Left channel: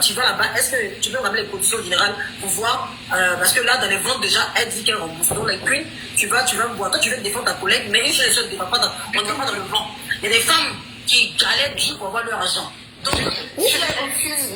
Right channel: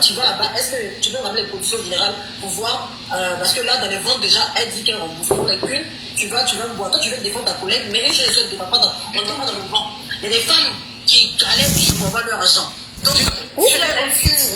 tu vas là-bas, est-ce que tu peux ramener les conditions générales pour voir, parce que là, dans les ventes, déjà, elle dit qu'elle rembourse. Donc, les prix, tu vas me voir. Toi, tu veux défendre ta collègue, mais une seule ne va pas dans le vent. Il y a des femmes qui galèrent pour avoir leur argent. Donc,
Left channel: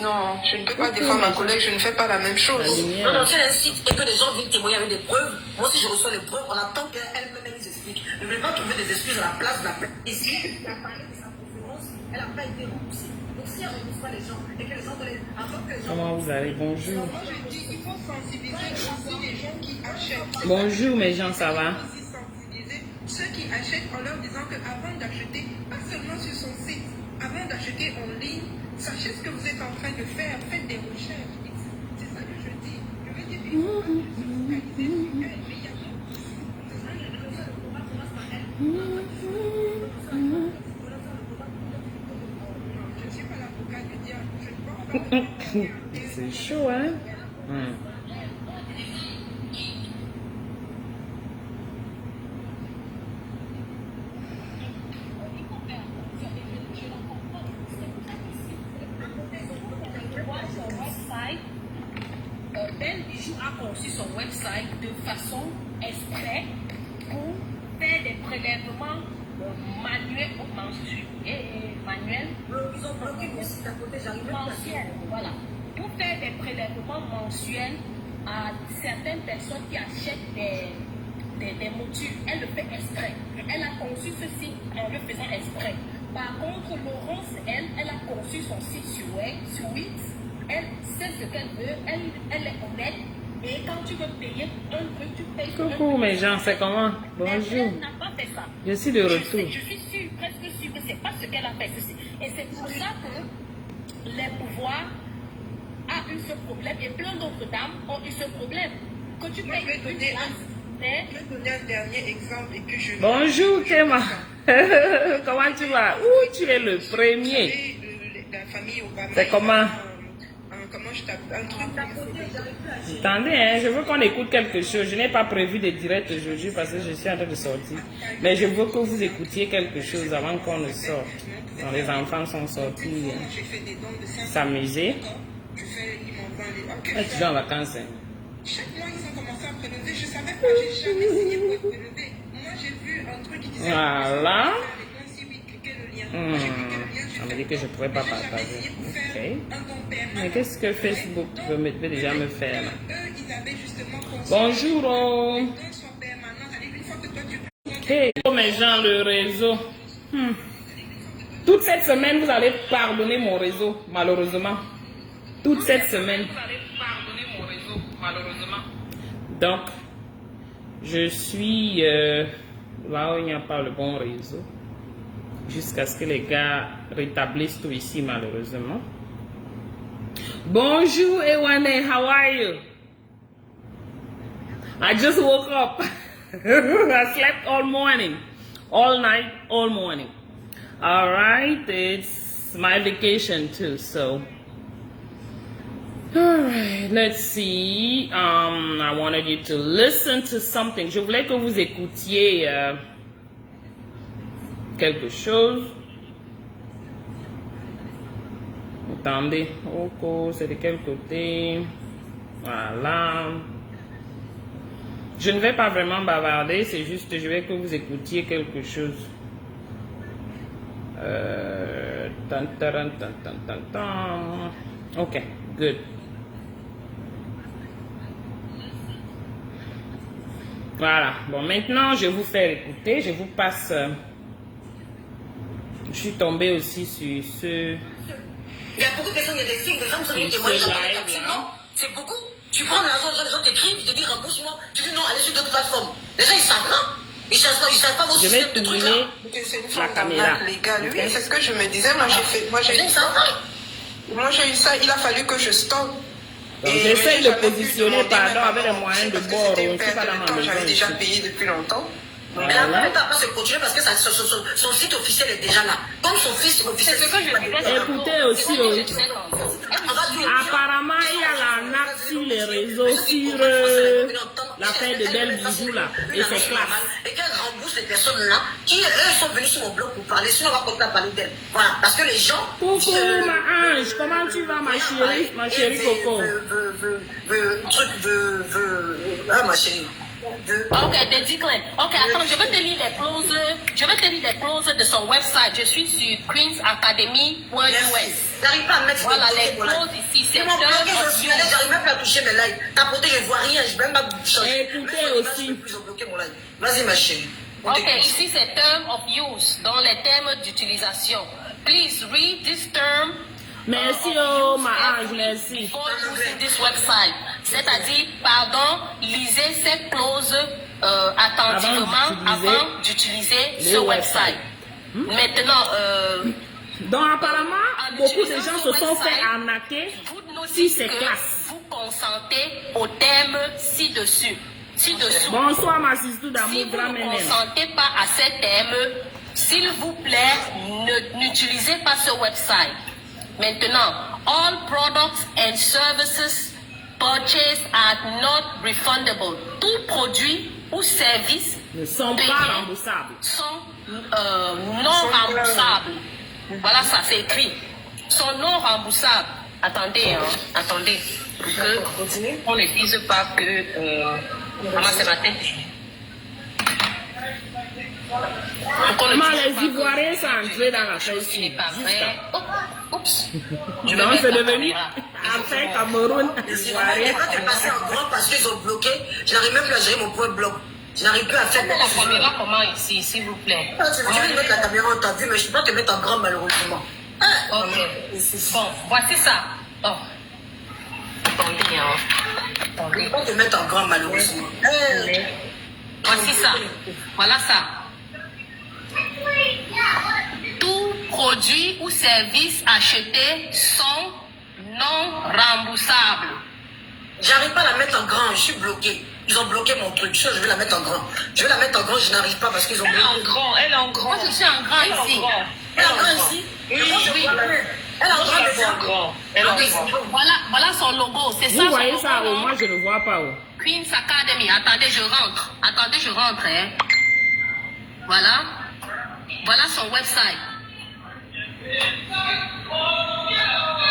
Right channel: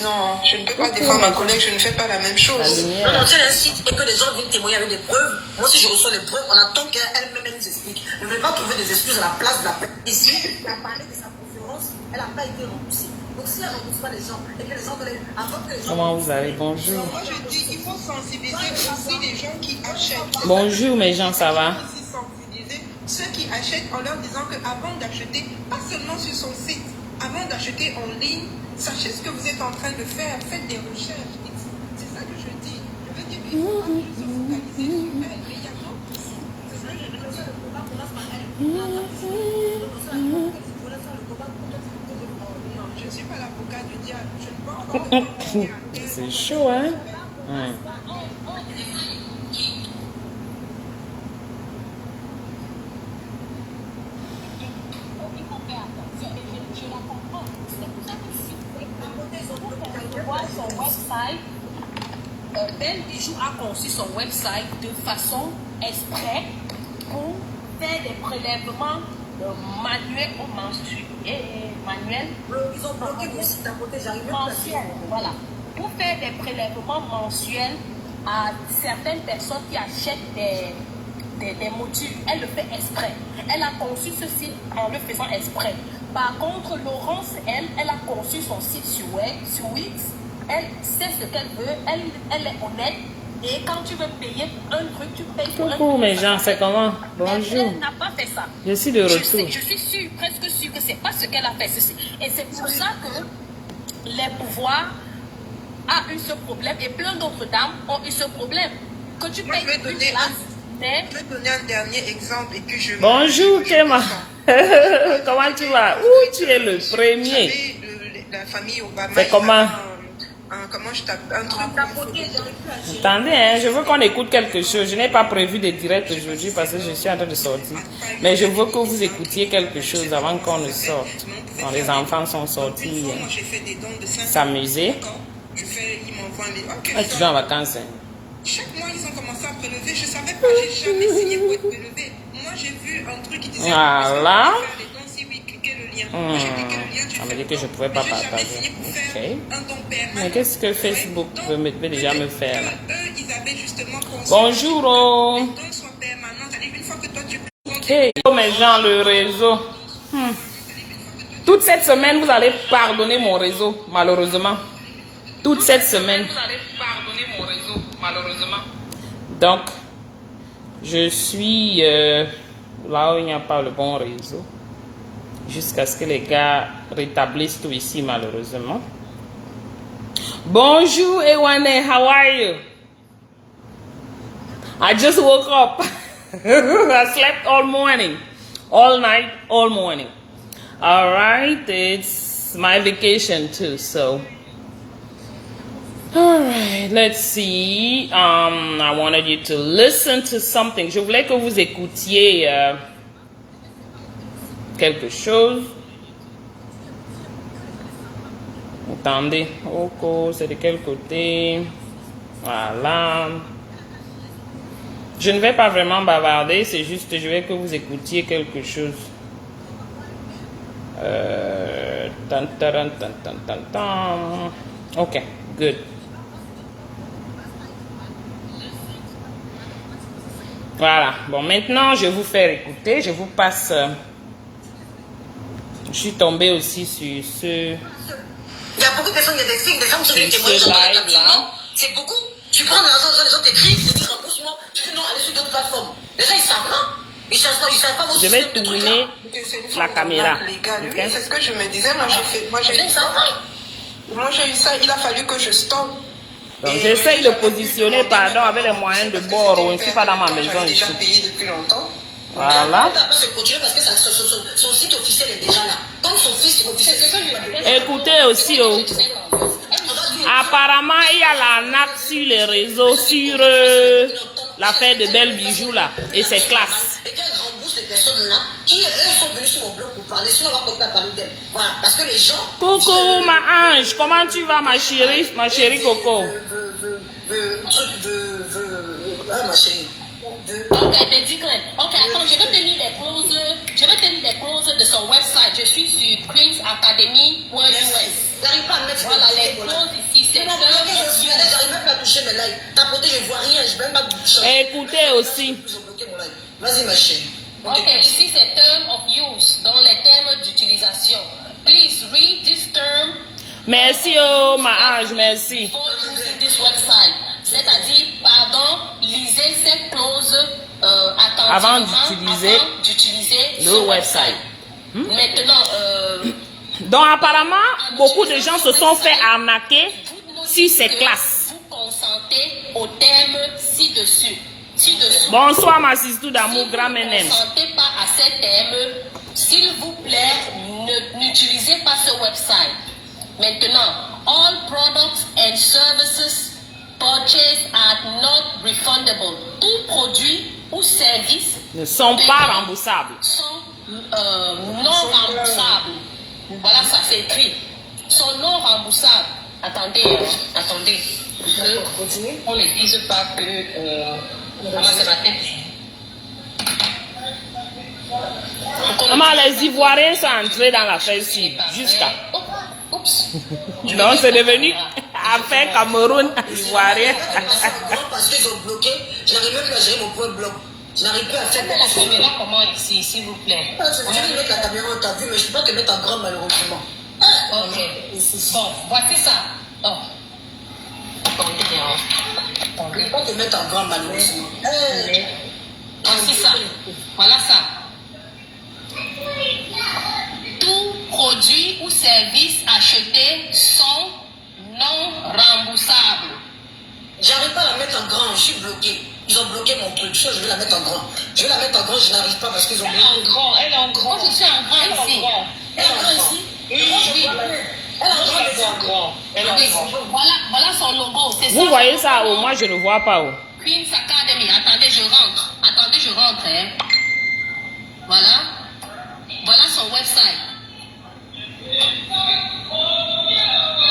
non, je ne peux pas défendre ma collègue, je ne fais pas la même chose. Non, c'est un site et que les gens viennent témoigner avec des preuves. Moi, si je reçois les preuves, on attend qu'elle-même nous explique. Je ne vais pas trouver des excuses à la place de la personne. Ici, elle a parlé de sa conférence, elle n'a pas été remboursée. Donc, si elle ne rembourse pas les gens et que les gens attendent que les gens. Comment vous allez? Bonjour. Moi, je dis qu'il faut sensibiliser aussi les gens qui achètent. Bonjour, mes gens, ça va? Sensibiliser ceux qui achètent en leur disant qu'avant d'acheter, pas seulement sur son site, avant d'acheter en ligne, sachez ce que vous êtes en train de faire, faites des recherches. C'est ça que je dis. Je veux dire qu'il ne faut pas juste se focaliser sur elle, mais il y a d'autres. C'est ça que je veux dire. Je ne suis pas l'avocat du diable. Je ne peux pas. C'est chaud, hein? Son website, Belle Bijou a conçu son website de façon exprès pour faire des prélèvements manuels ou mensuels. Ils ont bloqué mon site à côté, j'arrive pas à voilà. Pour faire des prélèvements mensuels à certaines personnes qui achètent des motifs. Elle le fait exprès. Elle a conçu ce site en le faisant exprès. Par contre, Laurence, elle a conçu son site sur Wix. Elle sait ce qu'elle veut, elle est honnête. Et quand tu veux payer un truc, tu payes pour un truc. Coucou mes gens, c'est comment? Bonjour. Elle n'a pas fait ça. Je suis de retour. Je suis presque sûre que c'est pas ce qu'elle a fait. Et c'est pour ça que les pouvoirs ont eu ce problème et plein d'autres dames ont eu ce problème. Que tu payes une place, mais... Je vais donner un dernier exemple et puis je... Bonjour Kéma. Comment tu vas? Ouh, tu es le premier. La famille Obama. C'est comment? Comment je t'appelle? Un truc. Attendez, hein, je veux qu'on écoute quelque chose. Je n'ai pas prévu de direct aujourd'hui parce que je suis en train de sortir. Mais je veux que vous écoutiez quelque chose avant qu'on ne sorte. Quand les enfants sont sortis s'amuser. Ah, tu vas en vacances. Hein. Chaque mois, ils ont commencé à prélever. Je ne savais pas, j'ai jamais signé pour être prélevé. Moi, j'ai vu un truc qui disait... Voilà. Si oui, cliquez le lien. Moi, j'ai cliqué le lien. Ça me dit que je ne pourrais pas partager. Ok. Mais qu'est-ce que Facebook veut déjà me faire là? Bonjour. Ok. Oh, mes gens, le réseau. Toute cette semaine, vous allez pardonner mon réseau, malheureusement. Toute cette semaine. Vous allez pardonner mon réseau, malheureusement. Donc, je suis là où il n'y a pas le bon réseau. Jusqu'à ce que les gars rétablissent tout ici, malheureusement. Bonjour, Ewane, how are you? I just woke up. I slept all morning, all night, all morning. All right, it's my vacation too, so. All right, let's see. I wanted you to listen to something. Je voulais que vous écoutiez quelque chose. Attendez, c'est de quel côté? Voilà. Je ne vais pas vraiment bavarder, c'est juste je vais que vous écoutiez quelque chose. Ok, good. Voilà, bon maintenant je vais vous faire écouter, je vous passe... je suis tombée aussi sur ce... Il y a beaucoup de personnes, des filles, des femmes qui sont des témoins. C'est beaucoup. Tu prends l'argent, les gens t'écrivent, ils te disent rembourse-moi. Tu dis non, allez sur d'autres plateformes. Les gens, ils savent pas. Ils savent pas je vais tourner la caméra. Okay. C'est ce que je me disais. Moi, j'ai eu ça. Il a fallu que je stoppe. J'essaie de positionner, pardon, avec les moyens de bord. Je ne suis pas dans ma maison. J'ai déjà payé depuis longtemps. Voilà. Elle n'a pas se continuer parce que son site officiel est déjà là. Comme son fils officiel, c'est ça que je dis. Écoutez aussi, apparemment, il y a la natte sur les réseaux, sur l'affaire de Belle Bijou là. Et c'est classe. Et qu'elle rembourse les personnes-là qui, eux, sont venus sur mon blog pour parler, sinon on va continuer à parler d'elles. Voilà, parce que les gens... Coucou, ma ange, comment tu vas, ma chérie Coco? Ah, ma chérie. Ok, Declan. Ok, attends, je vais te lire les clauses. Je vais te lire les clauses de son website. Je suis sur queensacademy.us. J'arrive pas à mettre... Voilà les clauses ici. C'est j'arrive même pas à toucher mes lives. T'as porté, je vois rien, je vais même pas changer. Écoutez aussi. Ils ont bloqué mon live. Vas-y, ma chérie. Ok, ici c'est term of use, dans les termes d'utilisation. Please read this term. Merci, oh, ma ange, merci. Before using this website. C'est-à-dire, pardon, lisez ces clauses attentivement avant d'utiliser ce website. Maintenant, donc apparemment, beaucoup de gens se sont fait arnaquer si c'est classe. vous consentez au thème ci-dessus. Bonsoir ma sister d'amour, Si grand vous ne ménène. consentez pas à ces thèmes, s'il vous plaît, n'utilisez pas ce website. Maintenant, all products and services purchased are not refundable. Tout produit ou service Ne sont pas payés remboursables. sont non remboursables. Voilà, ça c'est écrit. Sont non remboursables. Attendez, attendez. On ne dise pas que... Maman, c'est ma tête. Comment les Ivoiriens sont entrés dans la Facebook jusqu'à. Oups. Donc c'est devenu affaire Cameroun Ivoirien. Je vais passer en grand parce qu'ils ont bloqué. Je n'arrive même plus à gérer mon point blog. Je n'arrive plus à faire La caméra, comment ici, s'il vous plaît? Je vais mettre la caméra en ta vue, mais je ne peux pas te mettre en grand malheureusement. Ok. Bon, voici ça. Oh. Attendez, Je ne peux pas te mettre en grand malheureusement. Voici ça. Voilà ça. Tout produit ou service acheté sont non remboursables. J'arrive pas à la mettre en grand, je suis bloqué. Ils ont bloqué mon truc. Je vais la mettre en grand. Je vais la mettre en grand, je n'arrive pas parce qu'ils ont bloqué. Elle est en grand. Moi, je suis en grand ici. Elle est en grand ici. Oui. Elle est en grand. Elle est en grand. Voilà son logo. C'est ça. Vous voyez son ça, logo, oh, moi je ne vois pas. Oh. Queen's Academy. Attendez, je rentre. Hein. Voilà. Voilà son website.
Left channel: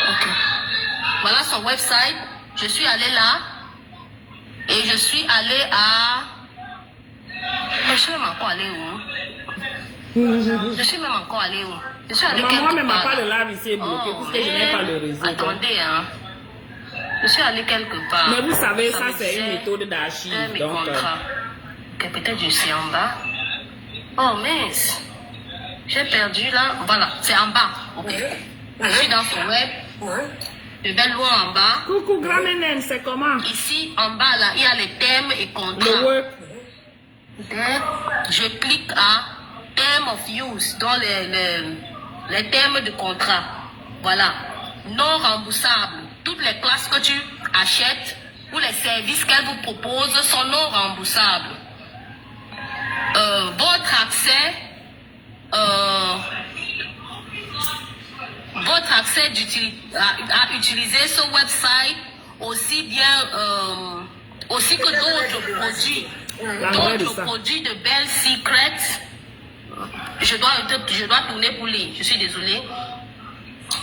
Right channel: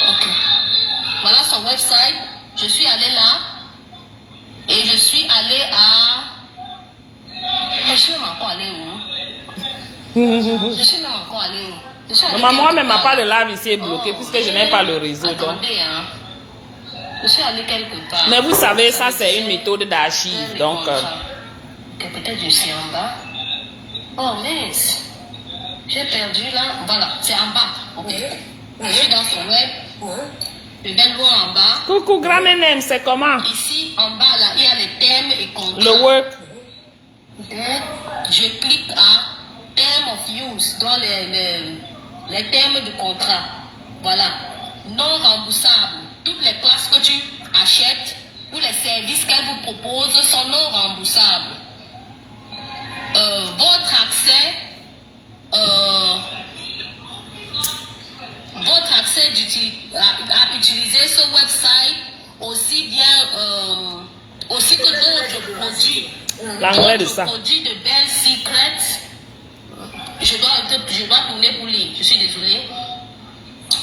Ok. Voilà son website. Je suis allée là. Et je suis allée à... Je suis même encore allée où? Je suis même encore allée où? Je suis allée Maman quelque ne m'a part. pas de live ici est bloqué puisque je n'ai pas le réseau. Donc. Attendez, hein. Je suis allée quelque part. Mais vous savez, ça c'est une méthode d'archive. Donc, Ok, peut-être je suis en bas. Oh mince. J'ai perdu là. Voilà, c'est en bas. Ok. Je suis dans son web. Je vais loin en bas. coucou grand ménène, c'est comment? Ici, en bas, là, il y a les thèmes et contrats. Le work. Je clique à Term of Use dans les termes de contrat. Voilà. Non remboursable. Toutes les classes que tu achètes ou les services qu'elle vous propose sont non remboursables. Votre accès à utiliser ce website aussi bien aussi que d'autres produits. D'autres produits de Bell Secret. Je dois tourner pour lire, je suis désolée.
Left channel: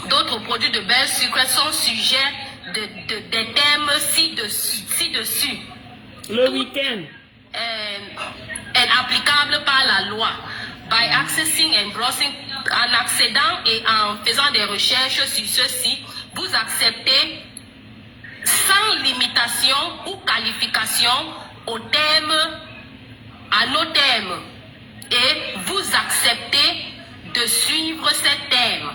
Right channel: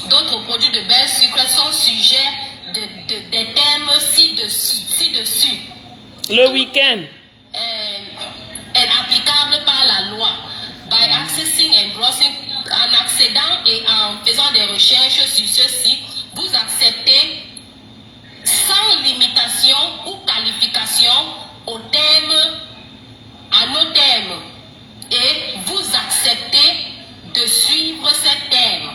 D'autres produits de Bell Secret sont sujets des thèmes ci-dessus. Le week-end. Est applicable par la loi. By accessing and browsing, en accédant et en faisant des recherches sur ceci, vous acceptez sans limitation ou qualification aux thèmes, à nos thèmes. Et vous acceptez de suivre ces thèmes.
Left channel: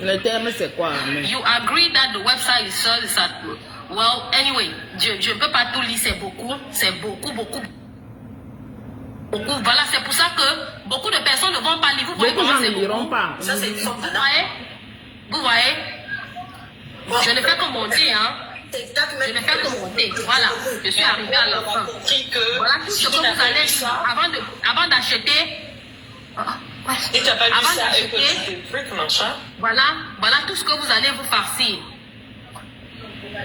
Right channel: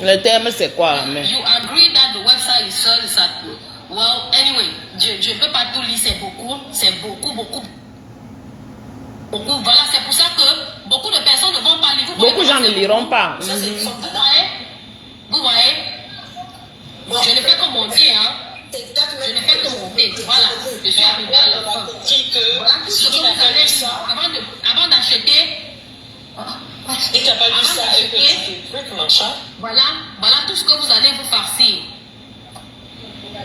Le thème c'est quoi? You agree that the website is so that, well, anyway, je ne peux pas tout lire, c'est beaucoup. Voilà, c'est pour ça que beaucoup de personnes ne vont pas lire. Beaucoup de gens ne liront pas. Ça, c'est une forme de... Vous voyez? Bon. Je ne fais que monter, hein. Je ne fais que monter. Voilà, je suis arrivée à la fin. Voilà tout ce que vous allez avant d'acheter. Et t'as pas vu Avant ça avec d'acheter, le truc, machin? voilà tout ce que vous allez vous farcir.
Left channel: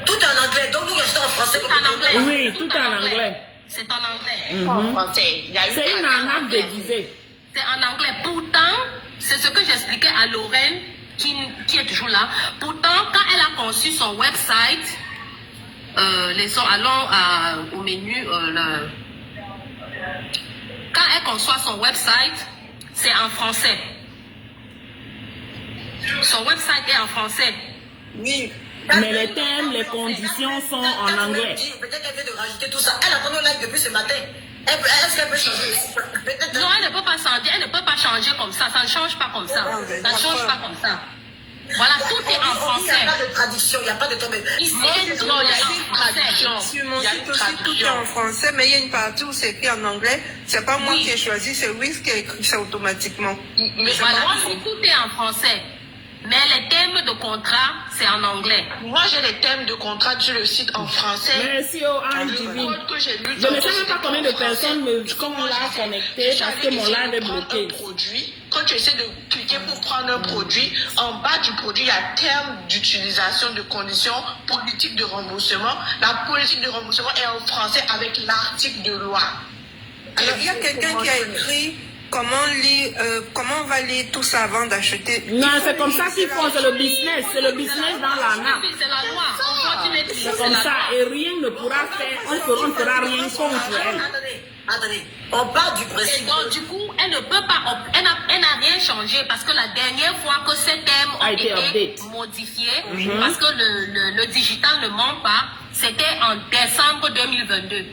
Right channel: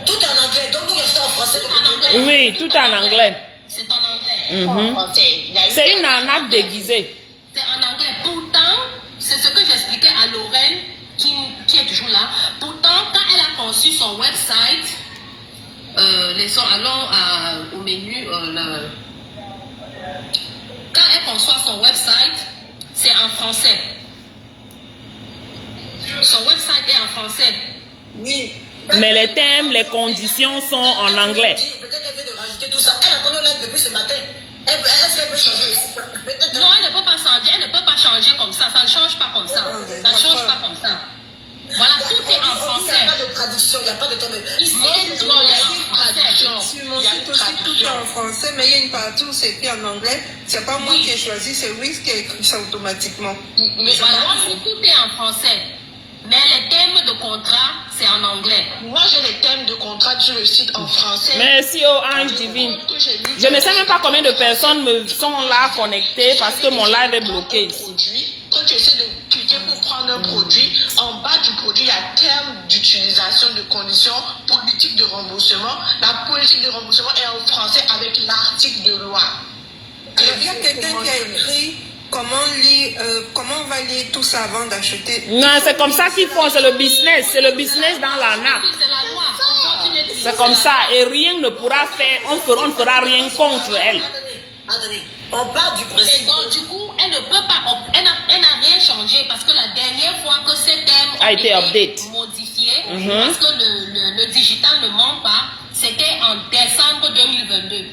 Tout en anglais, donc nous restons en français. Tout en anglais. Oui, tout en anglais. C'est en anglais. en français. Il y a eu C'est une arnaque déguisée. C'est en anglais. Pourtant, c'est ce que j'expliquais à Lorraine, qui est toujours là. Pourtant, quand elle a conçu son website, allons au menu. Quand elle conçoit son website, c'est en français. Son website est en français. Oui. Mais les thèmes, les conditions sont en anglais. Peut-être qu'elle vient de rajouter tout ça. Elle a connu live depuis ce matin. Est-ce qu'elle peut changer? Non, elle ne peut pas changer. Elle ne peut pas changer comme ça. Ça ne change pas comme ça. Ça ne change pas comme ça. Voilà, tout est en français. Il n'y a pas de traduction, il n'y a pas de temps. Ici, non, il y a une traduction. Sur mon site aussi, tout est en français, mais il y a une partie où c'est écrit en anglais. C'est pas moi qui ai choisi, c'est Wix qui a écrit ça automatiquement. Mais voilà, tout est en français. Mais les thèmes de contrat, c'est en anglais. Moi, j'ai les thèmes de contrat sur le site en français. Merci, oh, Ange Divine. Je ne sais même pas combien de personnes me sont là connectées parce que mon live est bloqué. Quand tu essaies de cliquer pour prendre un produit, en bas du produit, il y a terme d'utilisation, de conditions, politique de remboursement. La politique de remboursement est en français avec l'article de loi. Alors, il y a quelqu'un qui a écrit comment on va lire tout ça avant d'acheter. Non, c'est comme ça qu'ils font, c'est le business dans l'arnaque. C'est la loi. C'est comme ça, et rien ne pourra faire, on ne fera rien contre elle. Attendez, on part du Et principe. donc, du coup, elle ne peut pas, elle n'a rien changé parce que la dernière fois que ces thèmes ont A été update. modifiés, parce que le digital ne ment pas, c'était en décembre 2022.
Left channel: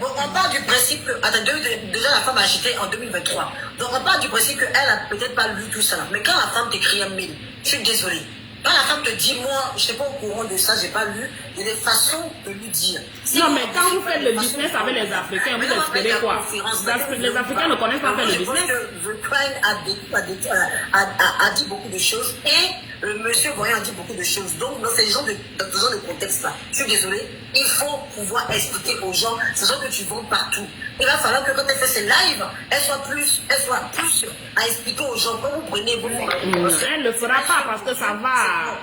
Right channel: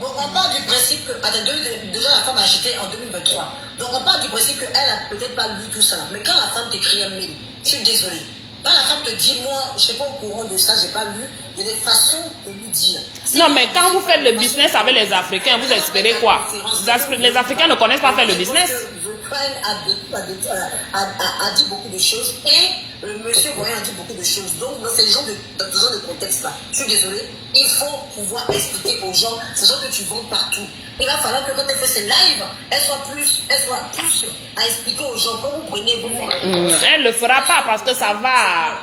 Bon, on part du principe que, attendez, déjà la femme a acheté en 2023. Donc on part du principe qu'elle a peut-être pas lu tout ça. Mais quand la femme t'écrit un mail, je suis désolée. Quand la femme te dit, moi, je ne suis pas au courant de ça, je n'ai pas lu, il y a des façons de lui dire. Non, mais quand vous faites le business avec les Africains, vous espérez quoi? Les Africains ne connaissent pas faire le business. The Crown a dit beaucoup de choses et le monsieur Voyant a dit beaucoup de choses. Donc, dans ces gens de contexte-là, je suis désolée, il faut pouvoir expliquer aux gens, ces gens que tu vends partout. Il va falloir que quand elle fait ses lives, elle soit plus à expliquer aux gens. Quand vous prenez, Elle ne le fera pas parce que ça va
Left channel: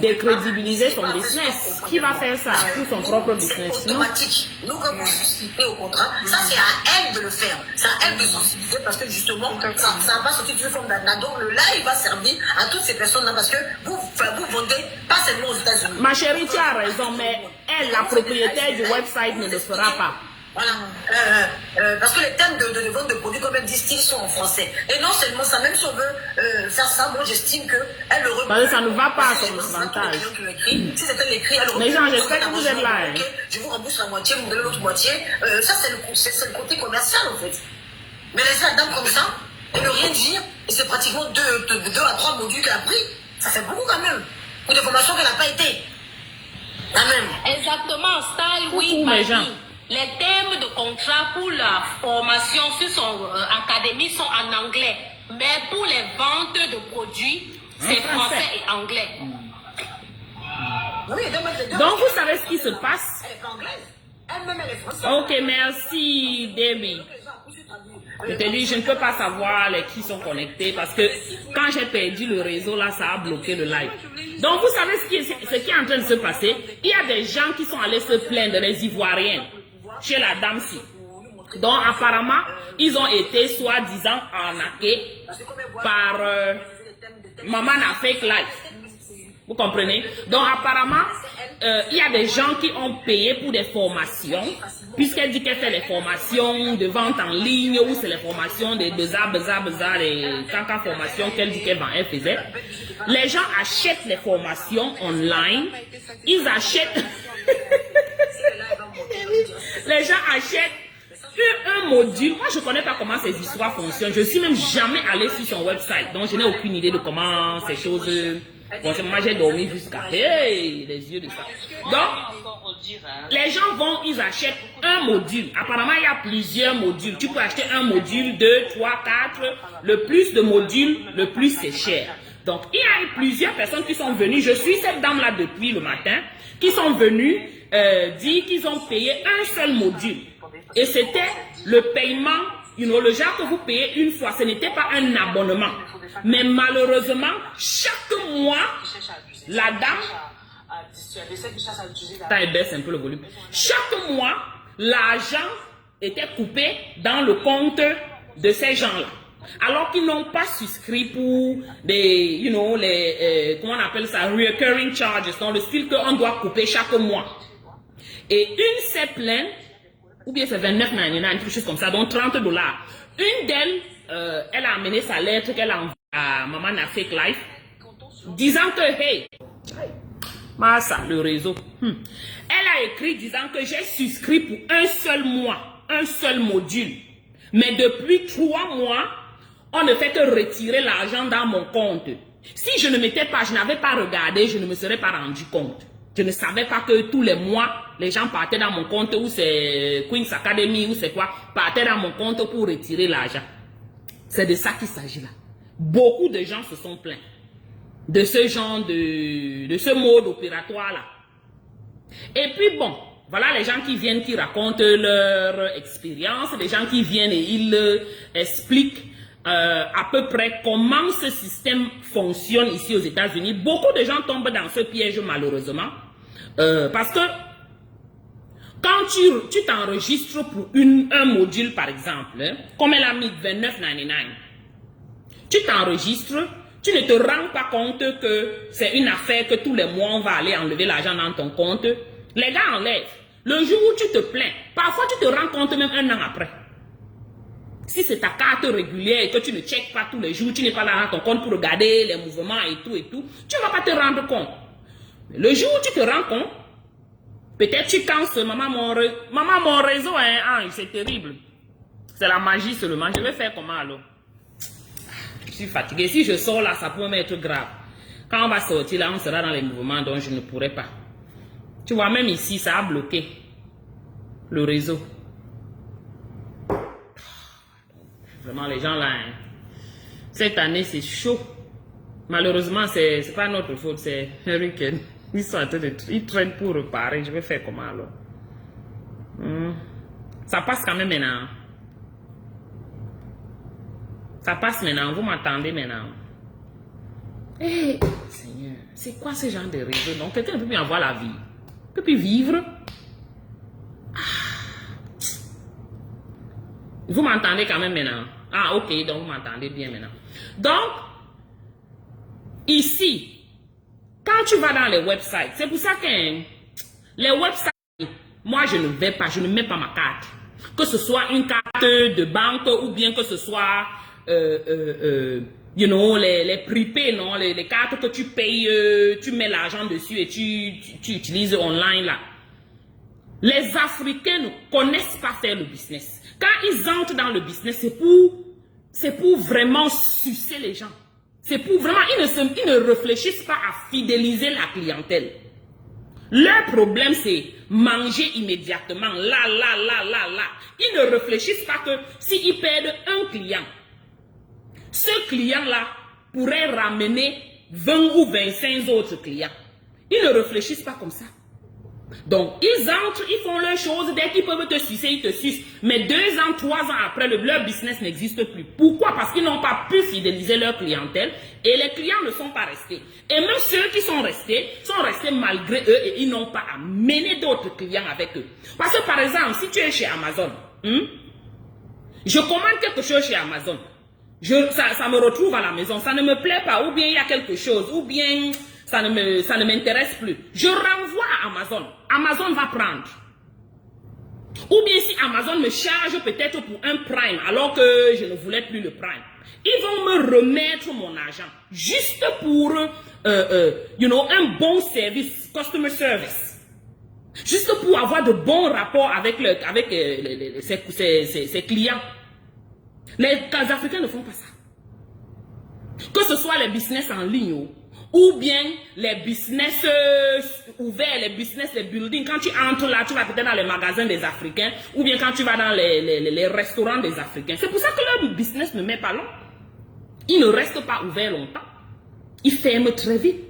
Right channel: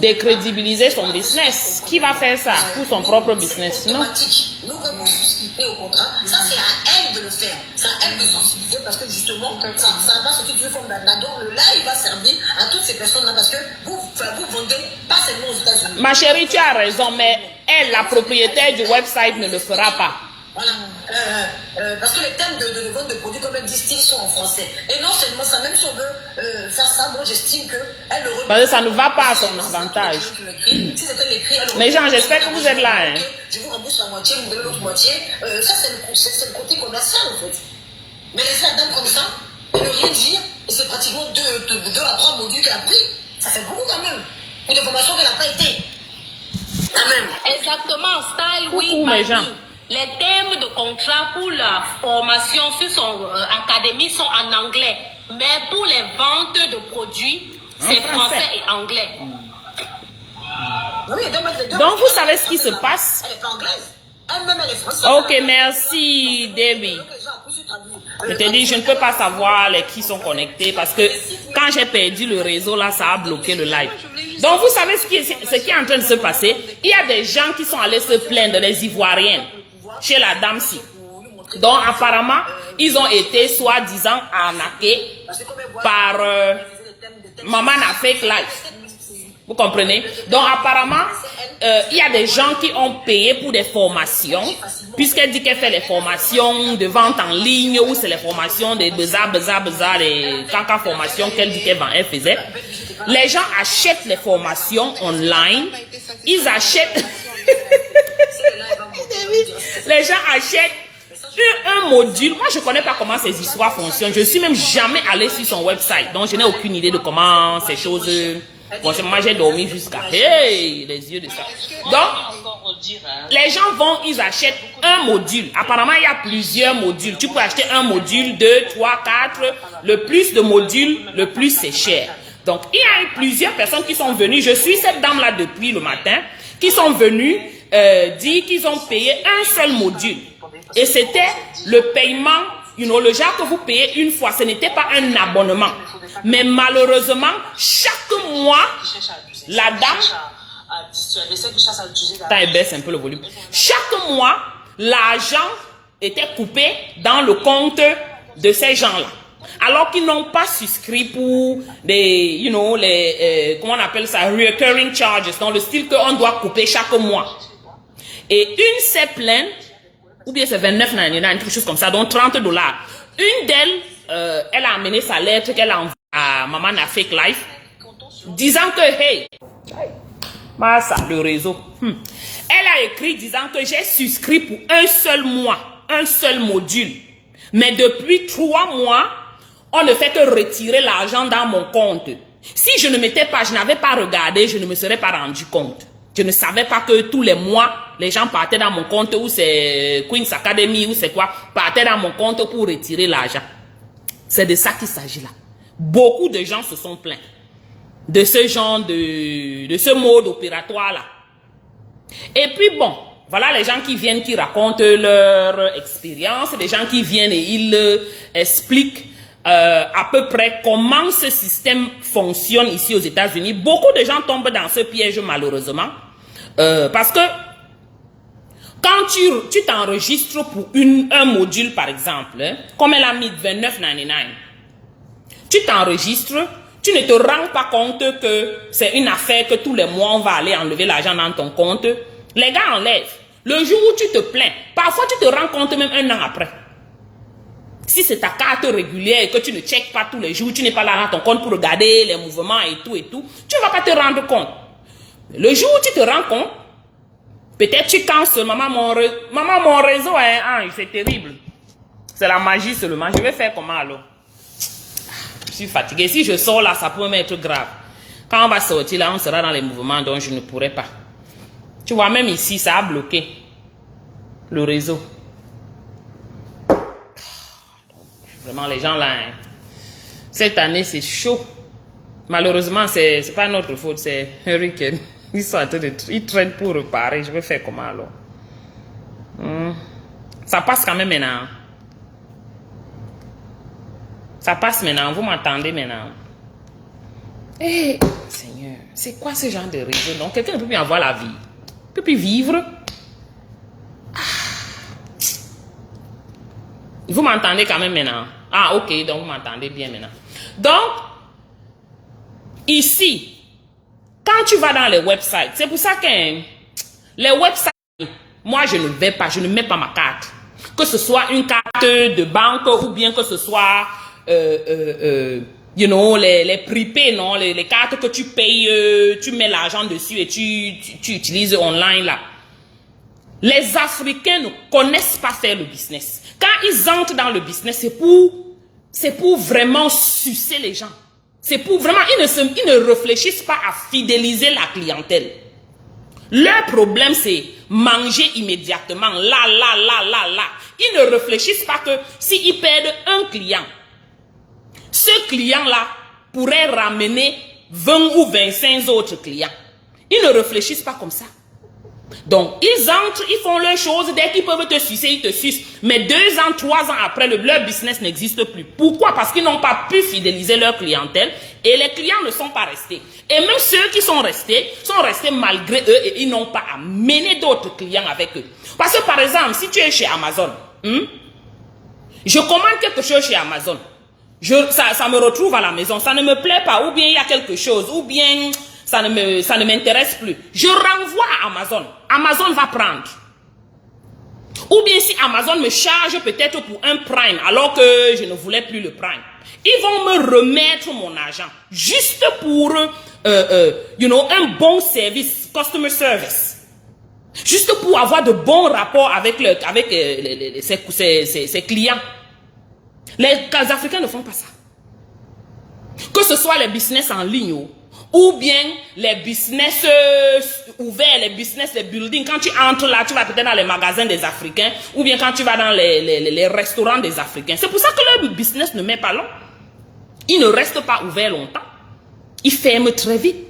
décrédibiliser son business. Qui va faire ça pour son propre business? Non? Automatique. Nous, quand vous souscrivez au contrat, ça c'est à elle de le faire. C'est à elle de sensibiliser parce que justement, ça va sortir du forme d'un donc le live va servir à toutes ces personnes-là parce que vous vendez pas seulement aux États-Unis. Ma chérie, tu as raison, mais elle, la propriétaire du website, ne le fera pas. Voilà. Parce que les thèmes de vente de produits, comme elle dit, sont en français. Et non seulement ça, même si on veut faire ça, moi j'estime qu'elle le reprend. Parce que ça ne va pas à son avantage. Si c'était l'écrit, elle Mais Jean, j'espère que vous êtes là. Hein. Je vous rembourse la moitié, vous me donnez l'autre moitié. Ça, c'est le côté commercial en fait. Mais laisser la dame comme ça, et ne rien dire, et c'est pratiquement 2 à 3 modules qu'elle a pris. Ça fait beaucoup quand même. Pour des formations qu'elle n'a pas été. Quand même. Exactement, style, oui. Coucou, mes gens. Les thèmes de contrat pour la formation sur son académie sont en anglais. Mais pour les ventes de produits, c'est français et anglais. Oui, donc, vous savez ce qui se passe? Elle est pas anglaise. Elle-même, elle est française. Ok, merci, Debbie. Je te dis, je ne peux pas savoir les qui sont connectés parce que quand j'ai perdu le réseau, là, ça a bloqué le live. Donc, vous savez ce qui est en train de se passer? Il y a des gens qui sont allés se plaindre, les Ivoiriens, chez la dame-ci. Donc, apparemment, ils ont été soi-disant arnaqués par Maman a Fake Life. Vous comprenez? Donc, apparemment, il y a des gens qui ont payé pour des formations, puisqu'elle dit qu'elle fait les formations de vente en ligne, ou c'est les formations de bizarre, les caca formations qu'elle dit qu'elle faisait. Les gens achètent les formations online, ils achètent... Les gens achètent un module. Moi, je ne connais pas comment ces histoires fonctionnent. Je ne suis même jamais allée sur son website, donc je n'ai aucune idée de comment ces choses... Bon, moi j'ai dormi jusqu'à les yeux de ça. Donc, les gens vont, ils achètent un module. Apparemment, il y a plusieurs modules. Tu peux acheter un module, 2, 3, 4. Le plus de modules, le plus c'est cher. Donc, il y a eu plusieurs personnes qui sont venues. Je suis cette dame-là depuis le matin, qui sont venues dire qu'ils ont payé un seul module. Et c'était le paiement. Le genre que vous payez une fois, ce n'était pas un abonnement. Mais malheureusement, chaque mois, la dame... T'as baisse un peu le volume. Chaque mois, l'agent était coupé dans le compte de ces gens-là. Alors qu'ils n'ont pas souscrit pour des, you know, comment on appelle ça, recurring charges, dans le style qu'on doit couper chaque mois. Et une s'est plainte, ou bien c'est 29,99, quelque chose comme ça, donc $30. Une d'elles, elle a amené sa lettre qu'elle a envoyée à Maman na Fake Life, disant que, hey, bah ça, le réseau. Elle a écrit disant que j'ai souscrit pour un seul mois, un seul module. Mais depuis 3 mois, on ne fait que retirer l'argent dans mon compte. Si je ne m'étais pas, je n'avais pas regardé, je ne me serais pas rendu compte. Je ne savais pas que tous les mois, les gens partaient dans mon compte, ou c'est Queen's Academy, ou c'est quoi, partaient dans mon compte pour retirer l'argent. C'est de ça qu'il s'agit là. Beaucoup de gens se sont plaints de ce genre de ce mode opératoire là. Et puis bon, voilà les gens qui viennent, qui racontent leur expérience, des gens qui viennent et ils expliquent à peu près comment ce système fonctionne ici aux États-Unis. Beaucoup de gens tombent dans ce piège malheureusement. Parce que quand tu t'enregistres pour un module par exemple, comme elle a mis $29,99, tu t'enregistres, tu ne te rends pas compte que c'est une affaire que tous les mois on va aller enlever l'argent dans ton compte. Les gars enlèvent. Le jour où tu te plains, parfois tu te rends compte même 1 an après. Si c'est ta carte régulière et que tu ne checkes pas tous les jours, tu n'es pas là dans ton compte pour regarder les mouvements et tout, tu ne vas pas te rendre compte. Le jour où tu te rends compte, peut-être tu cances, maman mon réseau, c'est terrible. C'est la magie seulement. Je vais faire comment alors? Je suis fatigué. Si je sors là, ça peut m'être grave. Quand on va sortir là, on sera dans les mouvements dont je ne pourrai pas. Tu vois, même ici, ça a bloqué le réseau. Vraiment, les gens là, cette année, c'est chaud. Malheureusement, c'est pas notre faute, c'est Hurricane. Ils sont en train ils traînent pour réparer. Je vais faire comment alors? Ça passe quand même maintenant. Ça passe maintenant. Vous m'entendez maintenant? Eh, Seigneur, c'est quoi ce genre de réseau? Donc, quelqu'un peut bien avoir la vie. Peut plus vivre. Vous m'entendez quand même maintenant? Ah, ok, donc vous m'entendez bien maintenant. Donc, ici, quand tu vas dans les websites, c'est pour ça que les websites, moi je ne vais pas, je ne mets pas ma carte. Que ce soit une carte de banque ou bien que ce soit, you know, les prepay, non, les cartes que tu payes, tu mets l'argent dessus et tu utilises online là. Les Africains ne connaissent pas faire le business. Quand ils entrent dans le business, c'est pour vraiment sucer les gens. C'est pour vraiment, ils ne réfléchissent pas à fidéliser la clientèle. Leur problème, c'est manger immédiatement, là. Ils ne réfléchissent pas que s'ils perdent un client, ce client-là pourrait ramener 20 ou 25 autres clients. Ils ne réfléchissent pas comme ça. Donc, ils entrent, ils font leurs choses, dès qu'ils peuvent te sucer, ils te sucent. Mais 2 ans, 3 ans après, leur business n'existe plus. Pourquoi? Parce qu'ils n'ont pas pu fidéliser leur clientèle et les clients ne sont pas restés. Et même ceux qui sont restés malgré eux et ils n'ont pas amené d'autres clients avec eux. Parce que par exemple, si tu es chez Amazon, je commande quelque chose chez Amazon, ça me retrouve à la maison, ça ne me plaît pas, ou bien il y a quelque chose, ou bien ça ne m'intéresse plus. Je renvoie à Amazon. Amazon va prendre. Ou bien si Amazon me charge peut-être pour un Prime, alors que je ne voulais plus le Prime. Ils vont me remettre mon argent. Juste pour, un bon service, customer service. Juste pour avoir de bons rapports avec ses clients. Les Africains ne font pas ça. Que ce soit les business en ligne ou bien les business ouverts, les business, les buildings. Quand tu entres là, tu vas peut-être dans les magasins des Africains ou bien quand tu vas dans les restaurants des Africains. C'est pour ça que leur business ne met pas long. Ils ne restent pas ouverts longtemps. Ils ferment très vite.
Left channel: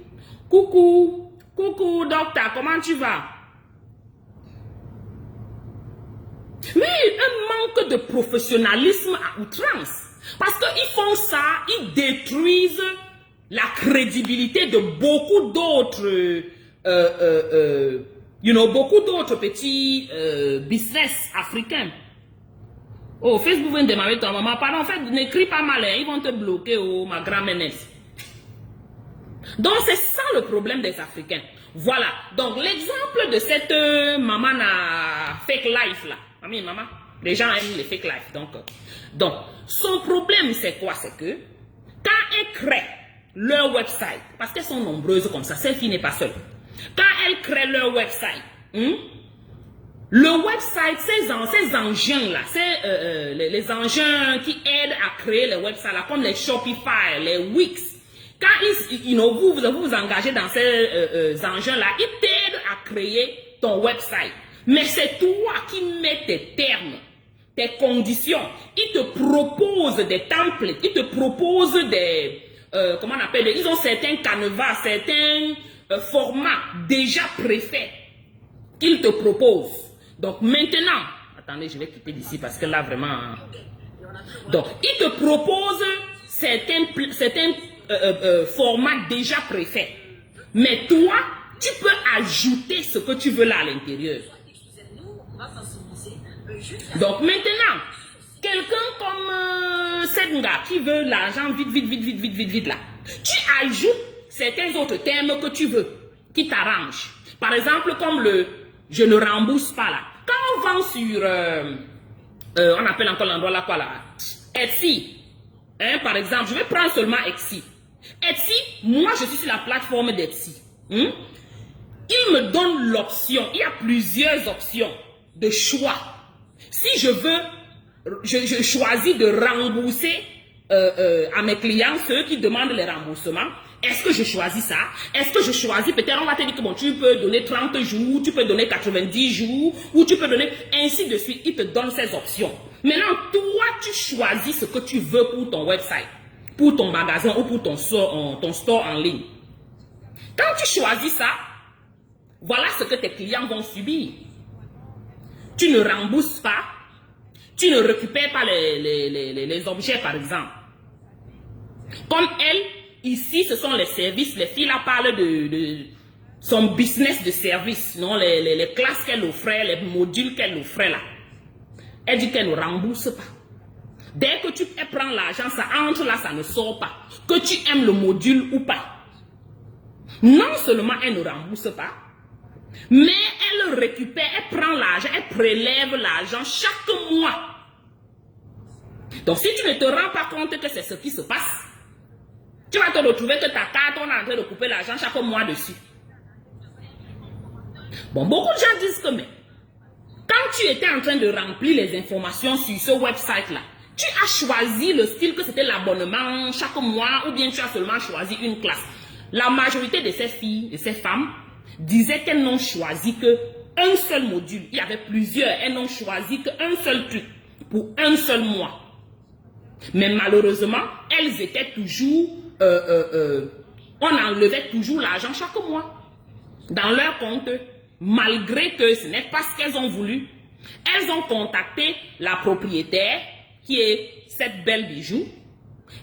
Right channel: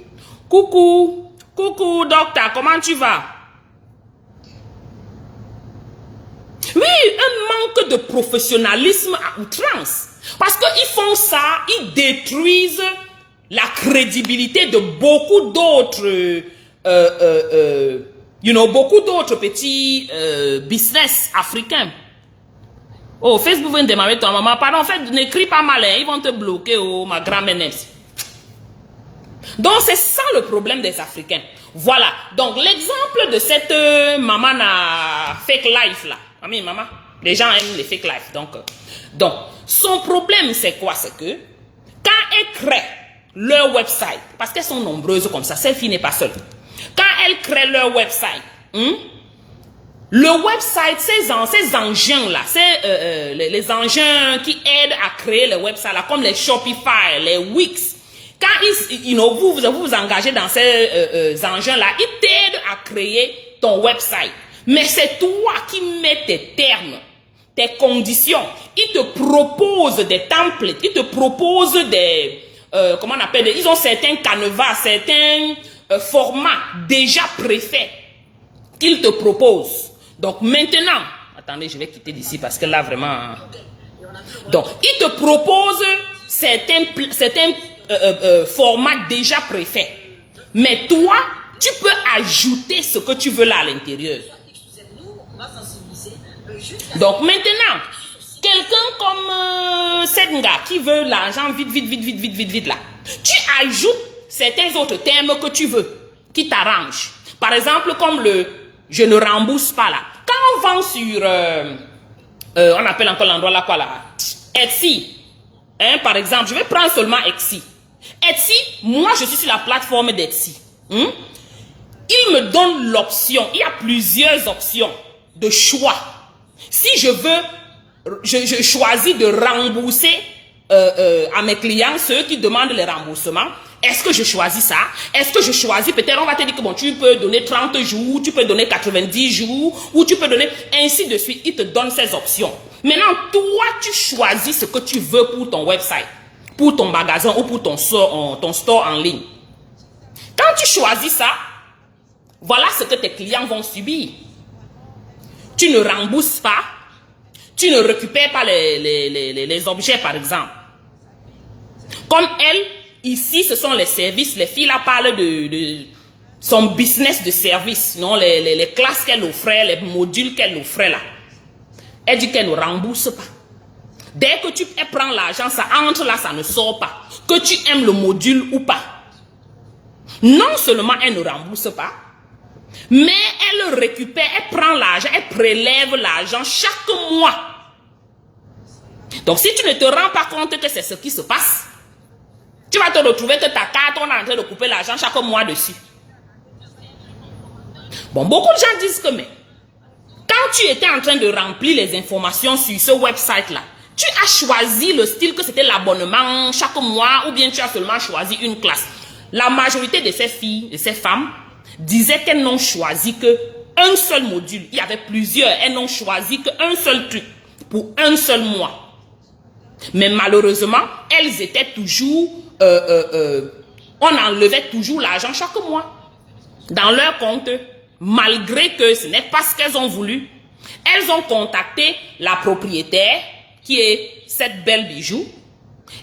Coucou, docteur, comment tu vas? Oui, un manque de professionnalisme à outrance. Parce qu'ils font ça, ils détruisent la crédibilité de beaucoup d'autres, beaucoup d'autres petits business africains. Oh, Facebook vient de démarrer ton maman. Pardon, en fait, n'écris pas mal, hein. Ils vont te bloquer, oh, ma grand-mère. Donc, c'est ça le problème des Africains. Voilà. Donc, l'exemple de cette maman à fake life, là. Ami, maman, les gens aiment les fake life. Donc, son problème, c'est quoi? C'est que, quand elles créent leur website, parce qu'elles sont nombreuses comme ça, cette fille n'est pas seule. Quand elles créent leur website, le website, ces engins-là, les engins qui aident à créer le website, là, comme les Shopify, les Wix, quand vous engagez dans ces engins-là, ils t'aident à créer ton website. Mais c'est toi qui mets tes termes, tes conditions. Ils te proposent des templates, ils te proposent des... comment on appelle? Ils ont certains canevas, certains formats déjà préfaits qu'ils te proposent. Donc maintenant, attendez, je vais quitter d'ici parce que là vraiment... Donc, ils te proposent certains formats déjà préfaits. Mais toi, tu peux ajouter ce que tu veux là à l'intérieur. Donc maintenant, quelqu'un comme Senga qui veut l'argent vite là, tu ajoutes certains autres termes que tu veux, qui t'arrangent. Par exemple, comme le « je ne rembourse pas » là. Quand on vend sur, on appelle encore l'endroit là quoi là, Etsy, hein, par exemple, je vais prendre seulement Etsy. Etsy, moi je suis sur la plateforme d'Etsy. Il me donne l'option, il y a plusieurs options de choix. Si je veux, je choisis de rembourser à mes clients, ceux qui demandent les remboursements. Est-ce que je choisis ça? Est-ce que je choisis, peut-être on va te dire que bon, tu peux donner 30 jours, tu peux donner 90 jours, ou tu peux donner ainsi de suite. Il te donne ces options. Maintenant, toi, tu choisis ce que tu veux pour ton website, pour ton magasin ou pour ton store en ligne. Quand tu choisis ça, voilà ce que tes clients vont subir. Tu ne rembourses pas, tu ne récupères pas les objets, par exemple. Comme elle, ici, ce sont les services. Les filles là parlent de son business de service, non, les classes qu'elle offrait, les modules qu'elle offrait là. Elle dit qu'elle ne rembourse pas. Dès que elle prend l'argent, ça entre là, ça ne sort pas. Que tu aimes le module ou pas. Non seulement elle ne rembourse pas, mais elle récupère, elle prend l'argent, elle prélève l'argent chaque mois. Donc si tu ne te rends pas compte que c'est ce qui se passe, tu vas te retrouver que ta carte, on est en train de couper l'argent chaque mois dessus. Bon, beaucoup de gens disent que mais, quand tu étais en train de remplir les informations sur ce website-là, tu as choisi le style que c'était l'abonnement chaque mois ou bien tu as seulement choisi une classe. La majorité de ces filles, de ces femmes, disaient qu'elles n'ont choisi qu'un seul module. Il y avait plusieurs. Elles n'ont choisi qu'un seul truc pour un seul mois. Mais malheureusement, elles étaient toujours... on enlevait toujours l'argent chaque mois dans leur compte. Malgré que ce n'est pas ce qu'elles ont voulu. Elles ont contacté la propriétaire qui est cette Belle Bijou.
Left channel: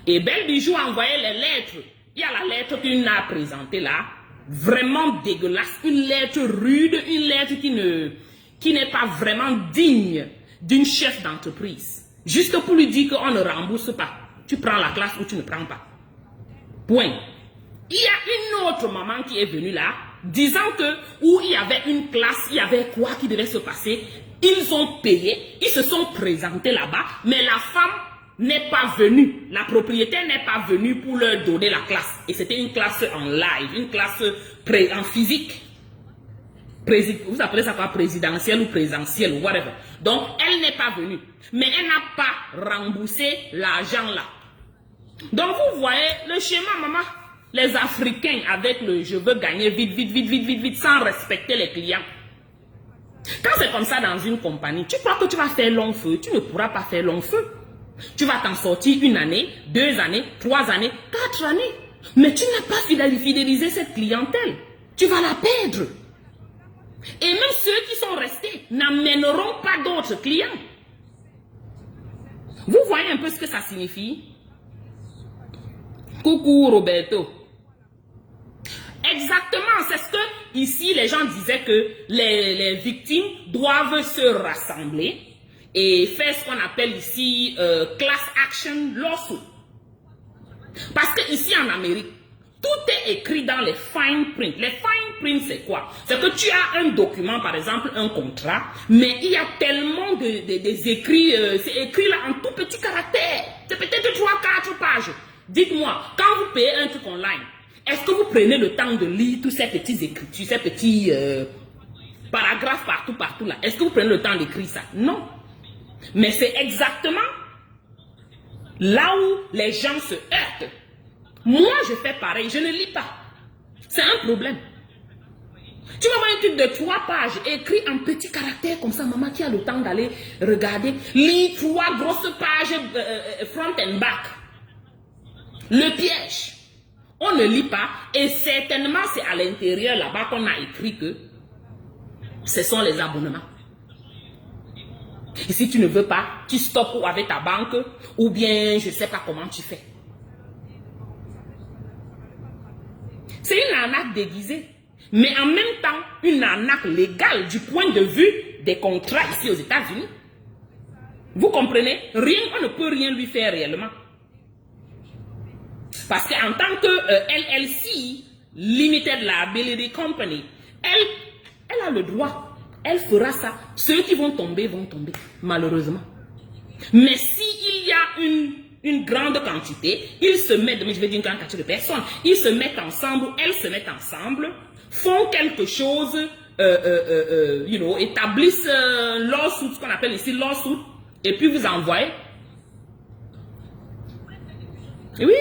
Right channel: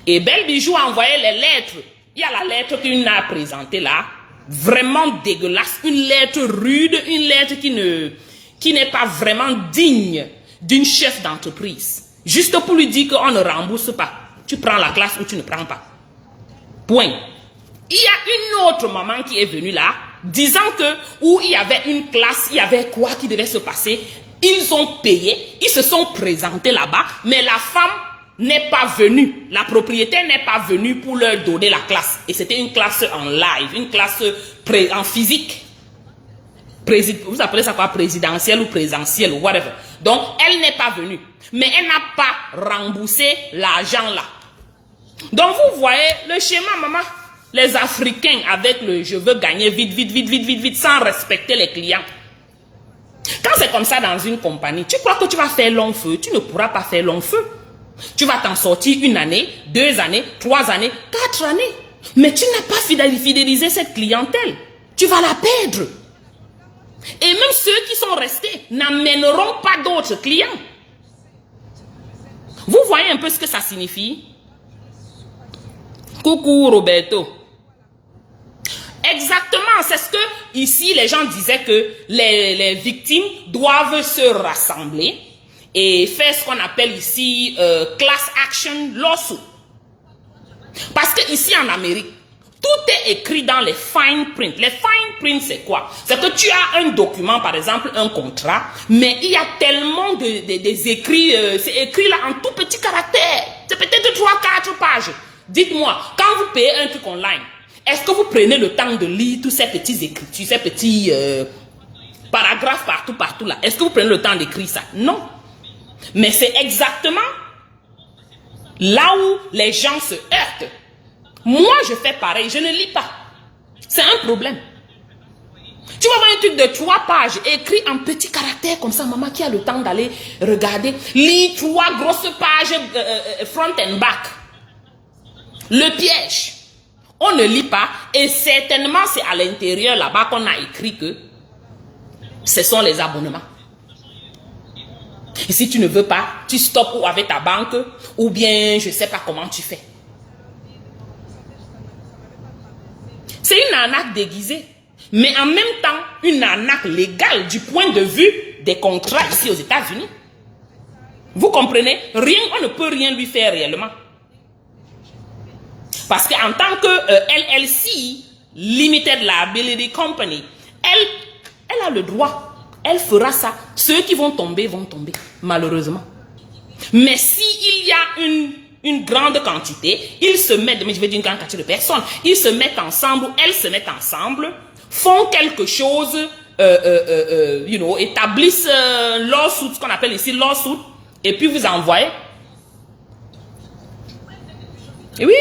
Et Belle Bijou a envoyé les lettres. Il y a la lettre qu'il a présentée là. Vraiment dégueulasse. Une lettre rude. Une lettre qui n'est pas vraiment digne d'une chef d'entreprise. Juste pour lui dire qu'on ne rembourse pas. Tu prends la classe ou tu ne prends pas. Point. Il y a une autre maman qui est venue là, disant que où il y avait une classe, il y avait quoi qui devait se passer. Ils ont payé, ils se sont présentés là-bas, mais la femme n'est pas venue. La propriétaire n'est pas venue pour leur donner la classe. Et c'était une classe en live, une classe en physique. Vous appelez ça quoi? Présidentielle ou présentielle ou whatever. Donc, elle n'est pas venue. Mais elle n'a pas remboursé l'argent là. Donc, vous voyez le schéma, maman. Les Africains avec le je veux gagner vite, sans respecter les clients. Quand c'est comme ça dans une compagnie, tu crois que tu vas faire long feu? Tu ne pourras pas faire long feu. Tu vas t'en sortir 1 année, 2 années, 3 années, 4 années. Mais tu n'as pas fidélisé cette clientèle. Tu vas la perdre. Et même ceux qui sont restés n'amèneront pas d'autres clients. Vous voyez un peu ce que ça signifie? Coucou Roberto. Exactement, c'est ce que ici les gens disaient que les victimes doivent se rassembler et faire ce qu'on appelle ici class action lawsuit. Parce que ici en Amérique, tout est écrit dans les fine print. Les fine print, c'est quoi? C'est que tu as un document, par exemple, un contrat, mais il y a tellement des écrits, c'est écrit là en tout petit caractère. C'est peut-être 3-4 pages. Dites-moi, quand vous payez un truc online, est-ce que vous prenez le temps de lire tous ces petits écrits, ces petits paragraphes partout là? Est-ce que vous prenez le temps d'écrire ça? Non. Mais c'est exactement là où les gens se heurtent. Moi, je fais pareil, je ne lis pas. C'est un problème. Tu vas voir un truc de 3 pages, écrit en petits caractères comme ça, maman qui a le temps d'aller regarder, lit 3 grosses pages front and back. Le piège. On ne lit pas et certainement c'est à l'intérieur là-bas qu'on a écrit que ce sont les abonnements. Et si tu ne veux pas, tu stoppes ou avec ta banque ou bien je ne sais pas comment tu fais. C'est une arnaque déguisée, mais en même temps une arnaque légale du point de vue des contrats ici aux États-Unis. Vous comprenez? Rien, on ne peut rien lui faire réellement. Parce qu'en tant que LLC, Limited Liability Company, elle a le droit, elle fera ça. Ceux qui vont tomber, malheureusement. Mais s'il y a une grande quantité, ils se mettent, mais je vais dire une grande quantité de personnes, ils se mettent ensemble, elles se mettent ensemble, font quelque chose, établissent lawsuit, ce qu'on appelle ici lawsuit, et puis vous envoyez. Et oui.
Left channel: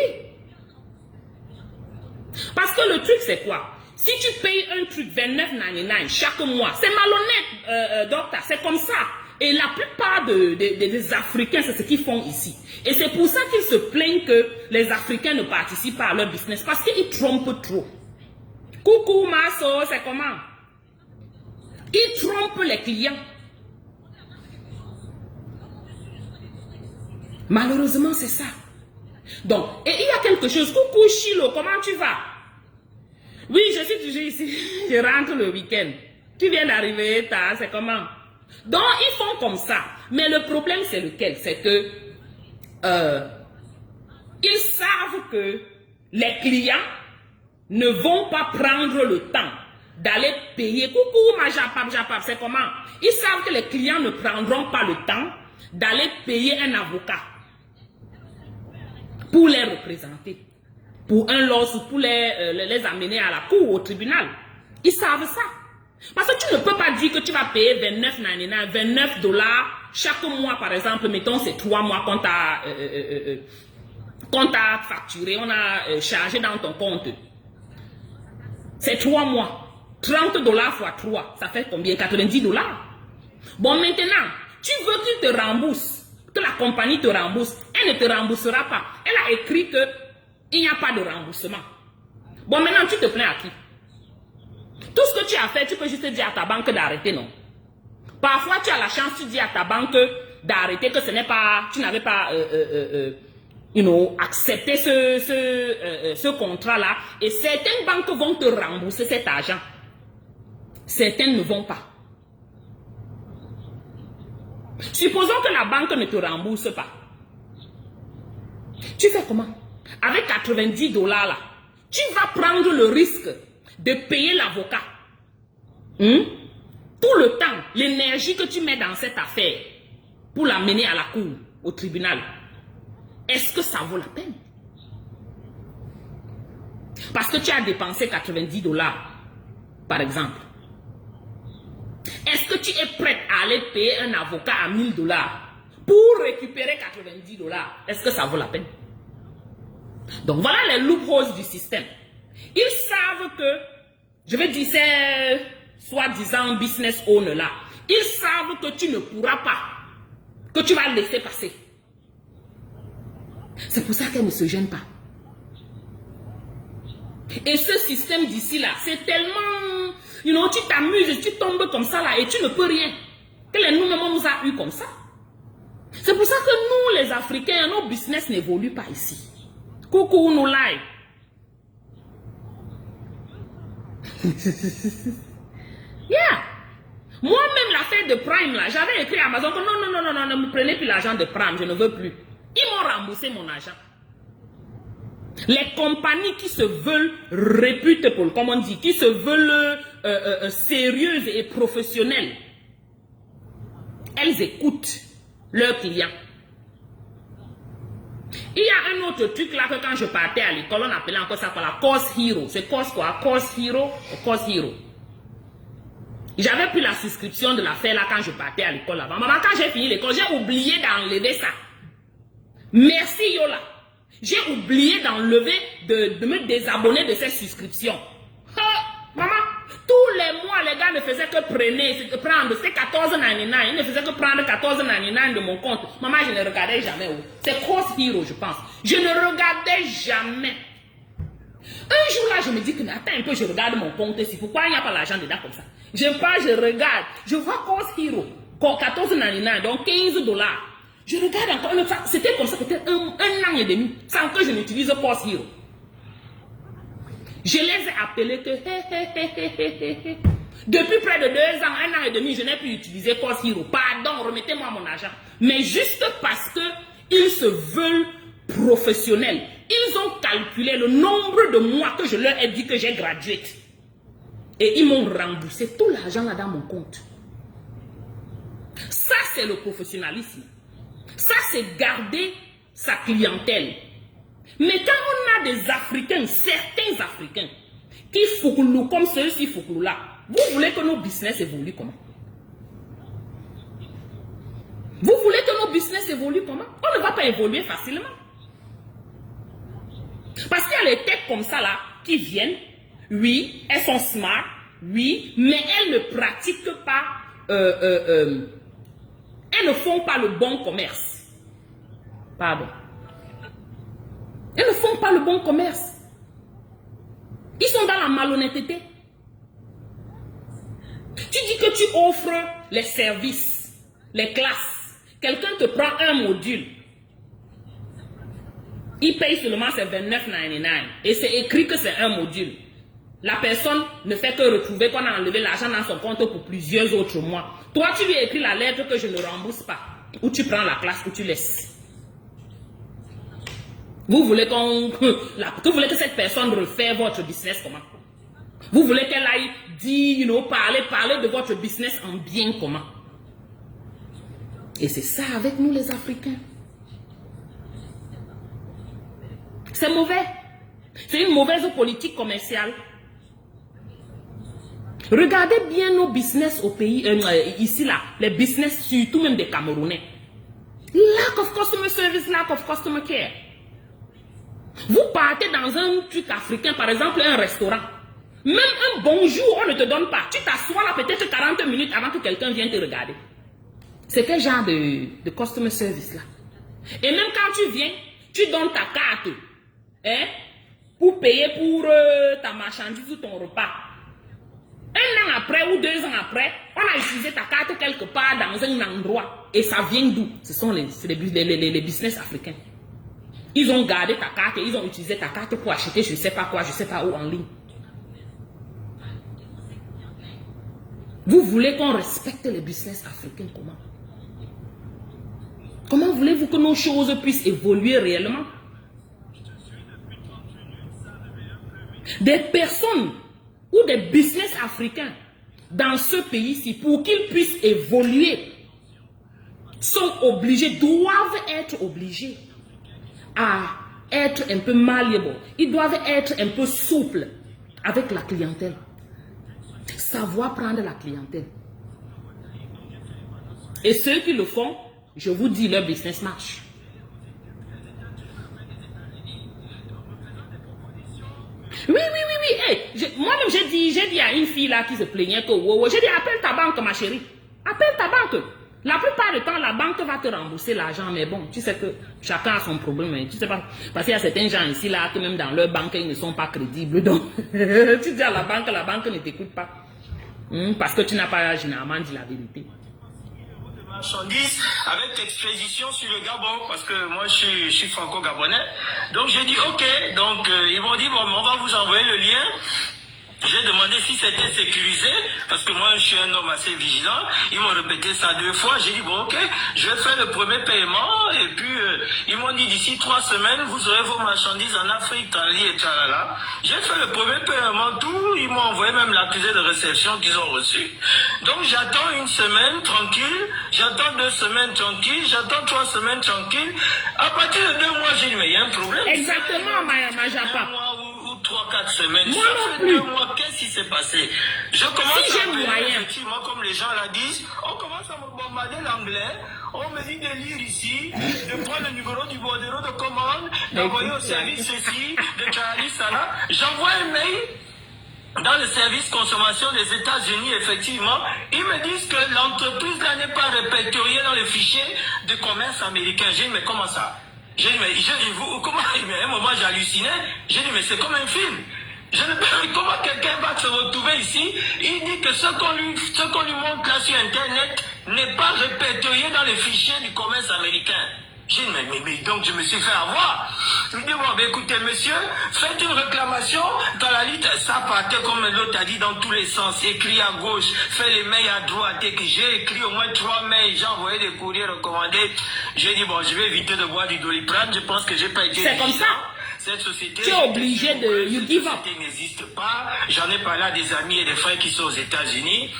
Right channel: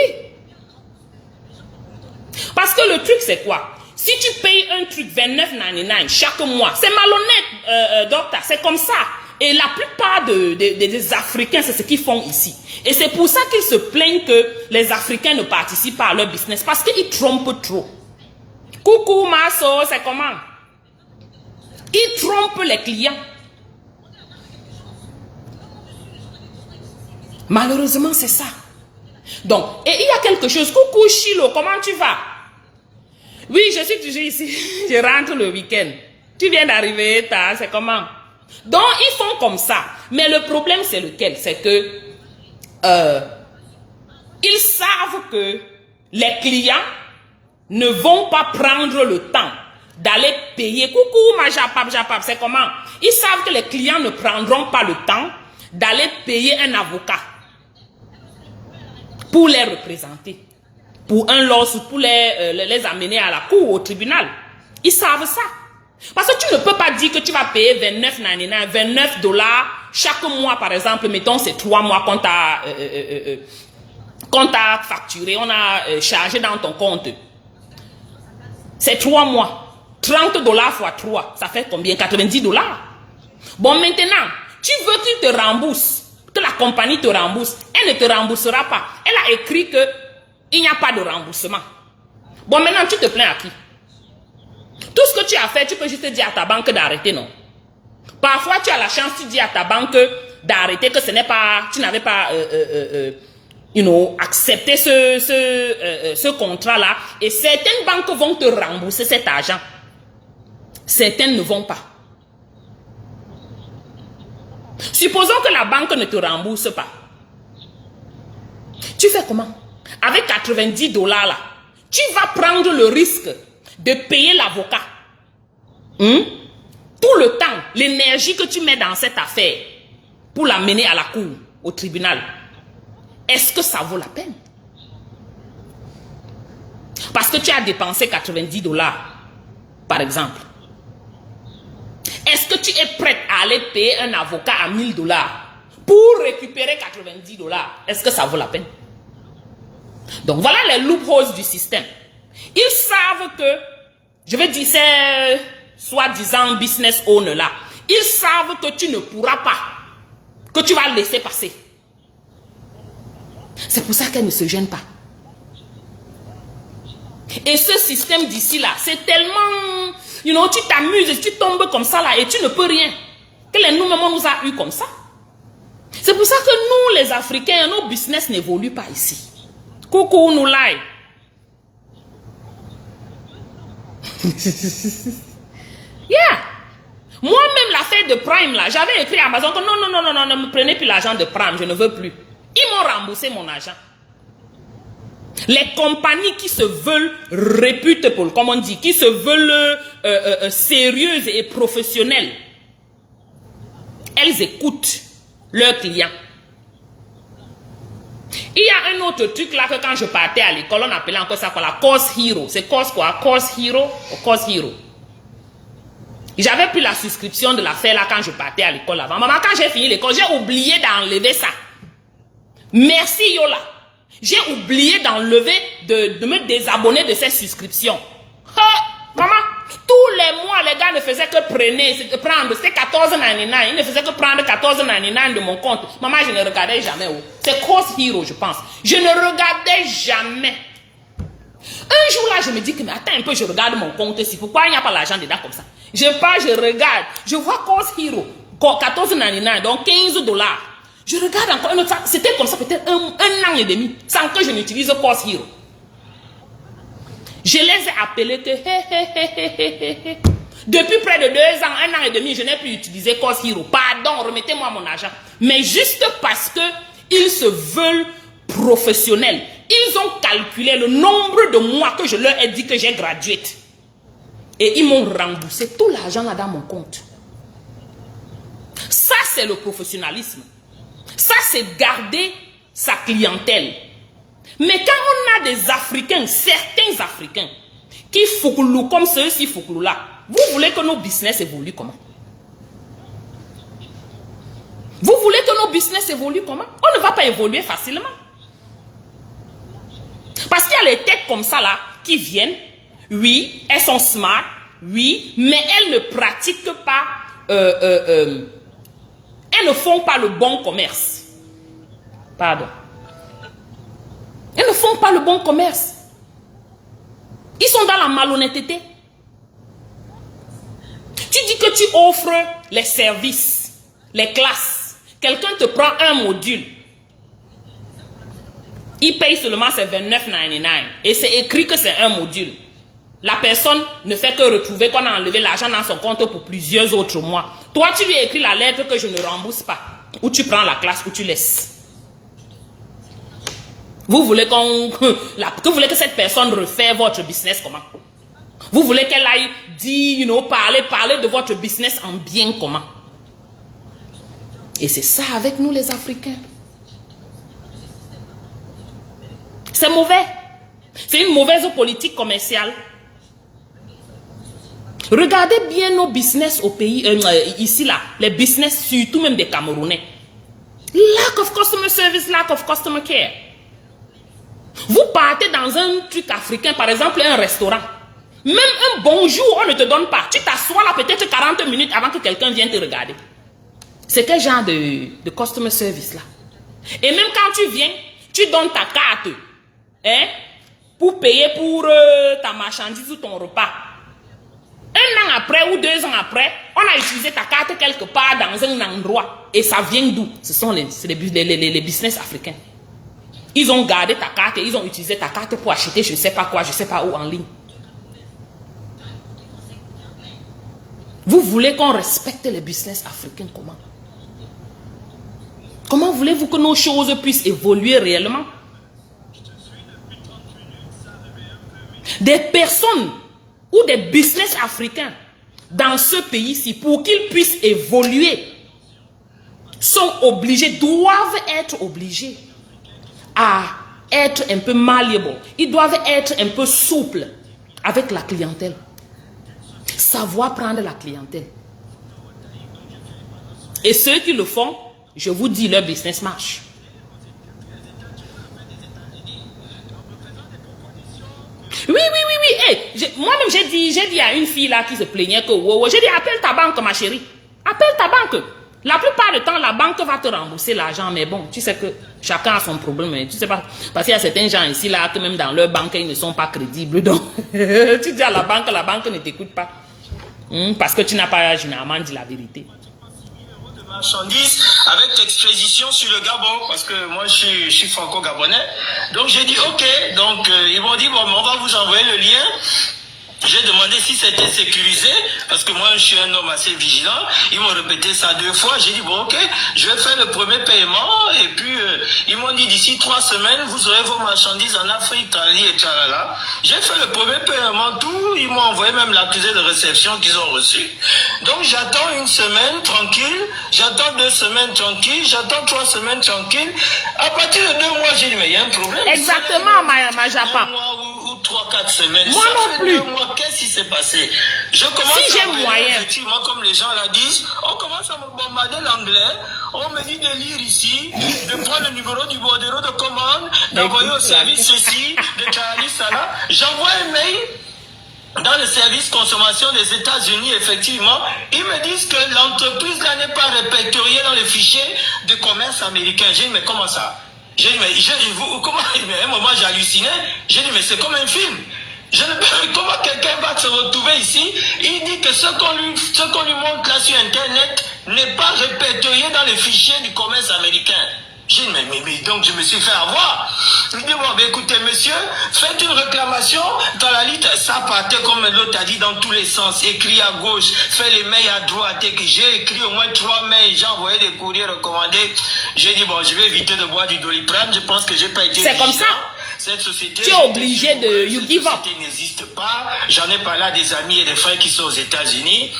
Parce que le truc, c'est quoi? Si tu payes un truc 29,99 chaque mois, c'est malhonnête, docteur, c'est comme ça. Et la plupart des Africains, c'est ce qu'ils font ici. Et c'est pour ça qu'ils se plaignent que les Africains ne participent pas à leur business. Parce qu'ils trompent trop. Coucou, Masso, c'est comment? Ils trompent les clients. Malheureusement, c'est ça. Donc, et il y a quelque chose. Coucou, Chilo, comment tu vas? Oui, je suis toujours ici. Je rentre le week-end. Tu viens d'arriver, c'est comment? Donc, ils font comme ça. Mais le problème, c'est lequel? C'est que ils savent que les clients ne vont pas prendre le temps d'aller payer. Coucou, ma Japap, c'est comment? Ils savent que les clients ne prendront pas le temps d'aller payer un avocat pour les représenter. Pour un lawsuit, pour les amener à la cour, au tribunal. Ils savent ça. Parce que tu ne peux pas dire que tu vas payer 29,99, 29 $ chaque mois, par exemple. Mettons, c'est 3 mois qu'on t'a facturé, on a chargé dans ton compte. C'est 3 mois. 30 $ fois 3, ça fait combien? 90 $. Bon, maintenant, tu veux qu'il te rembourse, que la compagnie te rembourse. Elle ne te remboursera pas. Elle a écrit qu'il n'y a pas de remboursement. Bon, maintenant, tu te plains à qui? Tout ce que tu as fait, tu peux juste dire à ta banque d'arrêter, non? Parfois, tu as la chance, tu dis à ta banque d'arrêter que ce n'est pas, tu n'avais pas, accepté ce contrat-là. Et certaines banques vont te rembourser cet argent. Certaines ne vont pas. Supposons que la banque ne te rembourse pas. Tu fais comment? Avec 90 $ là, tu vas prendre le risque de payer l'avocat. Tout le temps, l'énergie que tu mets dans cette affaire pour la mener à la cour, au tribunal, est-ce que ça vaut la peine? Parce que tu as dépensé 90 $, par exemple. Est-ce que tu es prête à aller payer un avocat à 1000 $ pour récupérer 90 $? Est-ce que ça vaut la peine? Donc voilà les loopholes du système. Ils savent que, je vais dire, c'est soi-disant business owner là. Ils savent que tu ne pourras pas, que tu vas laisser passer. C'est pour ça qu'elles ne se gênent pas. Et ce système d'ici là, c'est tellement, tu t'amuses, tu tombes comme ça là et tu ne peux rien. Que les nous-mêmes nous a eu comme ça. C'est pour ça que nous, les Africains, nos business n'évoluent pas ici. Coucou, nous live. Yeah. Moi-même, l'affaire de Prime, là, j'avais écrit à Amazon que non, ne me prenez plus l'argent de Prime, je ne veux plus. Ils m'ont remboursé mon argent. Les compagnies qui se veulent reputables, comme on dit, qui se veulent sérieuses et professionnelles, elles écoutent leurs clients. Il y a un autre truc là que quand je partais à l'école, on appelait encore ça quoi, la Course Hero. C'est Course quoi? Course Hero ou Course Hero? J'avais pris la souscription de l'affaire là quand je partais à l'école avant. Maman, quand j'ai fini l'école, j'ai oublié d'enlever ça. Merci Yola. J'ai oublié d'enlever, de me désabonner de ces souscriptions. Maman, tous les mois, les gars ne faisaient que prendre, c'était 14,99. Ils ne faisaient que prendre 14,99 de mon compte. Maman, je ne regardais jamais où. C'est Course Hero, je pense. Je ne regardais jamais. Un jour là, je me dis que, mais attends un peu, je regarde mon compte ici. Pourquoi il n'y a pas l'argent dedans comme ça? Je pars, je regarde. Je vois Course Hero, 14,99, donc $15. Je regarde encore une autre. C'était comme ça peut-être un an et demi, sans que je n'utilise Course Hero. Je les ai appelés que depuis près de 2 ans, 1 an et demi, je n'ai plus utilisé Course Hero. Pardon, remettez-moi mon argent. Mais juste parce que ils se veulent professionnels. Ils ont calculé le nombre de mois que je leur ai dit que j'ai gradué. Et ils m'ont remboursé tout l'argent là dans mon compte. Ça, c'est le professionnalisme. Ça, c'est garder sa clientèle. Mais quand on a des Africains, certains Africains, qui fouclou comme ceux-ci fouclou là, vous voulez que nos business évoluent comment? Vous voulez que nos business évoluent comment? On ne va pas évoluer facilement. Parce qu'il y a les têtes comme ça là, qui viennent, oui, elles sont smart, oui, mais elles ne pratiquent pas, elles ne font pas le bon commerce. Pardon. Elles ne font pas le bon commerce. Ils sont dans la malhonnêteté. Tu dis que tu offres les services, les classes. Quelqu'un te prend un module. Il paye seulement ses 29,99. Et c'est écrit que c'est un module. La personne ne fait que retrouver qu'on a enlevé l'argent dans son compte pour plusieurs autres mois. Toi, tu lui écris la lettre que je ne rembourse pas. Ou tu prends la classe ou tu laisses. Vous voulez que cette personne refaire votre business comment? Vous voulez qu'elle aille dire, parler de votre business en bien comment? Et c'est ça avec nous les Africains. C'est mauvais. C'est une mauvaise politique commerciale. Regardez bien nos business au pays, ici là, les business surtout même des Camerounais. Lack of customer service, lack of customer care. Vous partez dans un truc africain, par exemple un restaurant. Même un bonjour, on ne te donne pas. Tu t'assois là peut-être 40 minutes avant que quelqu'un vienne te regarder. C'est quel genre de customer service là? Et même quand tu viens, tu donnes ta carte pour payer pour ta marchandise ou ton repas. 1 an après ou 2 ans après, on a utilisé ta carte quelque part dans un endroit. Et ça vient d'où? Ce sont les business africains. Ils ont gardé ta carte et ils ont utilisé ta carte pour acheter je ne sais pas quoi, je ne sais pas où en ligne. Vous voulez qu'on respecte les business africains comment? Comment voulez-vous que nos choses puissent évoluer réellement? Des personnes ou des business africains dans ce pays-ci, pour qu'ils puissent évoluer, sont obligés, doivent être obligés à être un peu malléables. Ils doivent être un peu souples avec la clientèle. Savoir prendre la clientèle. Et ceux qui le font, je vous dis, leur business marche. Oui. Hey, moi-même, j'ai dit à une fille là qui se plaignait que, j'ai dit, appelle ta banque, ma chérie. Appelle ta banque. La plupart du temps, la banque va te rembourser l'argent. Mais bon, tu sais que chacun a son problème. Hein. Tu sais pas, parce qu'il y a certains gens ici là, que même dans leur banque, ils ne sont pas crédibles. Donc, tu dis à la banque ne t'écoute pas. Parce que tu n'as pas généralement dit la vérité. Marchandises avec expédition sur le Gabon, parce que moi je suis franco-gabonais. Donc j'ai dit ok, donc ils m'ont dit bon, on va vous envoyer le lien J'ai demandé si c'était sécurisé, parce que moi je suis un homme assez vigilant. Ils m'ont répété ça 2 fois. J'ai dit bon ok, je vais faire le premier paiement. Et puis ils m'ont dit d'ici 3 semaines, vous aurez vos marchandises en Afrique, Tali et Tchalala. J'ai fait le premier paiement, tout. Ils m'ont envoyé même l'accusé de réception qu'ils ont reçu. Donc j'attends 1 semaine tranquille, j'attends 2 semaines tranquille, j'attends 3 semaines tranquille. À partir de 2 mois, j'ai dit mais il y a un problème. Exactement, ma Japa. 1 mois ou 3-4 semaines. Moi ça non fait plus. 2 mois. Qu'est-ce qui s'est passé? Je commence Si j'ai à appeler, moyen. effectivement, comme les gens la disent, on commence à me bombarder l'anglais, on me dit de lire ici, de prendre le numéro du bordereau de commande, d'envoyer au service ceci, de Charlie Sala. J'envoie un mail dans le service consommation des États-Unis, effectivement. Ils me disent que l'entreprise là n'est pas répertoriée dans le fichier de commerce américain. J'ai dit, mais comment ça? J'ai dit, mais comment? Mais à un moment, j'ai halluciné. J'ai dit, mais c'est comme un film. Je ne sais comment quelqu'un va se retrouver ici. Il dit que ce qu'on lui montre là sur Internet n'est pas répertorié dans les fichiers du commerce américain. J'ai dit, mais donc je me suis fait avoir. Il me dit, bon, ben, écoutez, monsieur, faites une réclamation dans la liste. Ça partait, comme l'autre a dit, dans tous les sens. Écrit à gauche, fait les mails à droite. Et que j'ai écrit au moins 3 mails. J'ai envoyé des courriers recommandés. J'ai dit, bon, je vais éviter de boire du Doliprane. Je pense que j'ai pas été C'est comme vigilant. ça. Cette société, Tu es obligé de you give up. cette société n'existe pas. J'en ai parlé à des amis et des frères qui sont aux États-Unis.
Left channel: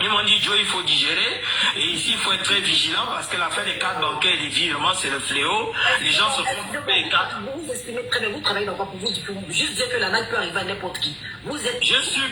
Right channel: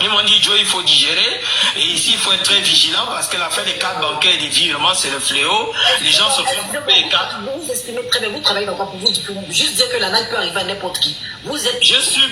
Ils m'ont dit, Joe, il faut digérer. Et ici, il faut être très vigilant parce que l'affaire des cartes bancaires et des virements, c'est le fléau. Les gens se font couper les cartes. Vous exprimez très bien, vous travaillez dans quoi pour vous juste dire que la nappe peut arriver à n'importe qui. Vous êtes... Je suis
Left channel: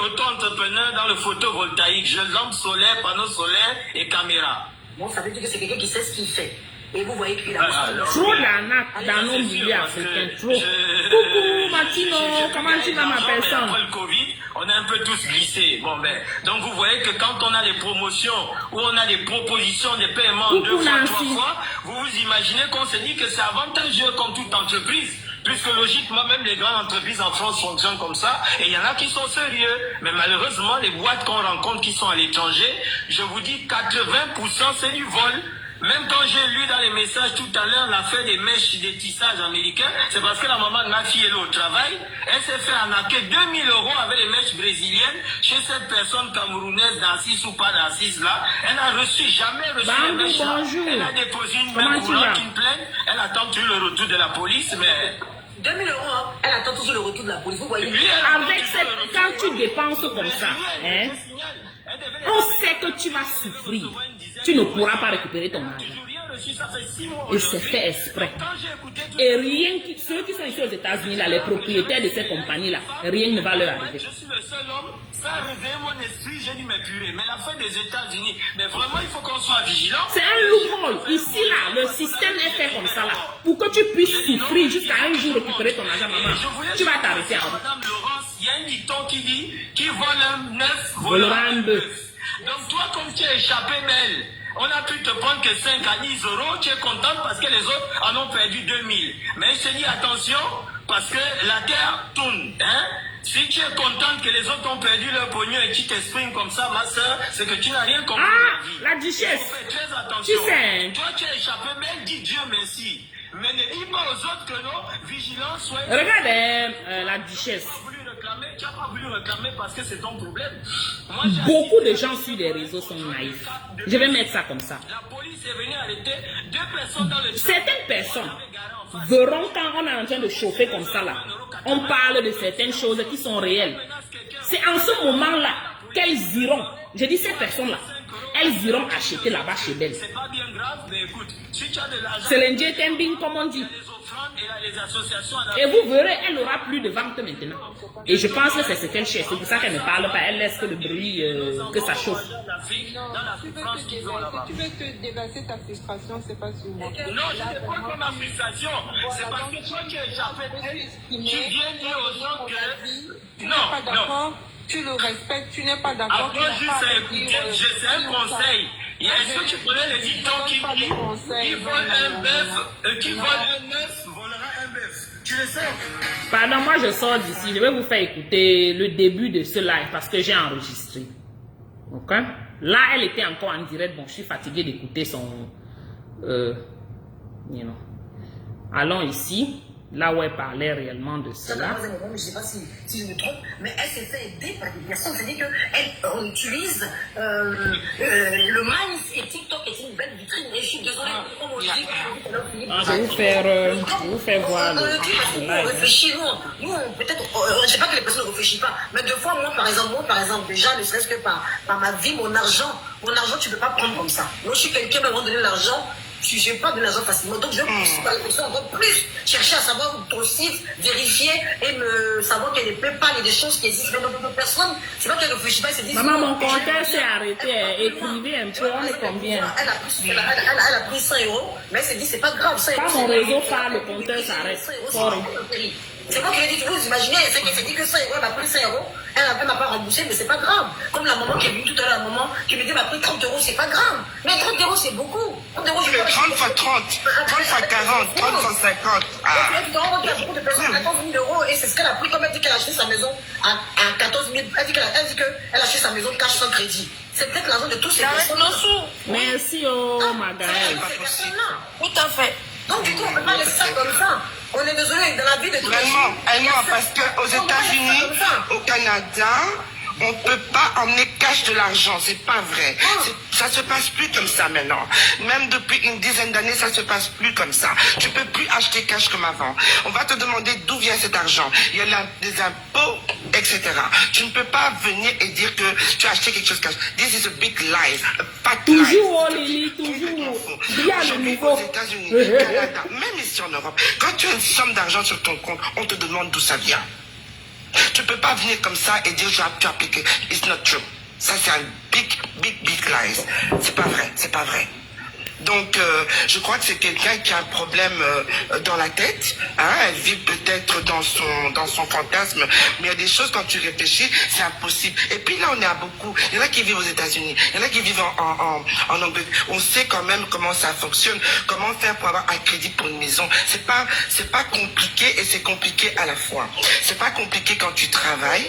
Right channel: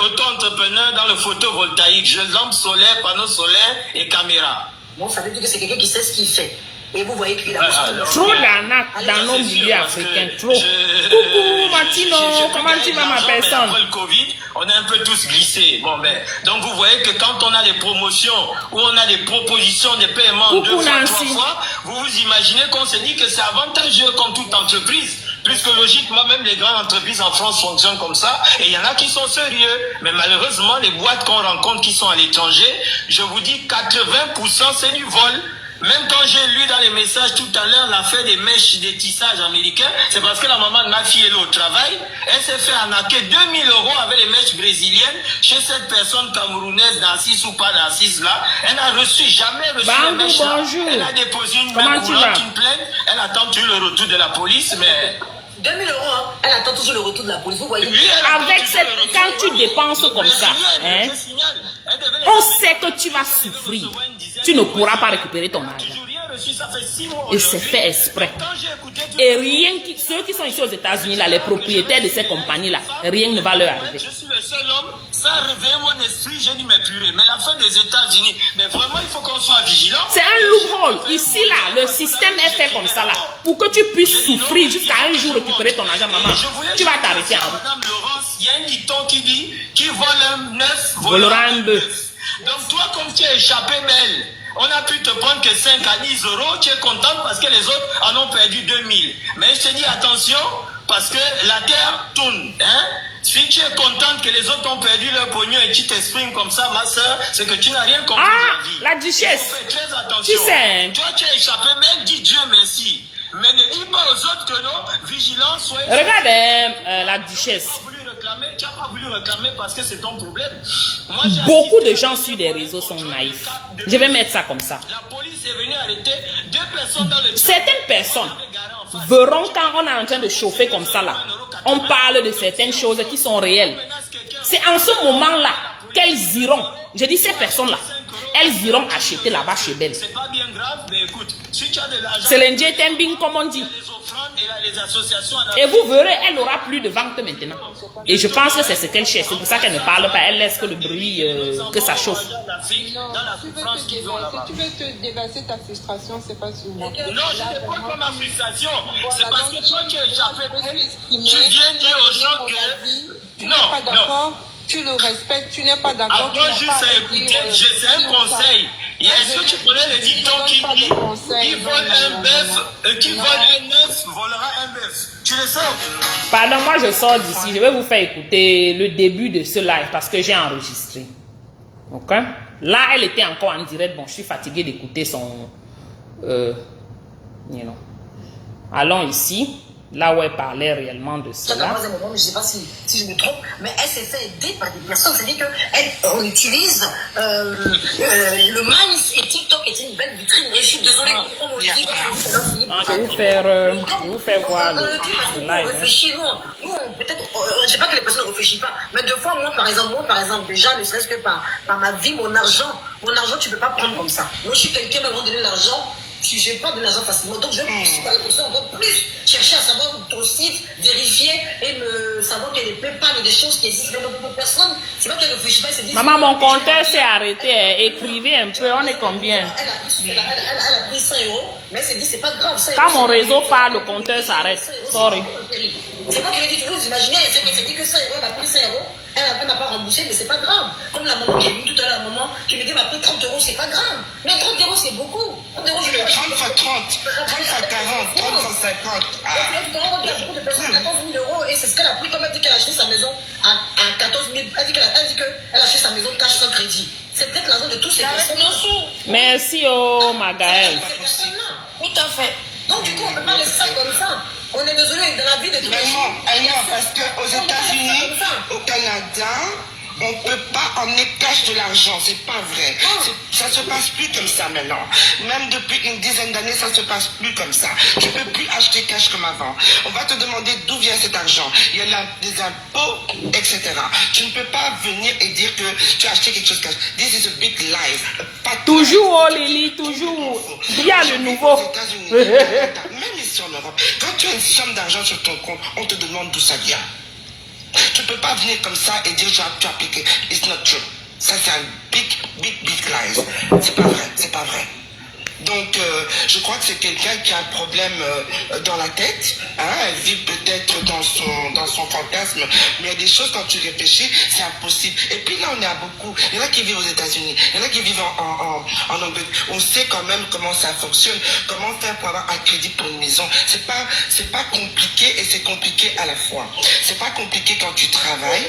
auto-entrepreneur dans le photovoltaïque. Je lampe solaire, panneaux solaires et caméra. Bon, ça veut dire que c'est quelqu'un qui sait ce qu'il fait. Et vous voyez qu'il a... Trop d'arnaques dans nos milieux africains, trop. Coucou Martino, comment tu vas ma personne? Après le Covid, on a un peu tous glissé. Bon, ben, donc vous voyez que quand on a des promotions ou on a des propositions de paiement Coucou 2 fois, Nancy. 3 fois, vous vous imaginez qu'on se dit que c'est avantageux comme toute entreprise. Puisque logiquement, même les grandes entreprises en France fonctionnent comme ça. Et il y en a qui sont sérieux. Mais malheureusement, les boîtes qu'on rencontre qui sont à l'étranger, je vous dis 80% c'est du vol. Même quand j'ai lu dans les messages tout à l'heure l'affaire des mèches des tissages américains, c'est parce que la maman de ma fille est au travail. Elle s'est fait arnaquer 2000 € avec les mèches brésiliennes chez cette personne camerounaise d'Assis ou pas d'Assis là. Elle n'a jamais reçu les mèches là. Bonjour. Elle a déposé une Comment main tu vas? une plainte. Elle attend toujours le retour de la police, mais... 2000 €, hein. Elle attend toujours le retour de la police. Vous voyez? Lui, elle attend Avec toujours cette, le retour. quand tu dépenses comme ça, hein, Je signale, elle devait on les sait que tu vas souffrir. Tu ne pourras pas récupérer ton argent. J'ai rien reçu, ça fait 6 mois Et c'est aujourd'hui. fait exprès. Quand j'ai écouté tout Et rien qui, ceux qui sont ici aux États-Unis, là, les propriétaires de ces compagnies-là, rien ne va leur arriver. je suis le seul homme, ça a réveillé mon esprit, j'ai dit mais purée, mais la fin des États-Unis, mais vraiment il faut qu'on soit vigilant. C'est un loophole. Ici, là, le système est fait comme ça, là. Pour que tu puisses souffrir jusqu'à un jour récupérer ton argent, maman, tu vas t'arrêter en route. Madame Laurence, il y a un dicton qui dit qui vole un œuf, Volera un bœuf. Donc toi, comme tu es échappé belle, on a pu te prendre que 5 à 10 €, tu es contente parce que les autres en ont perdu 2000. Mais je te dis attention, parce que la terre tourne. Hein? Si tu es contente que les autres ont perdu leur pognon et tu t'exprimes comme ça, ma soeur, c'est que tu n'as rien compris de la vie. La duchesse. Il faut faire très attention. Tu sais. Toi, tu es échappé belle, dis Dieu merci. Mais ne dis pas aux autres que non, vigilants, soyez... Regarde la duchesse. Tu n'as pas voulu réclamer parce que c'est ton problème. Moi, Beaucoup de gens sur les réseaux sont naïfs. Je vais mettre ça comme ça. La police est venue arrêter 2 personnes dans le... Certaines personnes verront quand on est en train de chauffer comme ça là, on parle de certaines choses qui sont réelles. C'est en ce moment-là qu'elles iront, je dis ces personnes-là, elles iront acheter là-bas chez Belle. C'est pas bien grave, mais écoute, si tu as de l'argent, C'est l'indien tembing comme on dit. les offrandes et les associations... Et vous verrez, elle n'aura plus de vente maintenant. Et je pense que c'est ce qu'elle cherche. C'est pour ça qu'elle ne parle pas. Elle laisse que le bruit, que ça chauffe. Dans la souffrance qu'ils ont là-bas. Si tu veux te déverser ta frustration, c'est pas sur moi. Non, je ne pas comme ma frustration. C'est parce que toi, tu es échappé. Tu Tu viens dire aux gens que... tu n'es pas Non, non. d'accord, tu le respectes, tu n'es pas d'accord. Apprends juste à écouter, c'est un conseil. Est-ce que tu connais le dicton qui dit qui vole un bœuf, qui vole un œuf, volera un bœuf. Tu le sais? Pardon, moi je sors d'ici. Je vais vous faire écouter le début de ce live parce que j'ai enregistré. Ok? Là, elle était encore en direct. Bon, je suis fatiguée d'écouter son... you know. Allons ici. là où elle parlait réellement de cela. Je ne sais pas si je me trompe, mais elle s'est fait aider par des personnes. C'est-à-dire qu'on utilise le Minds et TikTok est une belle vitrine. Et je suis désolée, comme on le dit, Je vais vous faire voir le on live. réfléchit, nous peut-être, je ne sais pas que les personnes ne réfléchissent pas, mais deux fois, moi, par exemple, déjà, ne serait-ce que par ma vie, mon argent, tu ne peux pas prendre comme ça. Moi, je suis quelqu'un qui m'a donné l'argent. Je n'ai pas de l'argent facilement. Donc, je vais par les personnes encore plus chercher à savoir ton site, vérifier et savoir qu'il y a des PayPal et des choses qui existent. Mais pour personne, c'est pas qu'elle ne réfléchit pas, elle se dit. Maman, mon compteur s'est arrêté. Écrivez un peu, on est combien? Elle a pris 100 €, mais elle s'est dit, c'est pas grave. Quand mon réseau parle, le compteur s'arrête. Sorry. C'est pas que je dis, vous imaginez, elle s'est dit que 100 €, elle a pris 100 €. Elle m'a pas remboursé, mais c'est pas grave. Comme la maman qui est venue tout à l'heure, la maman qui me dit, elle m'a pris 30 €, c'est pas grave. Mais 30 € c'est beaucoup. 30 €, c'est 30 fois 30, 30 fois 40, 30 fois 50. Il y a beaucoup de personnes à 14 000 € et c'est ce qu'elle a pris. Comme elle dit qu'elle a acheté sa maison à 14 000, elle dit qu'elle a acheté sa maison cash sans crédit. C'est peut-être l'argent de tous ces personnes. Merci, Magaël. Tout à fait. Donc du coup, on ne peut pas laisser ça comme ça. On est désolé, dans la vie de tous les jours. Non, parce qu'aux États-Unis, au Canada, on ne peut pas emmener cash de l'argent, c'est pas vrai. Ça se passe plus comme ça maintenant. Même depuis une dizaine d'années, ça se passe plus comme ça. Tu peux plus acheter cash comme avant. On va te demander d'où vient cet argent. Il y a des impôts, etc. Tu ne peux pas venir et dire que tu as acheté quelque chose cash. This is a big lie. Toujours, oh Lily, toujours. Il y a le nouveau. Aux États-Unis, Canada, même ici en Europe, quand tu as une somme d'argent sur ton compte, on te demande d'où ça vient. Tu ne peux pas venir comme ça et dire tu as appliqué. It's not true. Ça, c'est un big lies. C'est pas vrai, c'est pas vrai. Donc, je crois que c'est quelqu'un qui a un problème dans la tête. Hein, elle vit peut-être dans son fantasme. Mais il y a des choses, quand tu réfléchis, c'est impossible. Et puis là, on est à beaucoup. Il y en a qui vivent aux États-Unis. Il y en a qui vivent en Angleterre. On sait quand même comment ça fonctionne. Comment faire pour avoir un crédit pour une maison. C'est pas compliqué et c'est compliqué à la fois. C'est pas compliqué quand tu travailles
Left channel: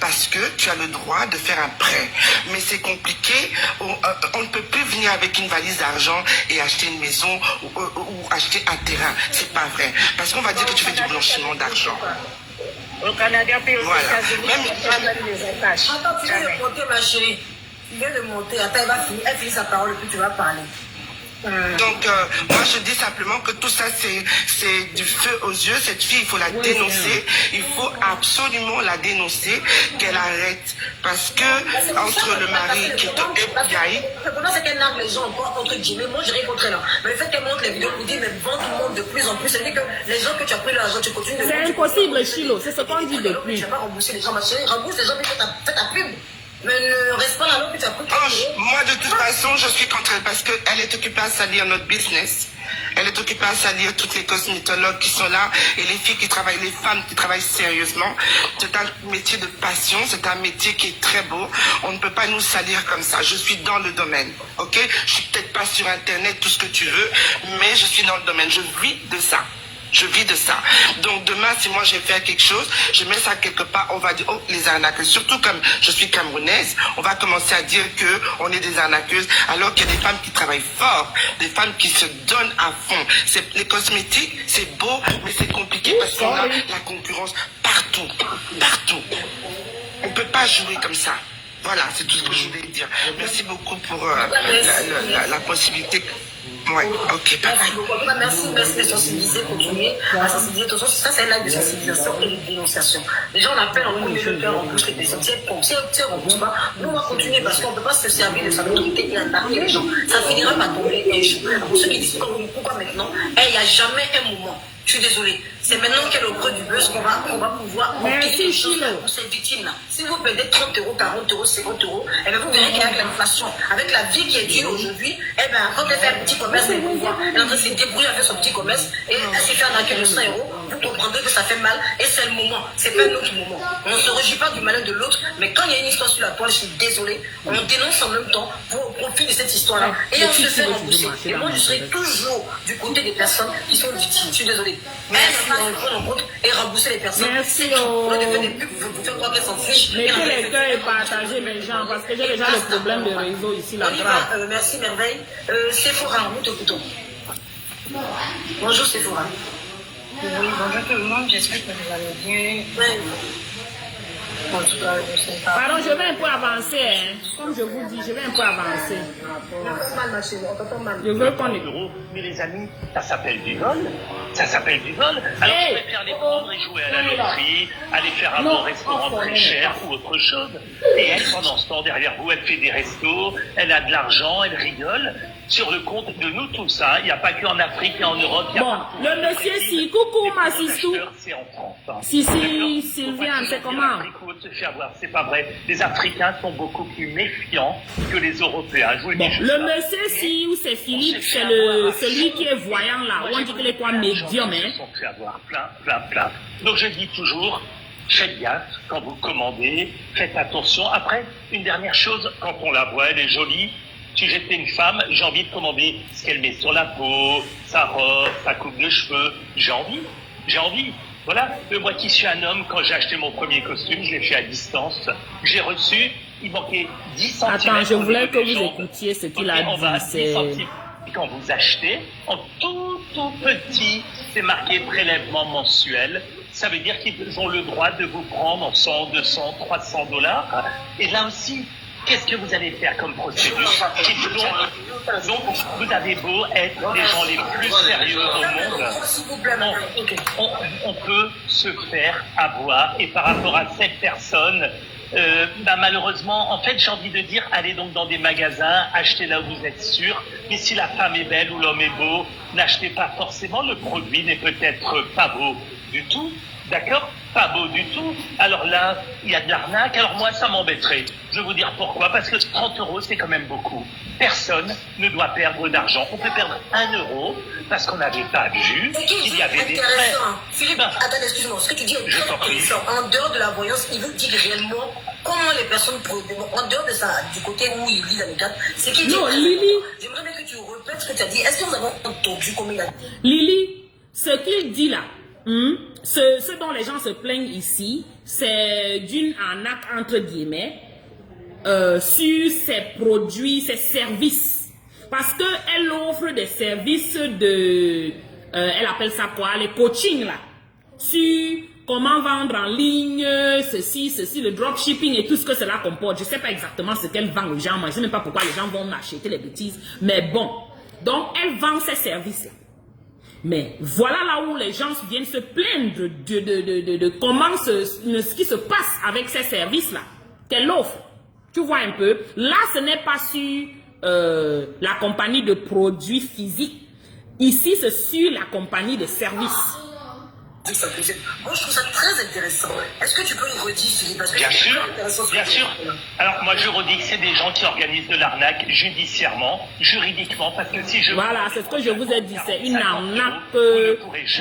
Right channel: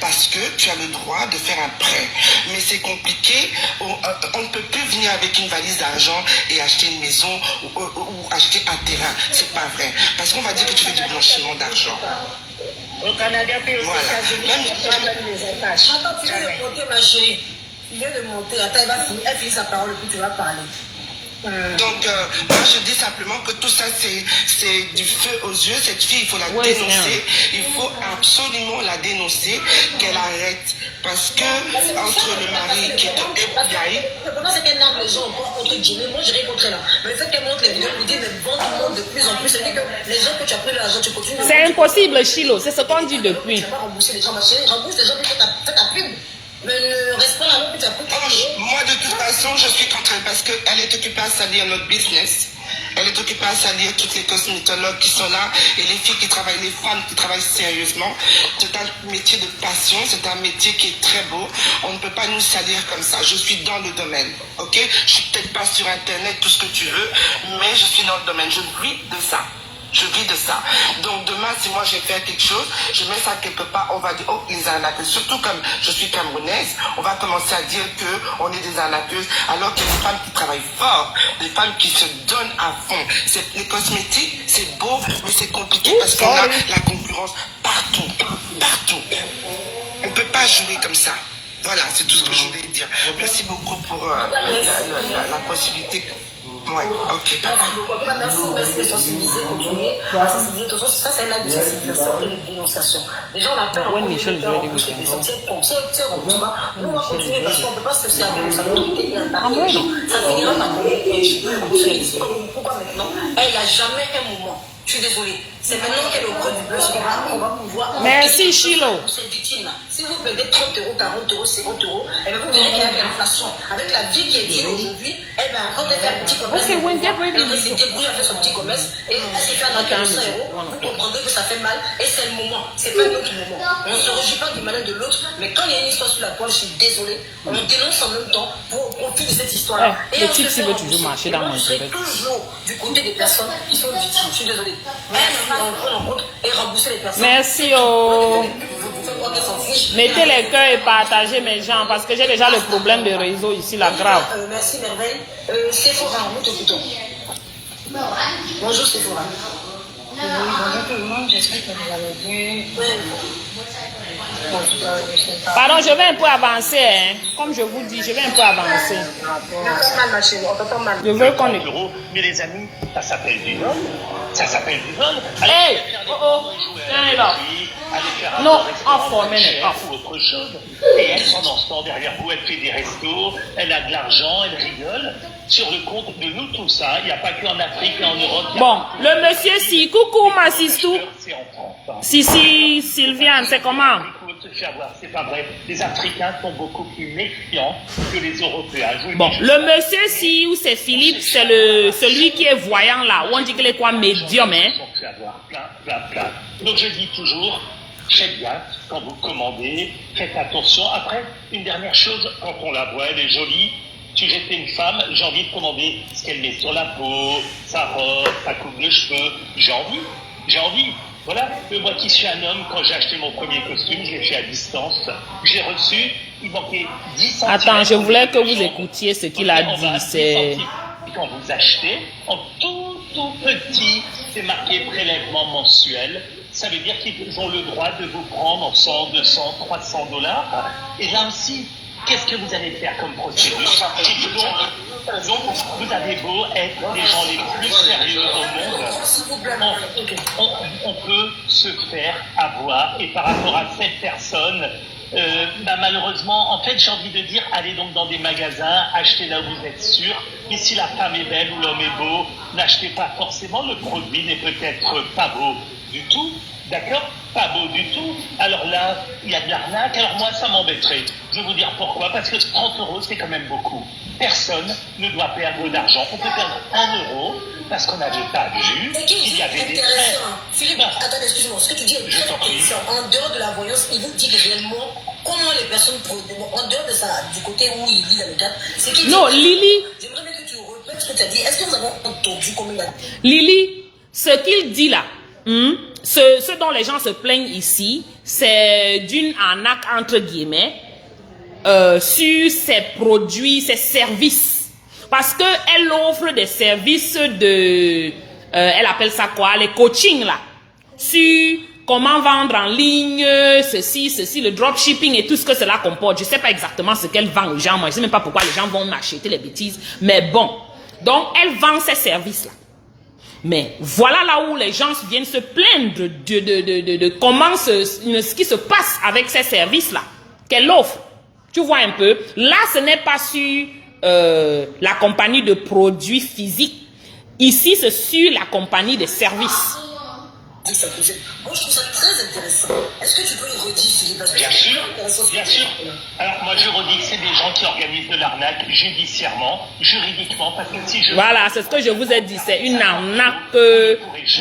parce que tu as le droit de faire un prêt. Mais c'est compliqué. On ne peut plus venir avec une valise d'argent et acheter une maison ou acheter un terrain. C'est pas vrai. Parce qu'on va dire que tu fais du blanchiment d'argent. Au Canada, puis aux Voilà. États-Unis, on donne des attaches. Attends, tu viens de monter, ma chérie. Tu viens de monter. Attends, elle finit sa parole et puis tu vas parler. Donc, moi, je dis simplement que tout ça, c'est du feu aux yeux. Cette fille, il faut la dénoncer. Il faut absolument la dénoncer, qu'elle arrête. Parce que, entre le mari qui est un FBI... Le problème, c'est qu'elle nargue les gens entre guillemets. Moi, je dirais contre elle. Mais le fait qu'elle montre les vidéos, elle dit, mais vend tout le monde de plus en plus. C'est-à-dire que les gens que tu as pris l'argent, tu continues. C'est impossible, Chilo. C'est ce qu'on dit depuis. Tu n'as pas remboursé les gens, ma chérie. Rembourse les gens qui fait ta pub. Mais ne reste pas là-bas que tu as pris. Moi, de toute façon, je suis contre elle parce qu'elle est occupée à salir notre business. Elle est occupée à salir toutes les cosmétologues qui sont là et les filles qui travaillent, les femmes qui travaillent sérieusement. C'est un métier de passion, c'est un métier qui est très beau. On ne peut pas nous salir comme ça. Je suis dans le domaine, ok? Je suis peut-être pas sur Internet, tout ce que tu veux, mais je suis dans le domaine. Je vis de ça. Je vis de ça. Donc demain, si moi je vais faire quelque chose, je mets ça quelque part, on va dire, oh, les arnaqueuses. Surtout comme je suis camerounaise, on va commencer à dire qu'on est des arnaqueuses, alors qu'il y a des femmes qui travaillent fort, des femmes qui se donnent à fond. Les cosmétiques, c'est beau, mais c'est compliqué parce qu'on a la concurrence partout. Partout. On ne peut pas jouer comme ça. Voilà, c'est tout ce que je voulais dire. Merci beaucoup pour la possibilité. Ouais, ok, d'accord. Merci de sensibiliser, continuer à sensibiliser. De toute façon, ça, c'est un acte de sensibilisation et de dénonciation. Déjà, on a peur en plus que c'est remboursement. Nous, on va continuer parce qu'on ne peut pas se servir de sa volonté et attaquer les gens. Ça finira par tomber un jour. Pourquoi maintenant? Il n'y a jamais un moment. Je suis désolée. C'est maintenant qu'elle est au creux du buzz qu'on va pouvoir... Merci, Chilo. Ces victimes-là. Si vous perdez 30 €, 40 €, 50 €, eh bien, vous verrez qu'avec l'inflation, avec la vie qui est dure aujourd'hui, eh bien, quand elle fait un petit commerce, elle se débrouille à faire son petit commerce et elle s'est fait arnaquer à 100 €. Vous comprendrez que ça fait mal et c'est le moment. C'est pas un autre moment. On ne se réjouit pas du malin de l'autre, mais quand il y a une histoire sur la toile, je suis désolée, on dénonce en même temps pour profiter de cette histoire-là. Et on se fait rembourser. Moi, je suis toujours du côté des personnes qui sont victimes. Je suis désolée. Et rembourser les personnes. Merci. Mettez les cœurs et partagez mes gens parce que j'ai déjà le problème de réseau ici, la grave. Merci, merveille. Sephora, nous t'écoutons. Bonjour, Sephora. Bonjour tout le monde, j'espère que vous allez bien. En tout cas, je sais pas. Pardon, je vais un peu avancer. Hein. Comme je vous dis, je vais un peu avancer. Je veux qu'on le... euros. Mais les amis, ça s'appelle du vol. Ça s'appelle du vol. Alors, Hey, vous pouvez faire les oh, prendre oh. et jouer à Non, la non. loterie, aller faire un Non, bon restaurant enfin, très non, cher non. ou autre chose. Et elle, pendant ce temps, derrière vous, elle fait des restos, elle a de l'argent, elle rigole. Sur le compte de nous tous, hein. Il n'y a pas qu'en Afrique et en Europe. Il y a Bon, partout. le monsieur si, coucou ma sistou. C'est en France. Hein. Si, Sylviane, c'est comment? Il faut se faire voir, c'est pas vrai. Les Africains sont beaucoup plus méfiants que les Européens. Je vous le Bon, dis, le monsieur si ou c'est Philippe, c'est le celui qui est voyant là. Ou on dit qu'il est quoi, médium, hein? Ils sont fait avoir plein. Donc je dis toujours, faites gaffe quand vous commandez, faites attention. Après, une dernière chose, quand on la voit, elle est jolie. Si j'étais une femme, j'ai envie de commander ce qu'elle met sur la peau, sa robe, sa coupe de cheveux. J'ai envie. Voilà. Moi qui suis un homme, quand j'ai acheté mon premier costume, je l'ai fait à distance. J'ai reçu, il manquait 10 centimes. Attends, je voulais que vous écoutiez ce qu'il a On va à dit. 10 C'est... centimes. Quand vous achetez, en tout petit, c'est marqué prélèvement mensuel. Ça veut dire qu'ils ont le droit de vous prendre 100, 200, 300 $. Et là aussi, qu'est-ce que vous allez faire comme procédure? Donc, vous avez beau être les gens les plus sérieux au monde, on peut se faire avoir. Et par rapport à cette personne, malheureusement, en fait, j'ai envie de dire, allez donc dans des magasins, achetez là où vous êtes sûr. Et si la femme est belle ou l'homme est beau, n'achetez pas forcément. Le produit n'est peut-être pas beau du tout. D'accord? Pas beau du tout. Alors là, il y a de l'arnaque. Alors moi, ça m'embêterait. Je vais vous dire pourquoi. Parce que 30 €, c'est quand même beaucoup. Personne ne doit perdre d'argent. On peut perdre 1 euro parce qu'on n'avait pas vu qu'il y avait des frais. Philippe, attends, excuse-moi. Ce que tu dis est très intéressant. En dehors de la voyance, il vous dit réellement comment les personnes, en dehors de ça, du côté où il lit dans les cartes, c'est qu'il dit... Non, Lily. J'aimerais bien que tu répètes ce que tu as dit. Est-ce que nous avons entendu comment il a... Lily, ce qu'il dit là, ce dont les gens se plaignent ici, c'est d'une arnaque entre guillemets sur ses produits, ses services. Parce qu'elle offre des services de, elle appelle ça quoi, les coachings là, sur comment vendre en ligne, ceci, le dropshipping et tout ce que cela comporte. Je ne sais pas exactement ce qu'elle vend aux gens, moi je ne sais même pas pourquoi les gens vont m'acheter les bêtises, mais bon. Donc elle vend ces services là. Mais voilà là où les gens viennent se plaindre de comment ce qui se passe avec ces services-là qu'elle offre. Tu vois un peu. Là, ce n'est pas sur la compagnie de produits physiques. Ici, c'est sur la compagnie de services. Moi, je trouve ça très intéressant. Est-ce que tu peux le redire, Philippe? Parce que Bien c'est sûr, très intéressant. bien sûr. Alors moi je redis que c'est des gens qui organisent de l'arnaque judiciairement, juridiquement, parce que si je... Voilà, c'est ce que je vous ai dit. C'est une arnaque,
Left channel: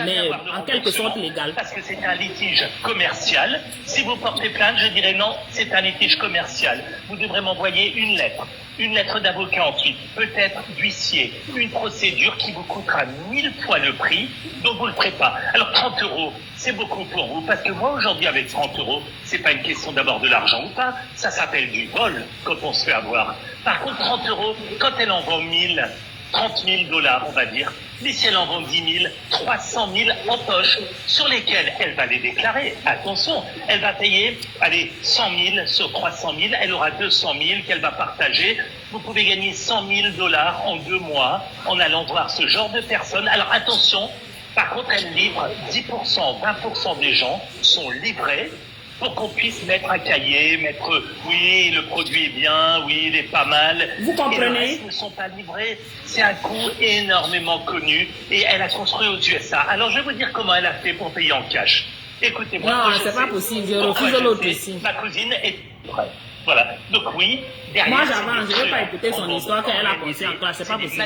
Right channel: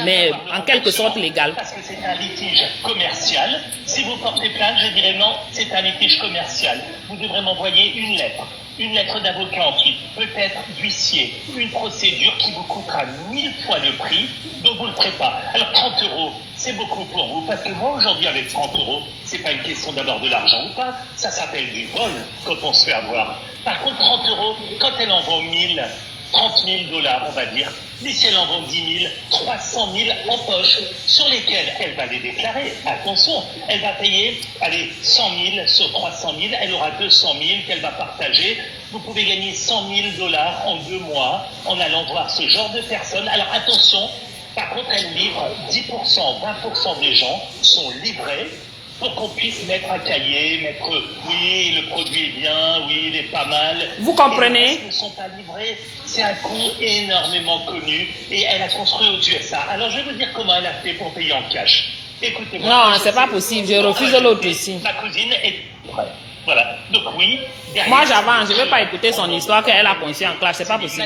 mais en quelque sorte légale. Parce que c'est un litige commercial. Si vous portez plainte, je dirais non, c'est un litige commercial. Vous devrez m'envoyer une lettre d'avocat ensuite, peut-être d'huissier, une procédure qui vous coûtera 1000 fois le prix, donc vous ne le ferez pas. Alors 30 €, c'est beaucoup pour vous, parce que moi aujourd'hui avec 30 €, c'est pas une question d'avoir de l'argent ou pas, ça s'appelle du vol quand on se fait avoir. Par contre 30 €, quand elle en vend 1000, 30 000 $, on va dire, mais si elle en vend 10 000, 300 000 en poche, sur lesquels elle va les déclarer. Attention, elle va payer, allez, 100 000 sur 300 000, elle aura 200 000 qu'elle va partager. Vous pouvez gagner 100 000 $ en 2 mois en allant voir ce genre de personnes. Alors attention, par contre, elle livre 10%, 20% des gens sont livrés pour qu'on puisse mettre un cahier, mettre oui, le produit est bien, oui, il est pas mal. Vous comprenez? Et les ne sont pas livrés. C'est un coût énormément connu et elle a construit aux USA. Alors je vais vous dire comment elle a fait pour payer en cash. Écoutez-moi. Non, c'est pas possible. Je refuse l'autre ici. Ma cousine est prête. Voilà. Donc oui. Moi j'avance, je ne veux pas écouter son histoire qu'elle a conçue en classe, c'est pas possible.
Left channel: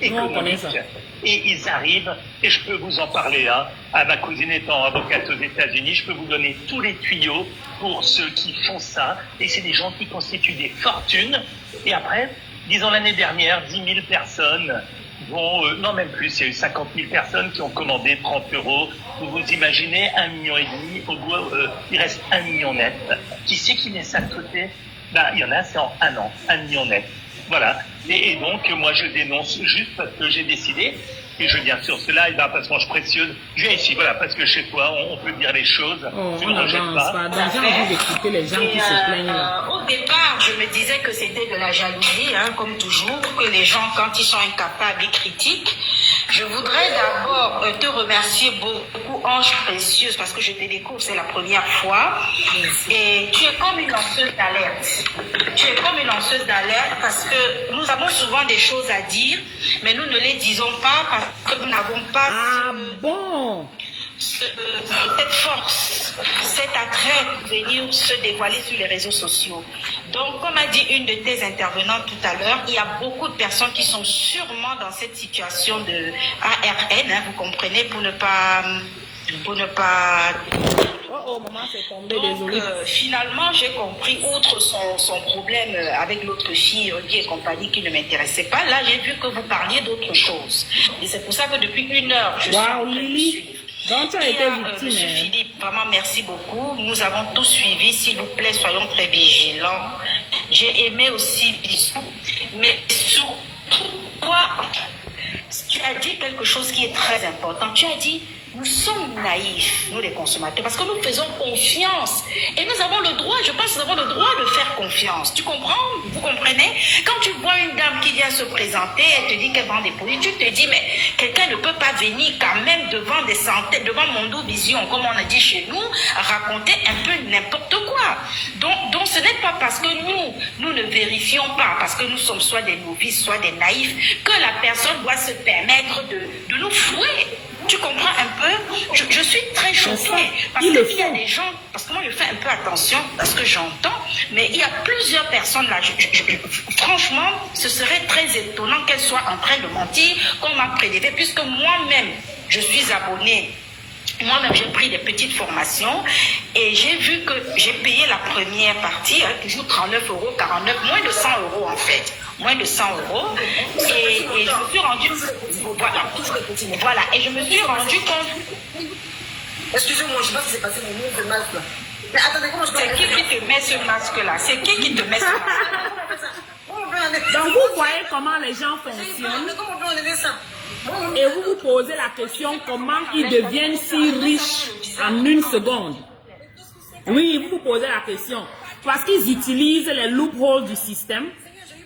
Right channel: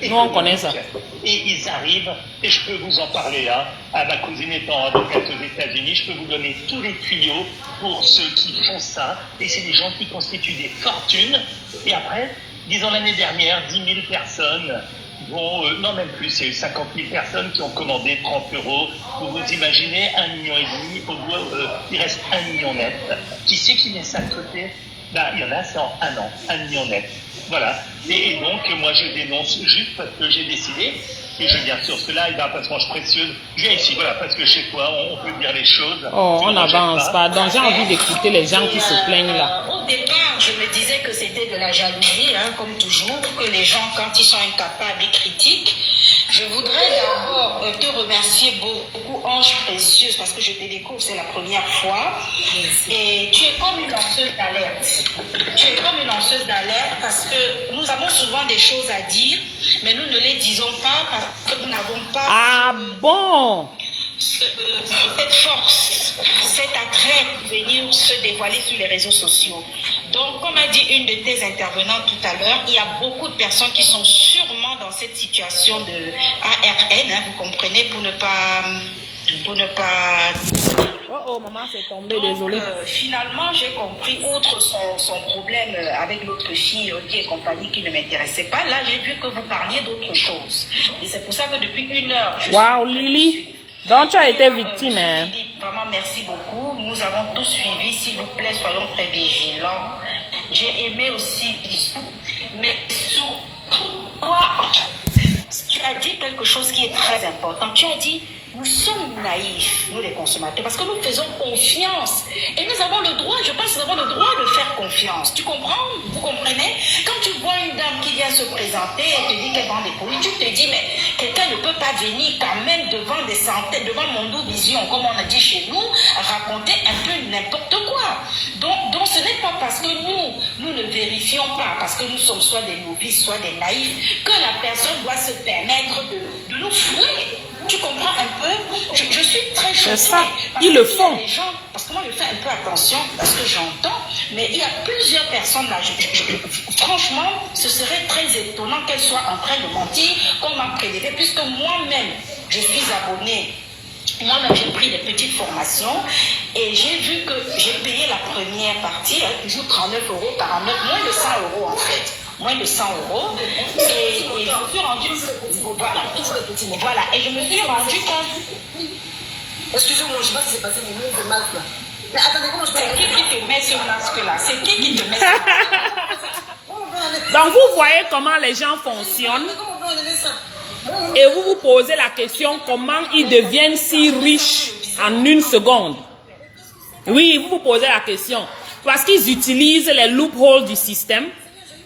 Nous on connaît ça. Et ils arrivent, et je peux vous en parler, hein, à ma cousine étant avocate aux États-Unis, je peux vous donner tous les tuyaux pour ceux qui font ça, et c'est des gens qui constituent des fortunes, et après, disons l'année dernière, 10 000 personnes vont, non même plus, il y a eu 50 000 personnes qui ont commandé 30 €, vous imaginez 1,5 million, il reste 1 million net. Qui c'est qui met ça de côté? Ben, il y en a, c'est en un an, 1 million net. Voilà. Et donc, moi, je dénonce juste parce que j'ai décidé, et je viens sur ce live, parce que je suis précieuse, je viens ici, voilà, parce que chez toi, on peut dire les choses. Oh, on n'avance pas. Donc, j'ai envie d'écouter les gens qui se plaignent là. Au départ, je me disais que c'était de la jalousie, hein, comme toujours, que les gens, quand ils sont incapables, ils critiquent. Je voudrais d'abord te remercier beaucoup, Ange Précieuse, parce que je te découvre, c'est la première fois. Et tu es comme une lanceuse d'alerte. Tu es comme une lanceuse d'alerte parce que nous avons souvent des choses à dire, mais nous ne les disons pas parce que nous n'avons pas... Ah bon? Cette force, cet attrait pour venir se dévoiler sur les réseaux sociaux. Donc, comme a dit une de tes intervenantes tout à l'heure, il y a beaucoup de personnes qui sont sûrement dans cette situation de ARN, hein, vous comprenez, pour ne pas... Oh, maman, c'est tombé, désolée. Finalement, j'ai compris, outre son problème avec l'autre fille, Rudy et compagnie, qui ne m'intéressait pas, là, j'ai vu que vous parliez d'autre chose. Et c'est pour ça que depuis 1 heure... Waouh, Lily! Donc, tu as été victime, hein? Vraiment, merci beaucoup. Nous avons tous suivi. S'il vous plaît, soyons très vigilants. J'ai aimé aussi Bissou. Mais surtout, toi, tu as dit quelque chose qui est très important. Tu as dit, nous sommes naïfs, nous les consommateurs, parce que nous faisons confiance. Et nous avons le droit, je pense que nous avons le droit de faire confiance. Tu comprends? Vous comprenez? Quand tu vois une dame qui vient se présenter, elle te dit qu'elle vend des produits, tu te dis, mais quelqu'un ne peut pas venir quand même devant des centaines, devant Mondo Vision, comme on a dit chez nous, raconter un peu n'importe quoi. Donc ce n'est pas parce que nous ne vérifions pas, parce que nous sommes soit des novices, soit des naïfs, que la personne doit se permettre de nous fouer. Tu comprends un peu? Je suis très choquée. Ils le font. Parce que moi, je fais un peu attention à ce que j'entends, mais il y a plusieurs personnes là. Franchement, ce serait très étonnant qu'elles soient en train de mentir, qu'on m'a prélevé, puisque moi-même, je suis abonnée. Moi-même, j'ai pris des petites formations et j'ai vu que j'ai payé la première partie, hein, toujours 39 €, 49, moins de 100 € en fait. Moins de 100 €. Et je me suis rendu... Voilà. Et je me suis rendu compte... Excusez-moi, je sais pas ce qui s'est passé, mais nous, ce masque-là. Mais attendez, comment je peux... C'est qui te met ce masque-là? C'est qui te met ce masque-là? Donc, vous voyez comment les gens fonctionnent. Comment on peut enlever ça? Et vous vous posez la question comment ils deviennent si riches en 1 seconde. Oui, vous vous posez la question. Parce qu'ils utilisent les loopholes du système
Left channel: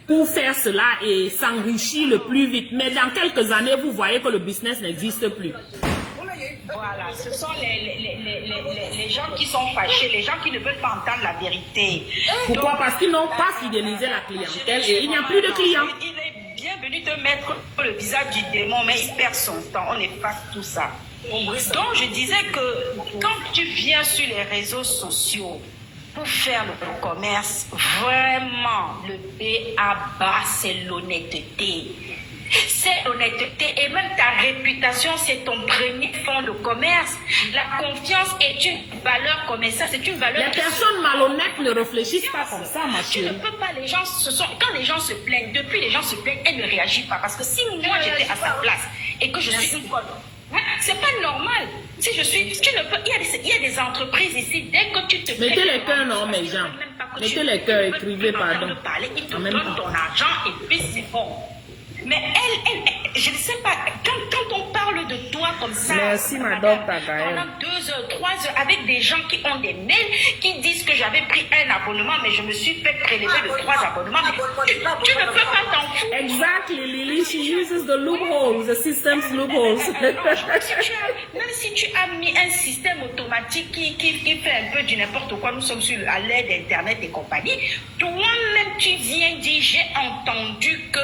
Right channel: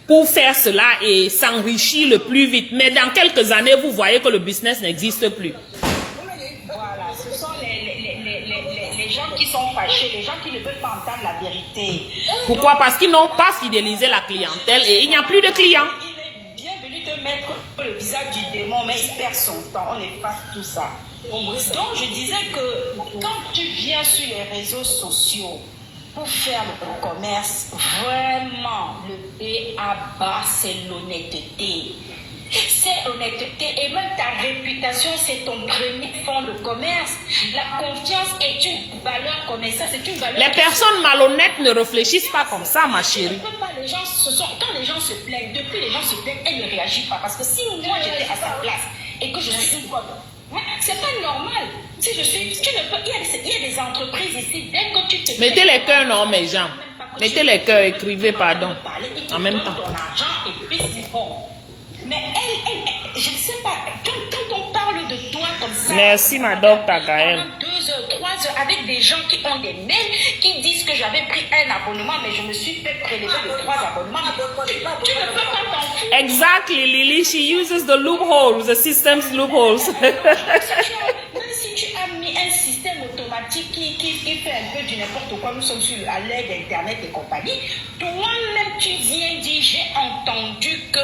pour faire cela et s'enrichir le plus vite. Mais dans quelques années, vous voyez que le business n'existe plus. Voilà, ce sont les gens qui sont fâchés, les gens qui ne veulent pas entendre la vérité. Pourquoi? Parce qu'ils n'ont pas fidélisé la clientèle et il n'y a plus de clients. Il est bienvenu te mettre le visage du démon, mais il perd son temps, on efface tout ça. Donc je disais que quand tu viens sur les réseaux sociaux pour faire le commerce, vraiment le B.A.-ba, c'est l'honnêteté. C'est l'honnêteté et même ta réputation, c'est ton premier fonds de commerce. La confiance est une valeur commerciale, c'est une valeur... Les personnes malhonnêtes ne réfléchissent pas comme ça, ma chérie. Ne peut pas, les gens quand les gens se plaignent, depuis les gens se plaignent, elles ne réagissent pas. Parce que si moi j'étais à sa place et que je suis une bonne, c'est pas normal. Si je suis, tu ne peux, il y a des entreprises ici, dès que tu te... Mettez les cœurs, non, mes gens. Mettez les cœurs, écrivez, pardon. En même temps. Ton argent et puis c'est bon. Mais elle, je ne sais pas, quand on parle de toi comme ça... Merci, ma docteur Gaëlle. Pendant 2 heures, 3 heures, avec des gens qui ont des mails, qui disent que j'avais pris un abonnement, mais je me suis fait prélever de 3 abonnements. Tu ne peux pas t'en foutre. Exactly, Lily. She uses the loopholes, the system's loopholes. Même si tu as mis un système automatique qui fait un peu du n'importe quoi, nous sommes à l'ère d'Internet et compagnie, toi-même tu viens dire, j'ai entendu que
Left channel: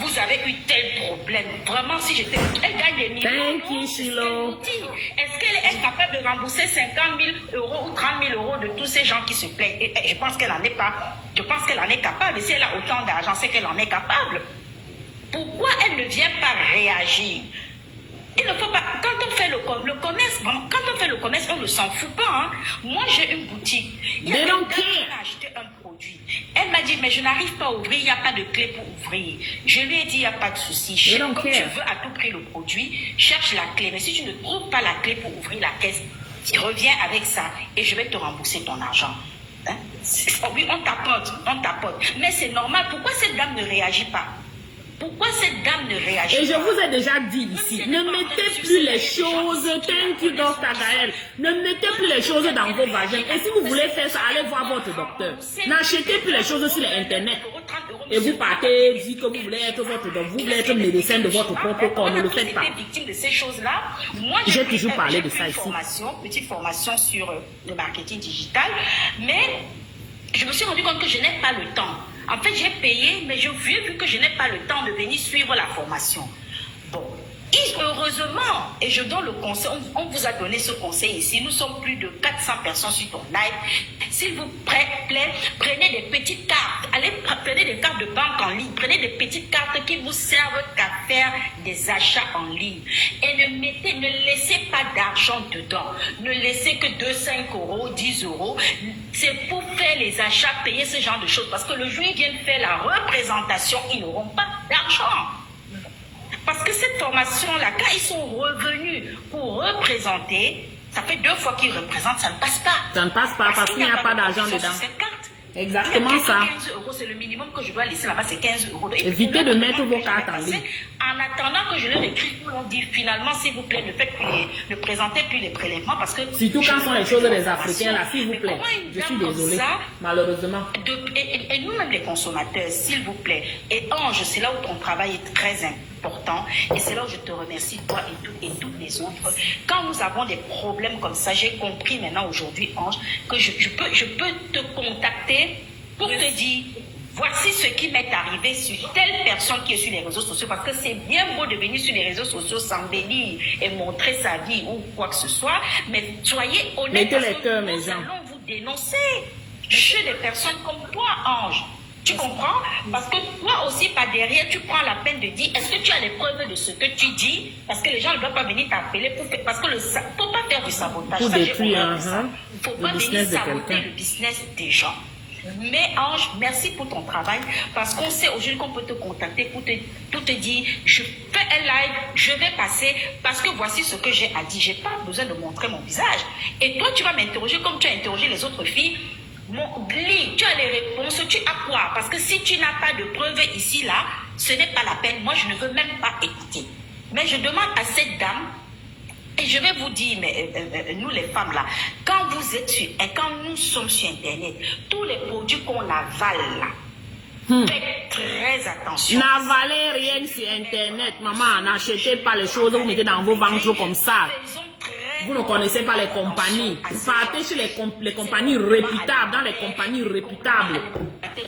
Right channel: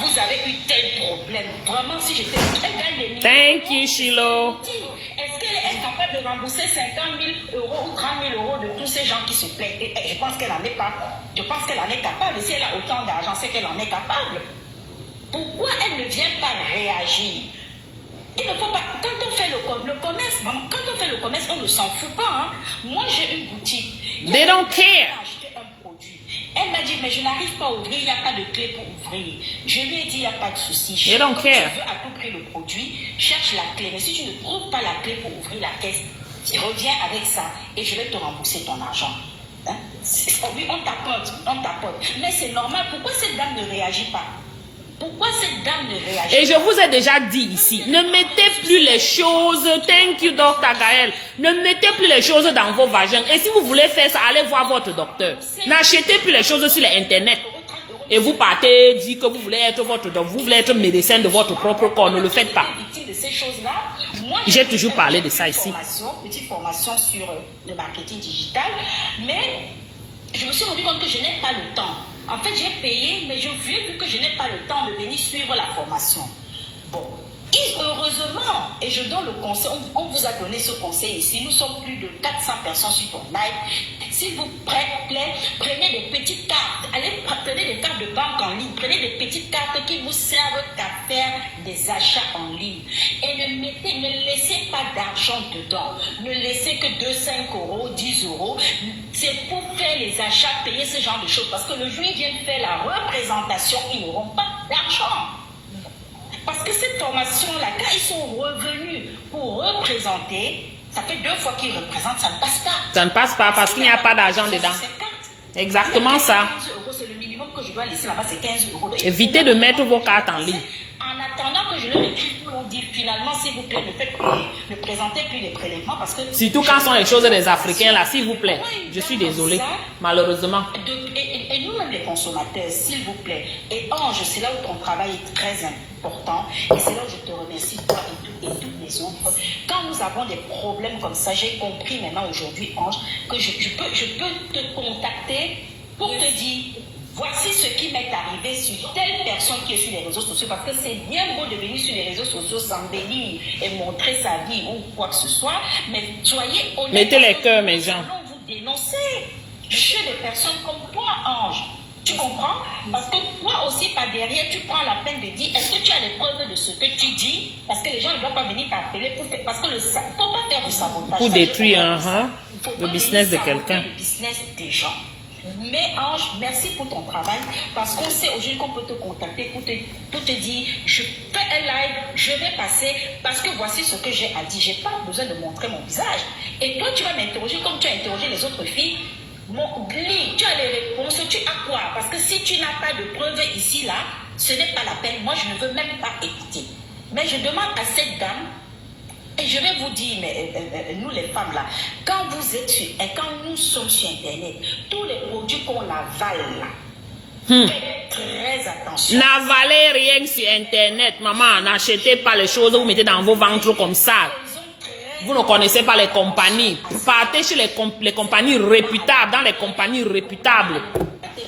vous avez eu tel problème. Vraiment, si j'étais... Thank you, Shilo. Est-ce qu'elle est capable de rembourser 50 000 € ou 30 000 € de tous ces gens qui se plaignent? Et je pense qu'elle n'en est pas. Je pense qu'elle en est capable. Si elle a autant d'argent, c'est qu'elle en est capable. Pourquoi elle ne vient pas réagir? Il ne faut pas, quand on fait le commerce, on ne s'en fout pas. Hein. Moi, j'ai une boutique. They don't care. Un produit. Elle m'a dit, mais je n'arrive pas à ouvrir, il n'y a pas de clé pour ouvrir. Je lui ai dit, il n'y a pas de souci. They don't care. Tu veux à tout prix le produit, cherche la clé. Mais si tu ne trouves pas la clé pour ouvrir la caisse, tu reviens avec ça et je vais te rembourser ton argent. Hein? Oui, on tapote. Mais c'est normal. Pourquoi cette dame ne réagit pas? Pourquoi cette dame ne réagit pas? Et je vous ai déjà dit ici, ne mettez plus les choses, thank you Dr Gaël, ne mettez plus les choses dans vos vagins. Et si vous voulez faire ça, allez voir votre docteur. N'achetez plus les choses sur l'internet. Et vous partez, dites que vous voulez être vous voulez être médecin de votre propre corps, ne le faites pas. J'ai toujours parlé de ça ici. Petite formation sur le marketing digital, mais je me suis rendu compte que je n'ai pas le temps. En fait, j'ai payé, mais je vu que je n'ai pas le temps de venir suivre la formation. Bon, et heureusement, et je donne le conseil, on vous a donné ce conseil ici, nous sommes plus de 400 personnes sur ton live. S'il vous plaît, prenez des petites cartes, prenez des cartes de banque en ligne, prenez des petites cartes qui vous servent qu'à faire des achats en ligne. Et ne laissez pas d'argent dedans. Ne laissez que 2, 5 euros, 10 euros. C'est pour faire les achats, payer ce genre de choses. Parce que le jour où ils viennent faire la représentation, ils n'auront pas d'argent. Parce que cette formation-là, quand ils sont revenus pour représenter, ça fait 2 fois qu'ils représentent, ça ne passe pas. Ça ne passe pas parce qu'il n'y a pas d'argent dedans. Exactement ça. 15 euros, c'est le minimum que je dois laisser là-bas, c'est 15 euros. Évitez de mettre vos cartes en ligne. En attendant que je leur écris, on dit finalement, s'il vous plaît, ne présentez plus les prélèvements parce que... Surtout quand sont les choses des Africains là, s'il vous plaît. Je suis désolée, malheureusement. Et nous-mêmes les consommateurs, s'il vous plaît. Et Ange, c'est là où ton travail est très important. Et c'est là où je te remercie, toi et toutes les autres. Quand nous avons des problèmes comme ça, j'ai compris maintenant aujourd'hui, Ange, que je peux te contacter pour te dire... Voici ce qui m'est arrivé sur telle personne qui est sur les réseaux sociaux, parce que c'est bien beau de venir sur les réseaux sociaux s'embellir et montrer sa vie ou quoi que ce soit, mais soyez honnête. Mettez les cœurs, mes gens. Nous allons vous dénoncer. Je suis des personnes comme toi, Ange. Tu comprends? Parce que toi aussi, par derrière, tu prends la peine de dire, est-ce que tu as les preuves de ce que tu dis? Parce que les gens ne doivent pas venir t'appeler pour faire, parce que il ne faut pas faire du sabotage. Pour détruire le business de quelqu'un. Le business des gens. Mais Ange, merci pour ton travail, parce qu'on sait aujourd'hui qu'on peut te contacter pour te dire, je fais un live, je vais passer, parce que voici ce que j'ai à dire. Je n'ai pas besoin de montrer mon visage. Et toi, tu vas m'interroger comme tu as interrogé les autres filles. Tu as les réponses, tu as quoi? Parce que si tu n'as pas de preuves ici, là, ce n'est pas la peine. Moi, je ne veux même pas écouter. Mais je demande à cette dame, et je vais vous dire, mais nous les femmes là, quand vous êtes sur, et quand nous sommes sur Internet, tous les produits qu'on avale là, faites très attention. N'avalez rien sur Internet, maman. N'achetez pas les choses, vous mettez dans vos ventres comme ça. Vous ne connaissez pas les compagnies. Vous partez chez les compagnies réputables, dans les compagnies réputables.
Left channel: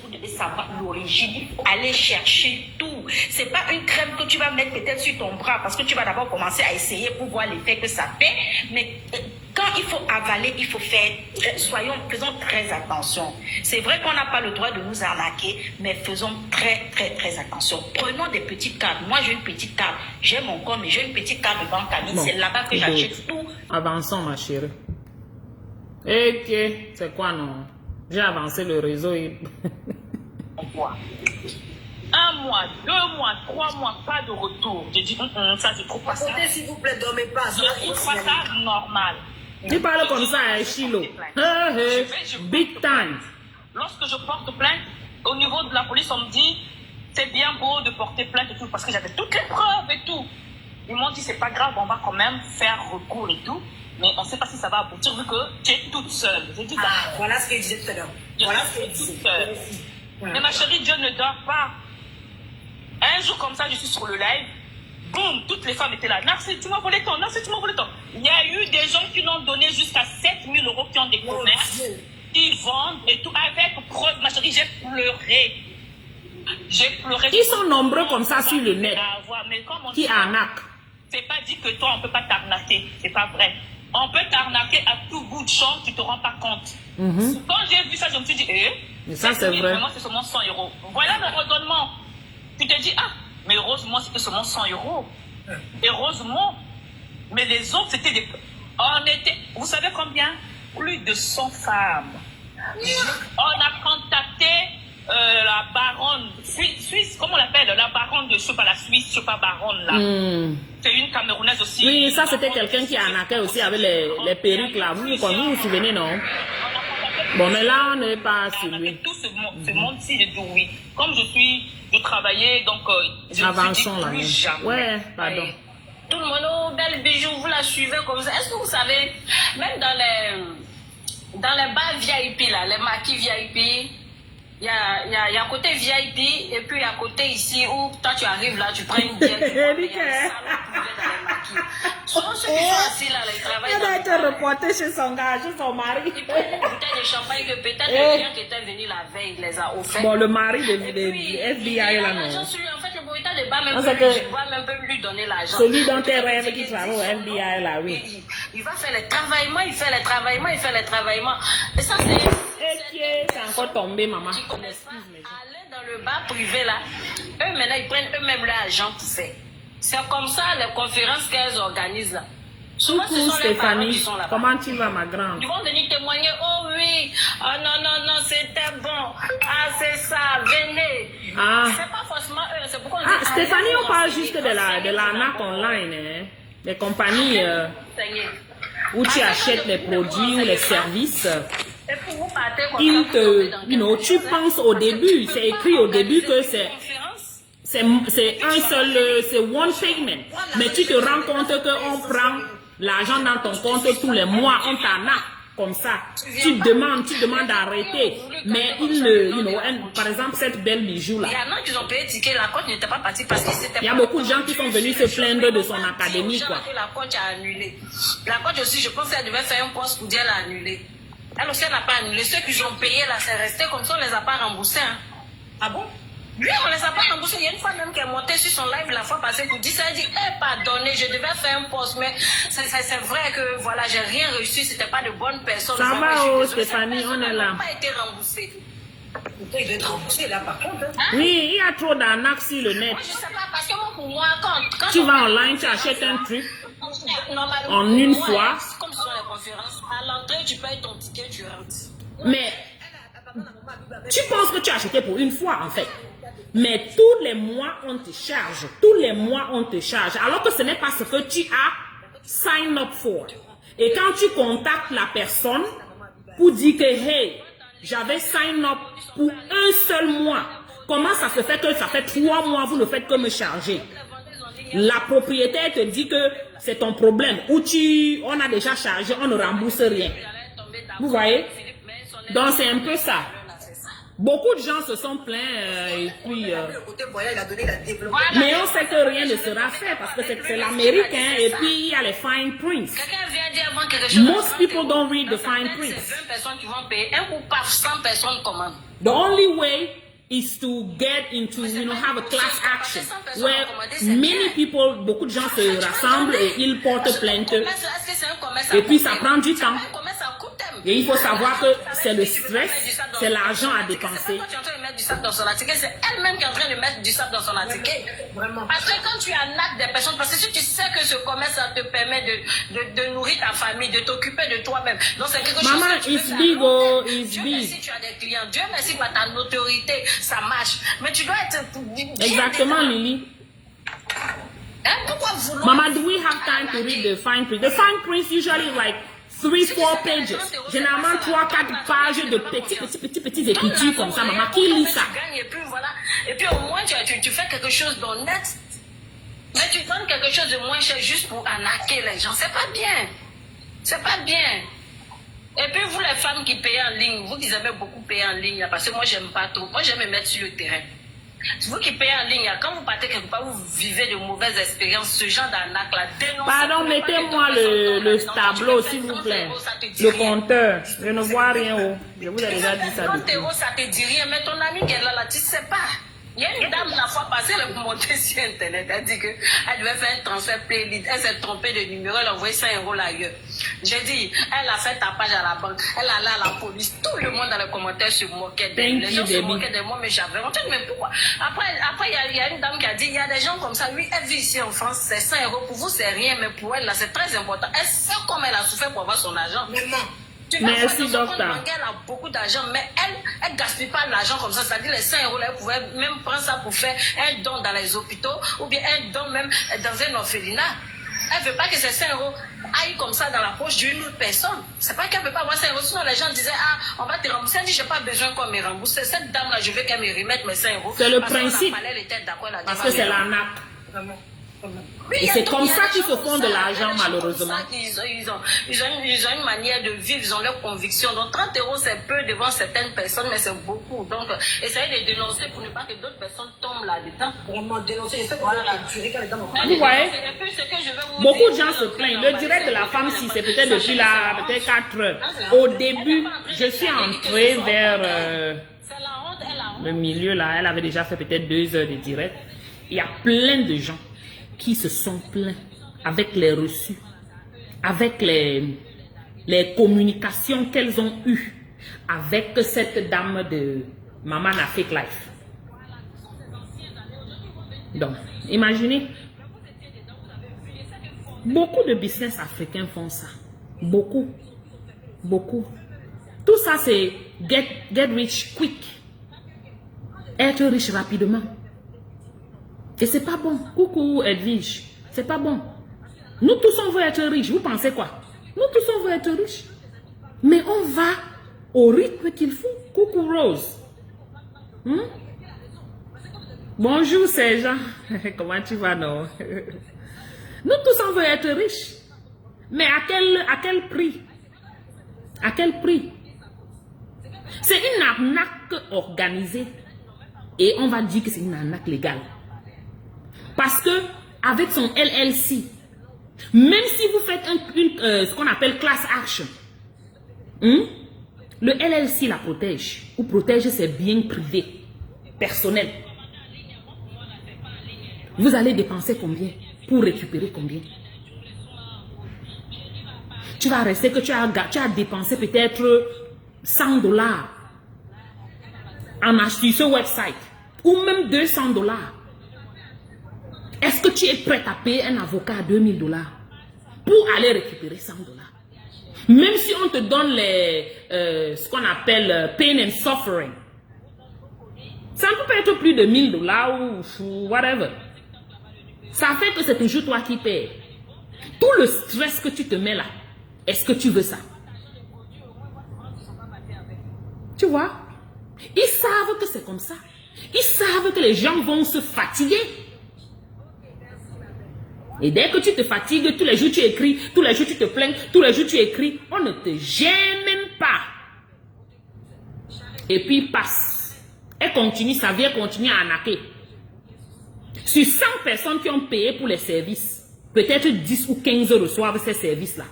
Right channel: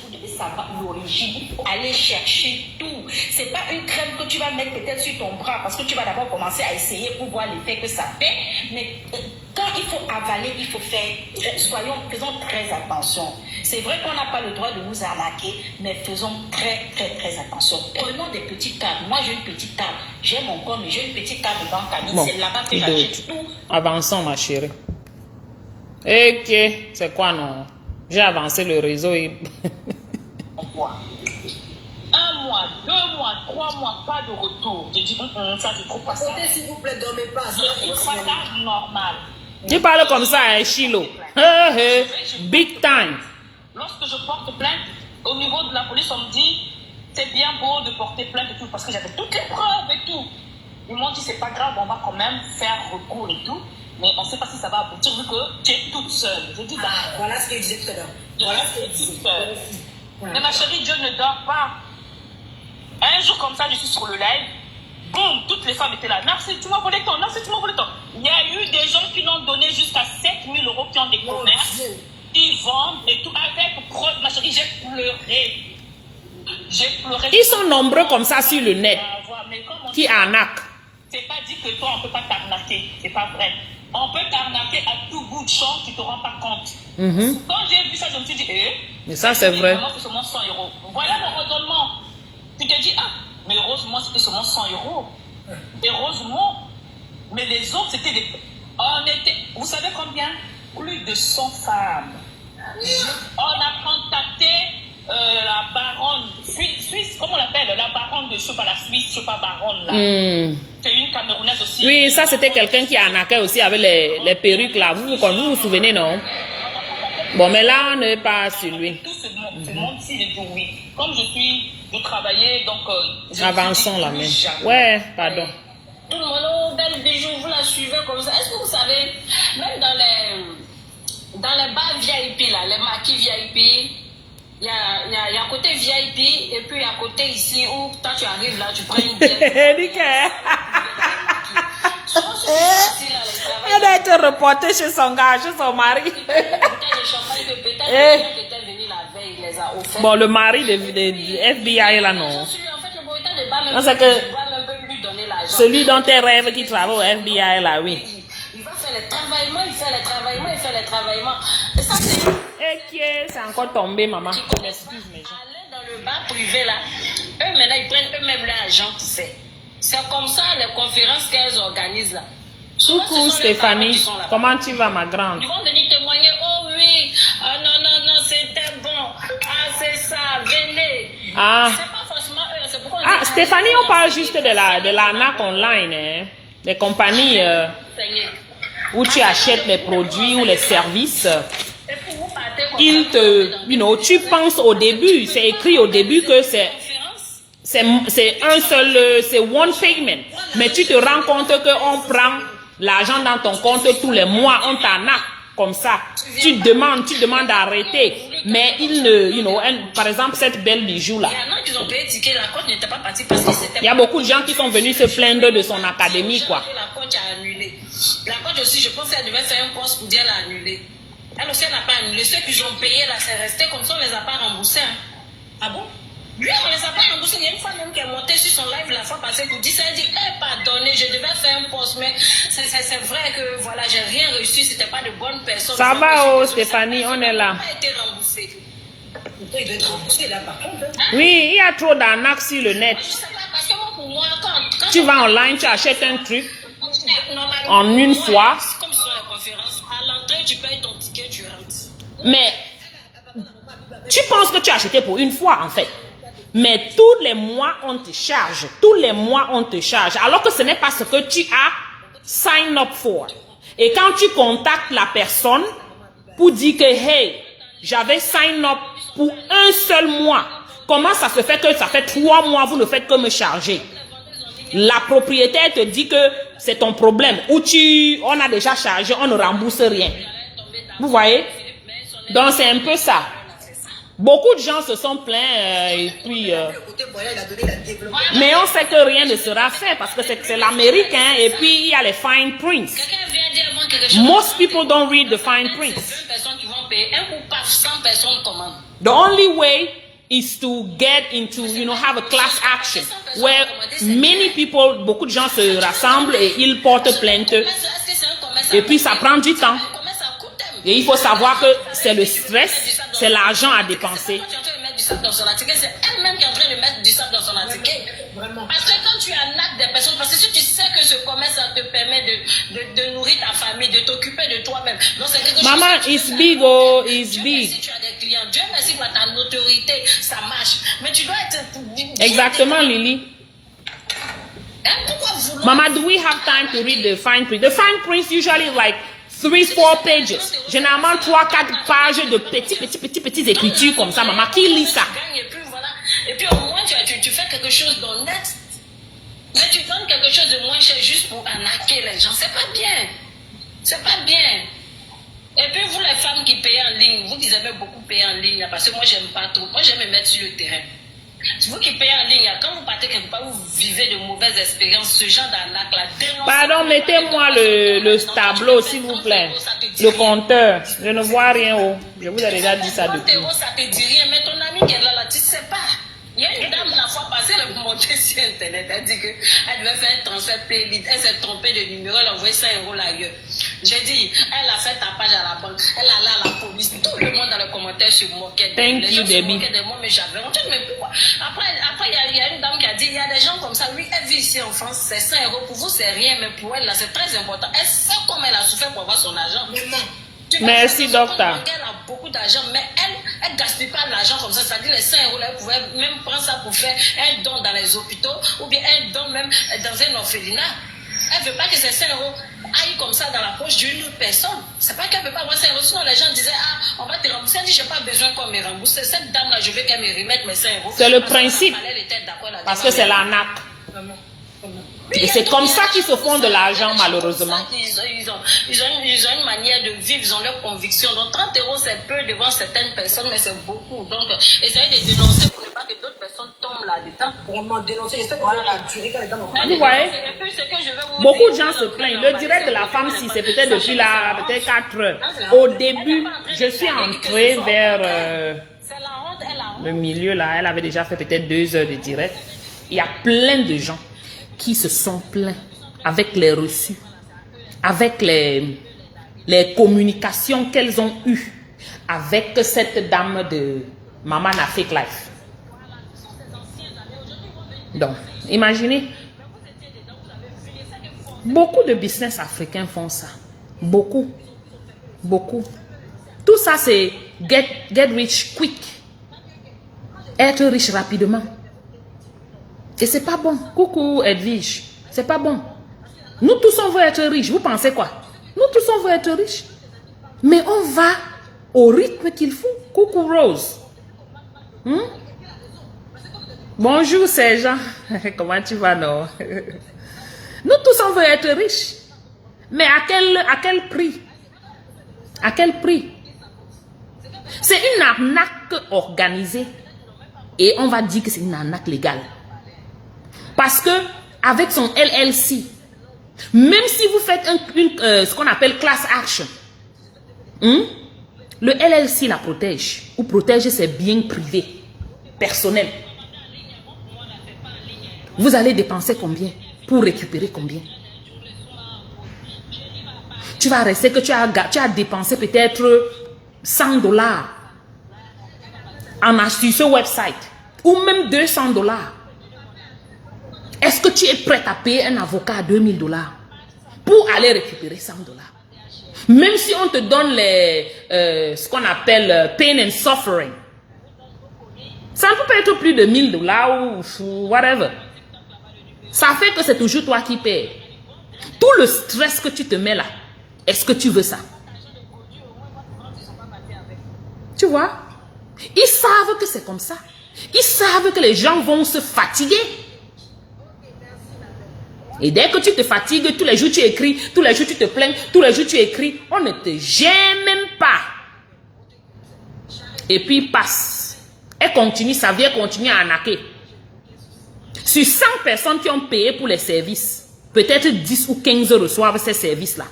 Vous devez savoir l'origine, aller chercher tout. C'est pas une crème que tu vas mettre peut-être sur ton bras parce que tu vas d'abord commencer à essayer pour voir l'effet que ça fait. Mais quand il faut avaler, il faut faire, faisons très attention. C'est vrai qu'on n'a pas le droit de nous arnaquer, mais faisons très attention. Prenons des petites cartes. Moi, j'ai une petite carte. J'ai mon compte, mais j'ai une petite carte de banque à nous. C'est là-bas que j'achète tout. Avançons, ma chérie. Ok, c'est quoi non? J'ai avancé le réseau et... 1 mois, 2 mois, 3 mois, pas de retour. J'ai dit, ça c'est trop pas ça. S'il vous plaît, dormez pas. Je trouve pas ça normal. Tu parles comme ça, hein, Chilo. Big time. Lorsque je porte plainte, au niveau de la police, on me dit, c'est bien beau de porter plainte et tout, parce que j'avais toutes les preuves et tout. Ils m'ont dit, c'est pas grave, on va quand même faire recours et tout. Mais on ne sait pas si ça va aboutir vu que tu es toute seule. J'ai dit, voilà ce que je disais tout à l'heure. Voilà ce que je disais. Mais ma chérie, Dieu ne dort pas. Un jour comme ça, je suis sur le live. Boum, toutes les femmes étaient là. Merci, tu m'as volé ton. Merci, tu m'as volé ton. Il y a eu des gens qui l'ont donné jusqu'à 7 000 € qui ont des commerces, qui vendent et tout. Avec preuve, ma chérie, j'ai pleuré. J'ai pleuré. Ils sont nombreux comme ça sur le net. Qui arnaquent. C'est pas dit que toi, on ne peut pas t'arnaquer. C'est pas vrai. On peut t'arnaquer à tout bout de champ, tu ne te rends pas compte. Quand j'ai vu ça, je me suis dit, mais ça, c'est vrai. C'est seulement 100 €. Voilà le redonnement. Tu te dis, mais heureusement, c'était seulement 100 €. Heureusement. Mais les autres, c'était des... Vous savez combien? Plus de 100 femmes. On a contacté la baronne suisse, comment on l'appelle? La baronne de Chopa, la Suisse, Chopa baronne là. C'est une Camerounaise aussi. Oui, ça c'était quelqu'un qui arnaquait aussi avec les perruques là. Vous vous souvenez, non? Bon, mais là, on n'est pas sur lui. Tout ce monde-ci, je dis oui. Comme je travaillais, donc... Avançons là, mais... Ouais, pardon. Tout le monde, oh, belle bijou, vous la suivez comme ça. Est-ce que vous savez, même dans les bars VIP, là, les maquis VIP, il y a côté VIP, et puis il y a côté ici où toi tu arrives là, tu prends une bière. Elle a été reportée chez son gars, chez son mari. Bon, le mari de FBI là, non. Non, c'est que celui dont tes rêves qui travaille au FBI là, oui. Il va faire les travaillements, il fait les travaillements. Et ça, c'est encore tombé, maman. Aller dans le bar privé là, eux maintenant ils prennent eux-mêmes l'argent pour faire. C'est comme ça les conférences qu'elles organisent là. Coucou Stéphanie, comment tu vas ma grande? Ils vont venir témoigner, oh oui, non, c'était bon, c'est ça, venez. C'est pas forcément eux, c'est pourquoi on dit, Stéphanie, on parle juste de l'arnaque online, hein? Des compagnies où tu achètes les produits ou les services. Tu penses au début, c'est écrit au début que c'est un seul, c'est one payment. Mais tu te rends compte qu'on prend l'argent dans ton compte tous les mois, on t'arnaque comme ça. Tu demandes d'arrêter. Mais par exemple, cette belle bijou là. Il y a beaucoup de gens qui sont venus se plaindre de son académie, quoi. La coach a annulé. La coach aussi, je pense qu'elle devait faire un poste pour dire elle a annulé. Elle aussi, elle n'a pas annulé. Ceux qui ont payé là, c'est resté comme ça, on ne les a pas remboursés. Hein. Ah bon? Lui, on ne les a pas remboursés. Il y a une fois même qui est montée sur son live la fois passée pour dire ça. Elle dit, pardonnez, je devais faire un poste, mais c'est vrai que voilà, j'ai rien reçu, c'était pas de bonnes personnes. Ça va, Stéphanie, on est là. Ça n'a pas été remboursé. Il doit être remboursé là par contre. Oui, il y a trop d'arnaques sur le net. Je sais pas, parce que moi, pour moi, quand tu vas online, tu achètes un truc en une fois. Comme sur la conférence, à l'entrée, tu payes ton ticket, tu rentres. Mais tu penses que tu as acheté pour une fois, en fait. Mais tous les mois, on te charge. Tous les mois, on te charge. Alors que ce n'est pas ce que tu as sign up for. Et quand tu contactes la personne pour dire que, hey, j'avais sign up pour un seul mois. Comment ça se fait que ça fait 3 mois, vous ne faites que me charger? La propriétaire te dit que c'est ton problème. Ou on a déjà chargé, on ne rembourse rien. Vous voyez? Donc c'est un peu ça. Beaucoup de gens se sont plaints et puis... mais on sait que rien ne sera fait parce que c'est l'Amérique, hein, et puis il y a les fine prints. Most people don't read the fine prints. The only way is to get into, have a class action where many people, beaucoup de gens se rassemblent et ils portent plainte. Et puis ça prend du temps. Et il faut savoir que c'est le stress, c'est l'argent à dépenser. C'est elle-même qui est en train de mettre du sable dans son ticket. Vraiment. Parce que quand tu arnaques des personnes, parce que si tu sais que ce commerce, ça te permet de nourrir ta famille, de t'occuper de toi-même. Donc c'est quelque chose. Maman, it's big, oh, it's big. Si tu as des clients, Dieu merci pour ta notoriété, ça marche. Mais tu dois être. Exactement, Lily. Pourquoi vouloir? Mama, do we have time to read the fine print? The fine print usually like 3-4 pages. Généralement 3-4 pages de petites écritures comme ça. Maman, qui lit ça? Et puis au moins tu fais quelque chose d'honnête. Mais tu donnes quelque chose de moins cher juste pour arnaquer les gens. C'est pas bien. C'est pas bien. Et puis vous les femmes qui payez en ligne, vous qui aimez beaucoup payer en ligne, parce que moi j'aime pas trop. Moi j'aime me mettre sur le terrain. Vous qui payez en ligne, quand vous partez quelque part, vous vivez de mauvaises expériences, ce genre d'arnaque là. Pardon, mettez-moi le tableau s'il vous plaît. Le compteur. Je ne vois rien haut. Je vous ai déjà dit ça depuis. 30 €, ça te dit rien, mais ton ami qui est là, tu ne sais pas. Il y a une dame la fois passée, elle est montée sur Internet, elle dit qu'elle devait faire un transfert payé, elle s'est trompée de numéro, elle a envoyé 5 € ailleurs. J'ai dit, elle a fait tapage à la banque, elle est allée à la police, tout le monde dans les commentaires se moquait d'elle. Les gens se moquaient de moi, mais j'avais honte, mais pourquoi? Après il y a une dame qui a dit, il y a des gens comme ça, oui, elle vit ici en France, c'est 5 €, pour vous c'est rien, mais pour elle là c'est très important. Elle sait comment elle a souffert pour avoir son argent. Merci, docteur. Elle a beaucoup d'argent, mais elle ne gaspille pas l'argent comme ça. C'est-à-dire les 5 €, elle pouvait même prendre ça pour faire un don dans les hôpitaux ou bien un don même dans un orphelinat. Elle ne veut pas que ces 5 euros aillent comme ça dans la poche d'une autre personne. C'est pas qu'elle ne veut pas avoir 5 euros. Sinon, les gens disaient, ah, on va te rembourser. Elle dit, je n'ai pas besoin qu'on me rembourse. Cette dame-là, je veux qu'elle me remette mes 5 euros. C'est le principe. Parce que c'est l'arnaque. Et c'est comme ça qu'ils se font de l'argent, malheureusement. Ils ont une manière de vivre, ils ont leurs convictions. Donc 30 euros, c'est peu devant certaines personnes, mais c'est beaucoup. Donc, essayez de dénoncer pour ne pas que d'autres personnes tombent là-dedans. Pour me dénoncer, je sais qu'on va la tuer quand les dames Vous voyez, beaucoup de gens se plaignent. Le direct de la femme, si c'est peut-être depuis là, peut-être 4 heures. Au début, je suis entrée vers le milieu là. Elle avait déjà fait peut-être 2 heures de direct. Il y a plein de gens qui se sont plaints avec les reçus, avec les communications qu'elles ont eues avec cette dame de Maman na Fake Life. Donc, imaginez, beaucoup de business africains font ça. Beaucoup. Beaucoup. Tout ça, c'est get rich quick. Être riche rapidement. Et c'est pas bon. Coucou Edwige. C'est pas bon. Nous tous on veut être riches. Vous pensez quoi? Nous tous on veut être riches. Mais on va au rythme qu'il faut. Coucou Rose. Bonjour Sergent. Comment tu vas, non? Nous tous on veut être riches. Mais à quel prix? À quel prix? C'est une arnaque organisée. Et on va dire que c'est une arnaque légale. Parce que avec son LLC, même si vous faites ce qu'on appelle class action, le LLC la protège ou protège ses biens privés, personnels. Vous allez dépenser combien pour récupérer combien? Tu vas rester que tu as dépensé peut-être $100 en achetant ce website ou même $200. Est-ce que tu es prête à payer un avocat à $2000 pour aller récupérer $100? Même si on te donne ce qu'on appelle pain and suffering, ça ne peut pas être plus de $1000 ou whatever. Ça fait que c'est toujours toi qui payes. Tout le stress que tu te mets là, est-ce que tu veux ça? Tu vois? Ils savent que c'est comme ça. Ils savent que les gens vont se fatiguer. Et dès que tu te fatigues, tous les jours tu écris, tous les jours tu te plains, tous les jours tu écris, on ne te gêne même pas. Et puis il passe. Elle continue, sa vie continue à arnaquer. Sur 100 personnes qui ont payé pour les services, peut-être 10 ou 15 reçoivent ces services-là.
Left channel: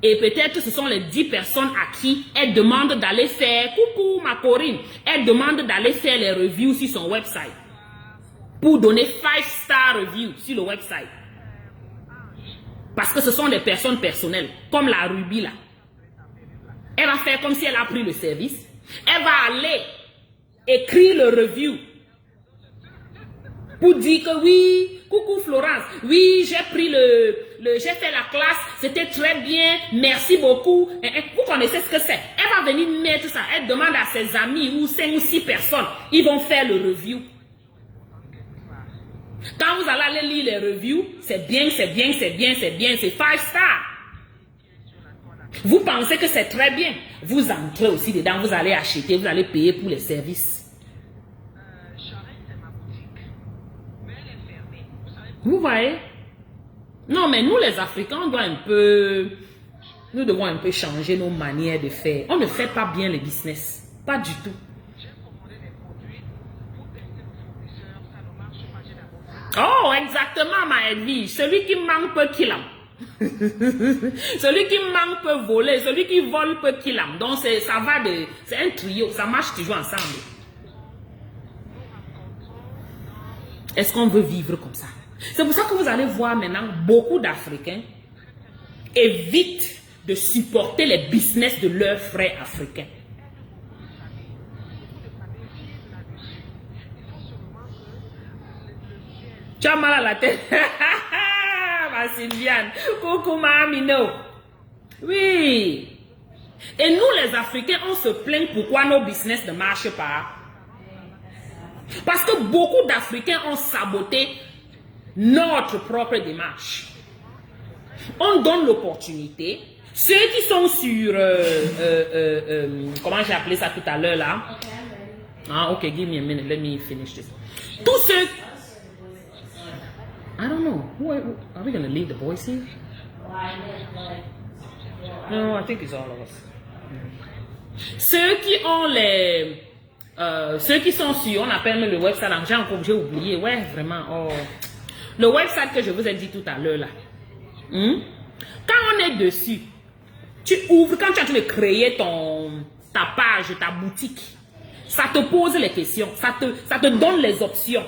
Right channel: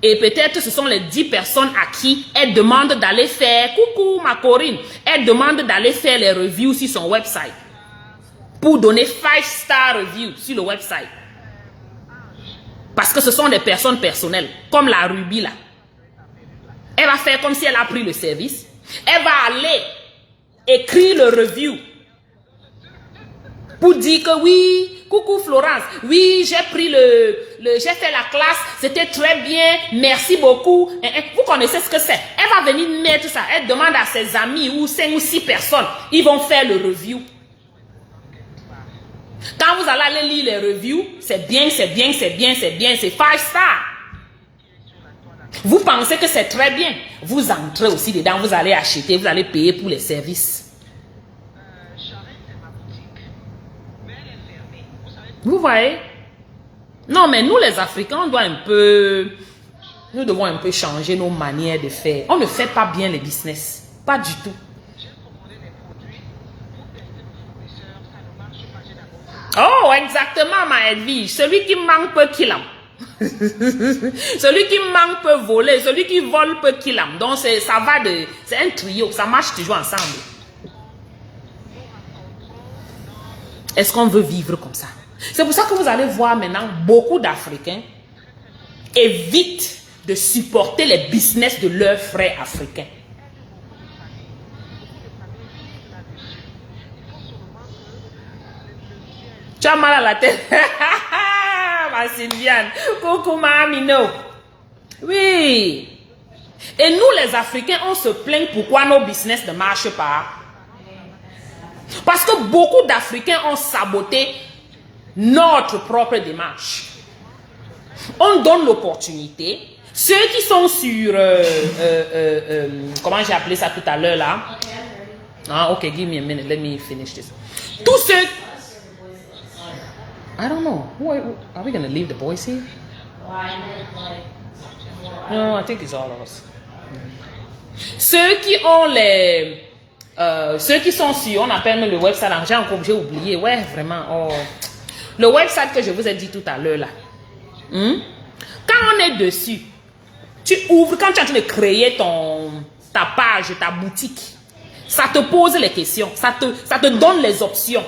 Et peut-être ce sont les 10 personnes à qui elle demande d'aller faire, coucou ma Corinne, elle demande d'aller faire les reviews sur son website. Pour donner 5-star review sur le website. Parce que ce sont des personnes personnelles, comme la Ruby là. Elle va faire comme si elle a pris le service. Elle va aller écrire le review. Pour dire que oui, coucou Florence, oui, j'ai pris j'ai fait la classe, c'était très bien, merci beaucoup. Vous connaissez ce que c'est. Elle va venir mettre ça. Elle demande à ses amis ou 5 ou 6 personnes, ils vont faire le review. Quand vous allez aller lire les reviews, c'est bien, c'est bien, c'est bien, c'est bien, c'est 5 stars. Vous pensez que c'est très bien. Vous entrez aussi dedans, vous allez acheter, vous allez payer pour les services. Vous voyez? Non, mais nous les Africains, nous devons un peu changer nos manières de faire. On ne fait pas bien le business. Pas du tout. Oh, exactement, ma Edwige. Celui qui manque peut qu'il aime. Celui qui manque peut voler. Celui qui vole peut qu'il aime. Donc, c'est un trio. Ça marche toujours ensemble. Est-ce qu'on veut vivre comme ça? C'est pour ça que vous allez voir maintenant beaucoup d'Africains évitent de supporter les business de leurs frères africains. Tu as mal à la tête. Ma Sylviane. Coucou ma Amino. Oui. Et nous les Africains, on se plaint pourquoi nos business ne marchent pas. Parce que beaucoup d'Africains ont saboté notre propre démarche. On donne l'opportunité. Ceux qui sont sur... comment j'ai appelé ça tout à l'heure là? Ah, ok, give me a minute. Let me finish this. Tous ceux... I don't know. Are we going to leave the boys here? No, I think it's all of us. Ceux qui ont les... ceux qui sont sur, on appelle le website, j'ai oublié, ouais, vraiment, oh. Le website que je vous ai dit tout à l'heure là, quand on est dessus, tu ouvres, quand tu es en train de créer ta page, ta boutique, ça te pose les questions, ça te donne les options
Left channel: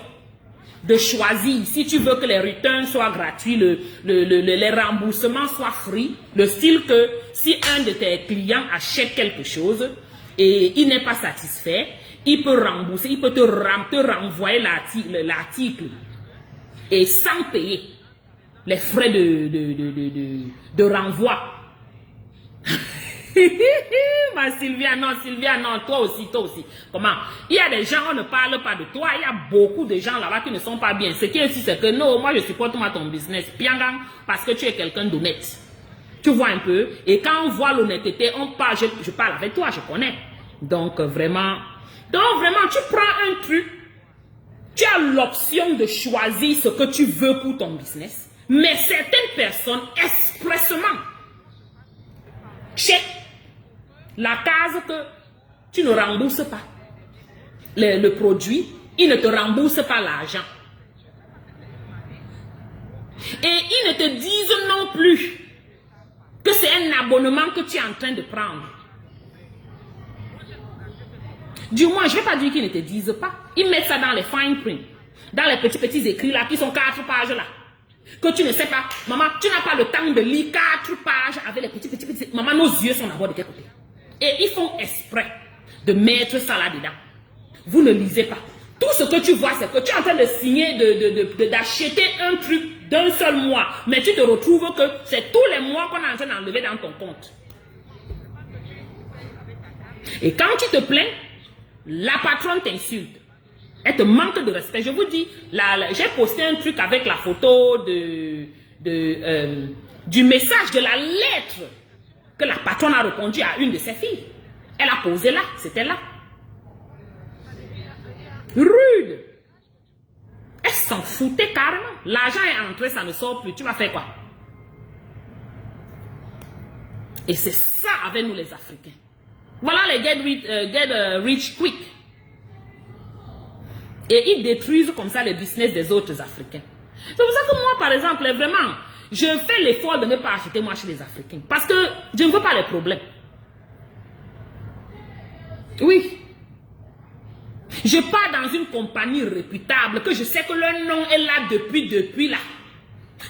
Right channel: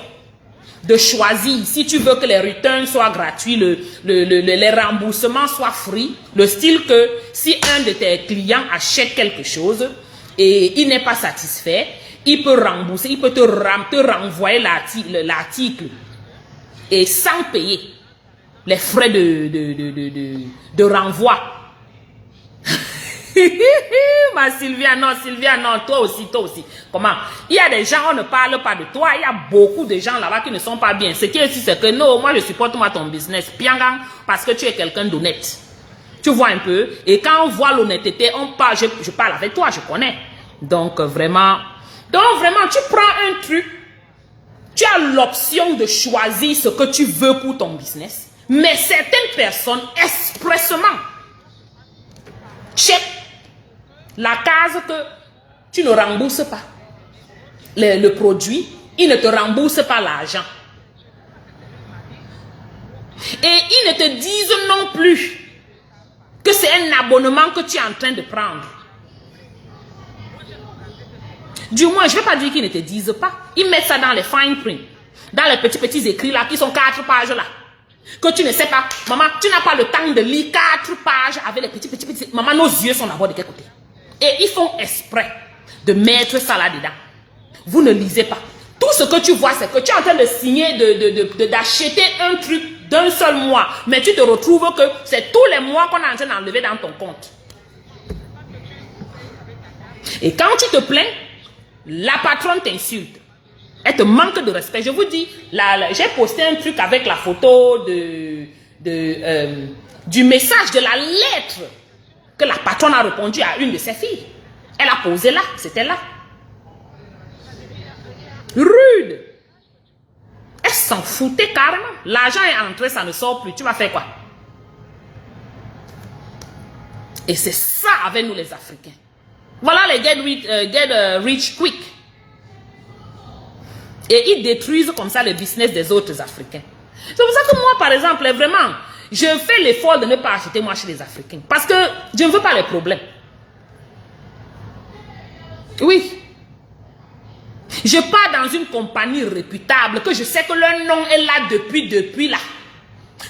de choisir si tu veux que les returns soient gratuits, les remboursements soient free, le style que si un de tes clients achète quelque chose et il n'est pas satisfait, il peut rembourser, il peut te renvoyer l'article et sans payer les frais de renvoi. Ma Sylvia, non, toi aussi. Comment? Il y a des gens, on ne parle pas de toi, il y a beaucoup de gens là-bas qui ne sont pas bien. Ce qui est ici, c'est que non, moi je supporte ton business, Piangang, parce que tu es quelqu'un d'honnête. Tu vois un peu? Et quand on voit l'honnêteté, on parle, je parle avec toi, je connais. Donc vraiment, tu prends un truc, tu as l'option de choisir ce que tu veux pour ton business, mais certaines personnes, expressément, check la case que tu ne rembourses pas le produit, ils ne te remboursent pas l'argent. Et ils ne te disent non plus que c'est un abonnement que tu es en train de prendre. Du moins, je ne vais pas dire qu'ils ne te disent pas. Ils mettent ça dans les fine print, dans les petits écrits là, qui sont 4 pages là. Que tu ne sais pas, maman, tu n'as pas le temps de lire 4 pages avec les petits. Maman, nos yeux sont d'abord de quel côté? Et ils font exprès de mettre ça là-dedans. Vous ne lisez pas. Tout ce que tu vois, c'est que tu es en train de signer, d'acheter un truc d'un seul mois. Mais tu te retrouves que c'est tous les mois qu'on est en train d'enlever dans ton compte. Et quand tu te plains, la patronne t'insulte. Elle te manque de respect. Je vous dis, j'ai posté un truc avec la photo du message, de la lettre que la patronne a répondu à une de ses filles. Elle a posé là, c'était là. Rude. Elle s'en foutait carrément. L'argent est entré, ça ne sort plus. Tu vas faire quoi? Et c'est ça avec nous les Africains. Voilà les get rich quick. Et ils détruisent comme ça le business des autres Africains. C'est pour ça que moi, par exemple, vraiment, je fais l'effort de ne pas acheter moi chez les Africains. Parce que je ne veux pas les problèmes. Oui. Je pars dans une compagnie réputable que je sais que leur nom est là depuis là.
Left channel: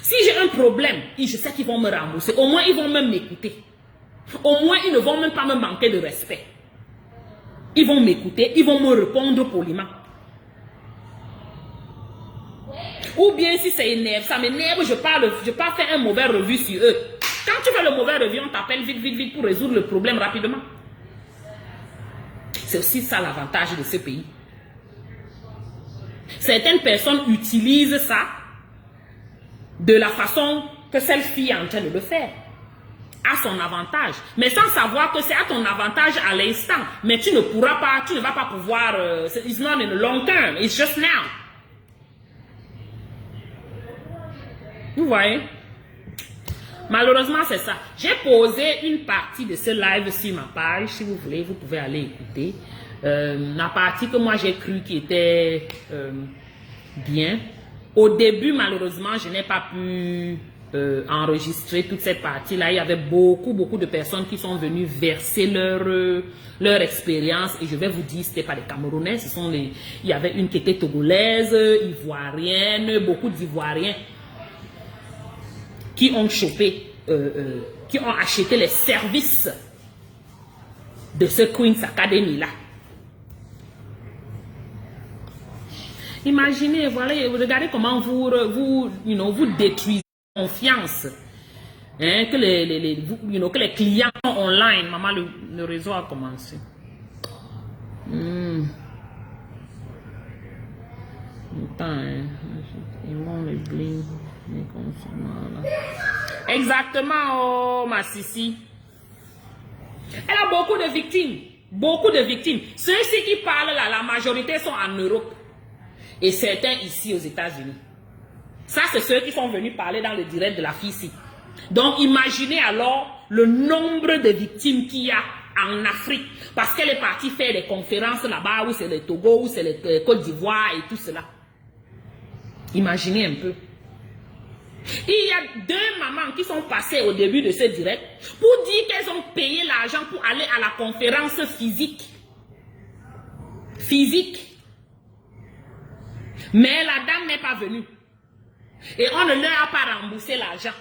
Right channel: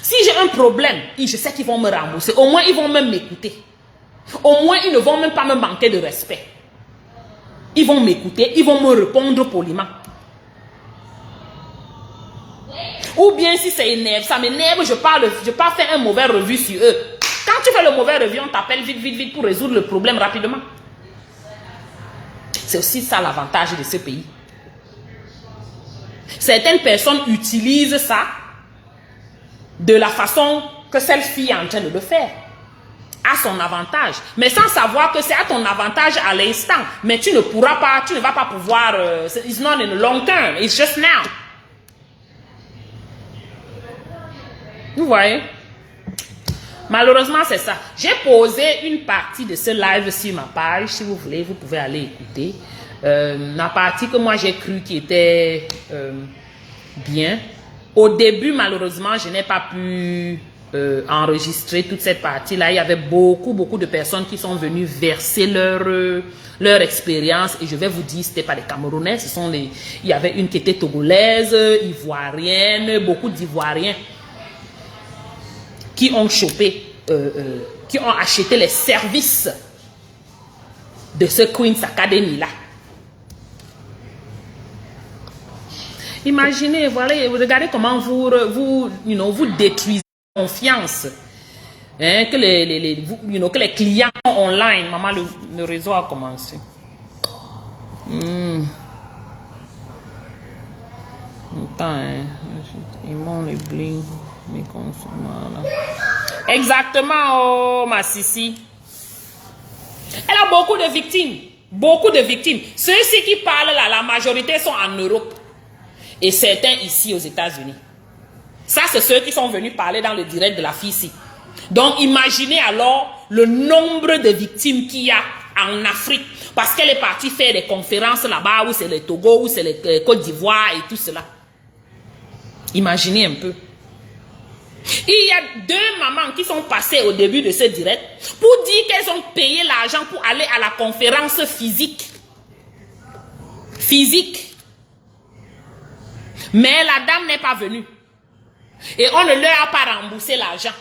Si j'ai un problème, je sais qu'ils vont me rembourser. Au moins, ils vont même m'écouter. Au moins, ils ne vont même pas me manquer de respect. Ils vont m'écouter, ils vont me répondre poliment. Ou bien si ça énerve, ça m'énerve, je pars faire un mauvais revue sur eux. Quand tu fais le mauvais revue, on t'appelle vite pour résoudre le problème rapidement. C'est aussi ça l'avantage de ce pays. Certaines personnes utilisent ça de la façon que celle-ci est en train de le faire. À son avantage. Mais sans savoir que c'est à ton avantage à l'instant. Mais tu ne pourras pas, tu ne vas pas pouvoir, it's not in the long term, it's just now. Vous voyez? Malheureusement, c'est ça. J'ai posé une partie de ce live sur ma page. Si vous voulez, vous pouvez aller écouter. La partie que moi j'ai cru qui était bien. Au début, malheureusement, je n'ai pas pu enregistrer toute cette partie-là. Il y avait beaucoup de personnes qui sont venues verser leur expérience. Et je vais vous dire, ce n'était pas les Camerounais. Il y avait une qui était togolaise, ivoirienne, beaucoup d'Ivoiriens qui ont chopé, qui ont acheté les services de ce Queen's Academy-là. Imaginez, voilà, regardez comment vous détruisez la confiance hein, que les clients online. Maman, le réseau a commencé. Ok. Attends, hein. Ils m'ont les bling. Les consommateurs, là. Exactement, oh, ma Sissi. Elle a beaucoup de victimes. Beaucoup de victimes. Ceux-ci qui parlent là, la majorité sont en Europe. Et certains ici aux États-Unis. Ça, c'est ceux qui sont venus parler dans le direct de la fille ici. Donc, imaginez alors le nombre de victimes qu'il y a en Afrique. Parce qu'elle est partie faire des conférences là-bas, où c'est le Togo, où c'est le Côte d'Ivoire et tout cela. Imaginez un peu. Il y a 2 mamans qui sont passées au début de ce direct pour dire qu'elles ont payé l'argent pour aller à la conférence physique. Physique. Mais la dame n'est pas venue. Et on ne leur a pas remboursé l'argent.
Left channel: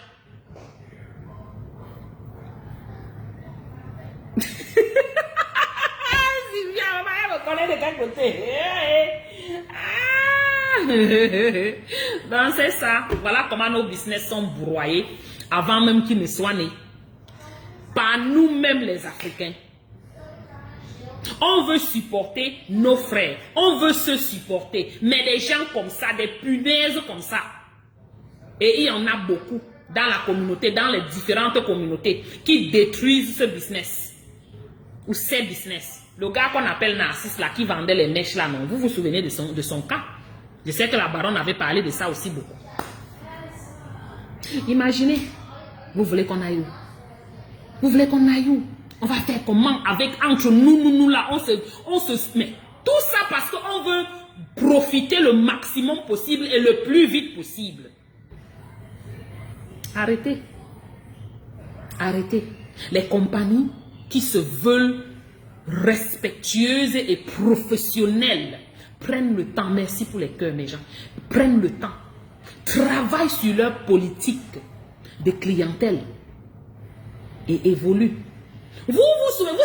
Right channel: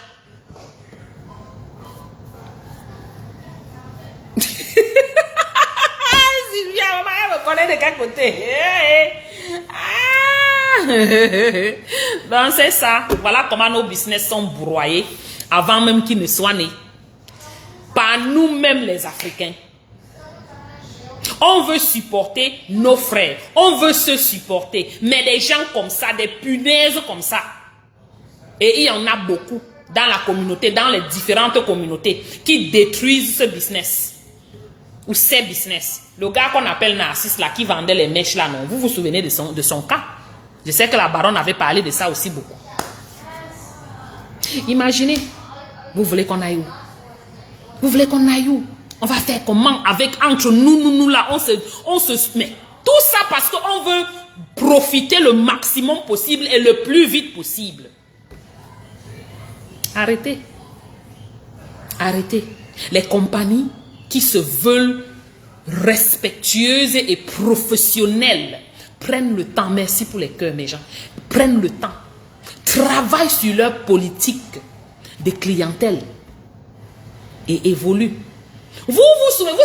Sylvia, maman, elle me connaît de quel côté? Donc c'est ça. Voilà comment nos business sont broyés avant même qu'ils ne soient nés. Par nous-mêmes les Africains. On veut supporter nos frères. On veut se supporter. Mais des gens comme ça, des punaises comme ça. Et il y en a beaucoup dans la communauté, dans les différentes communautés qui détruisent ce business. Ou ces business. Le gars qu'on appelle Narcisse là, qui vendait les mèches là, non. Vous vous souvenez de son cas? Je sais que la baronne avait parlé de ça aussi beaucoup. Imaginez, vous voulez qu'on aille où? Vous voulez qu'on aille où? On va faire comment avec entre nous là, on se met. Tout ça parce qu'on veut profiter le maximum possible et le plus vite possible. Arrêtez. Arrêtez. Les compagnies qui se veulent respectueuses et professionnelles prennent le temps, merci pour les cœurs mes gens, prennent le temps, travaillent sur leur politique de clientèle et évoluent. Vous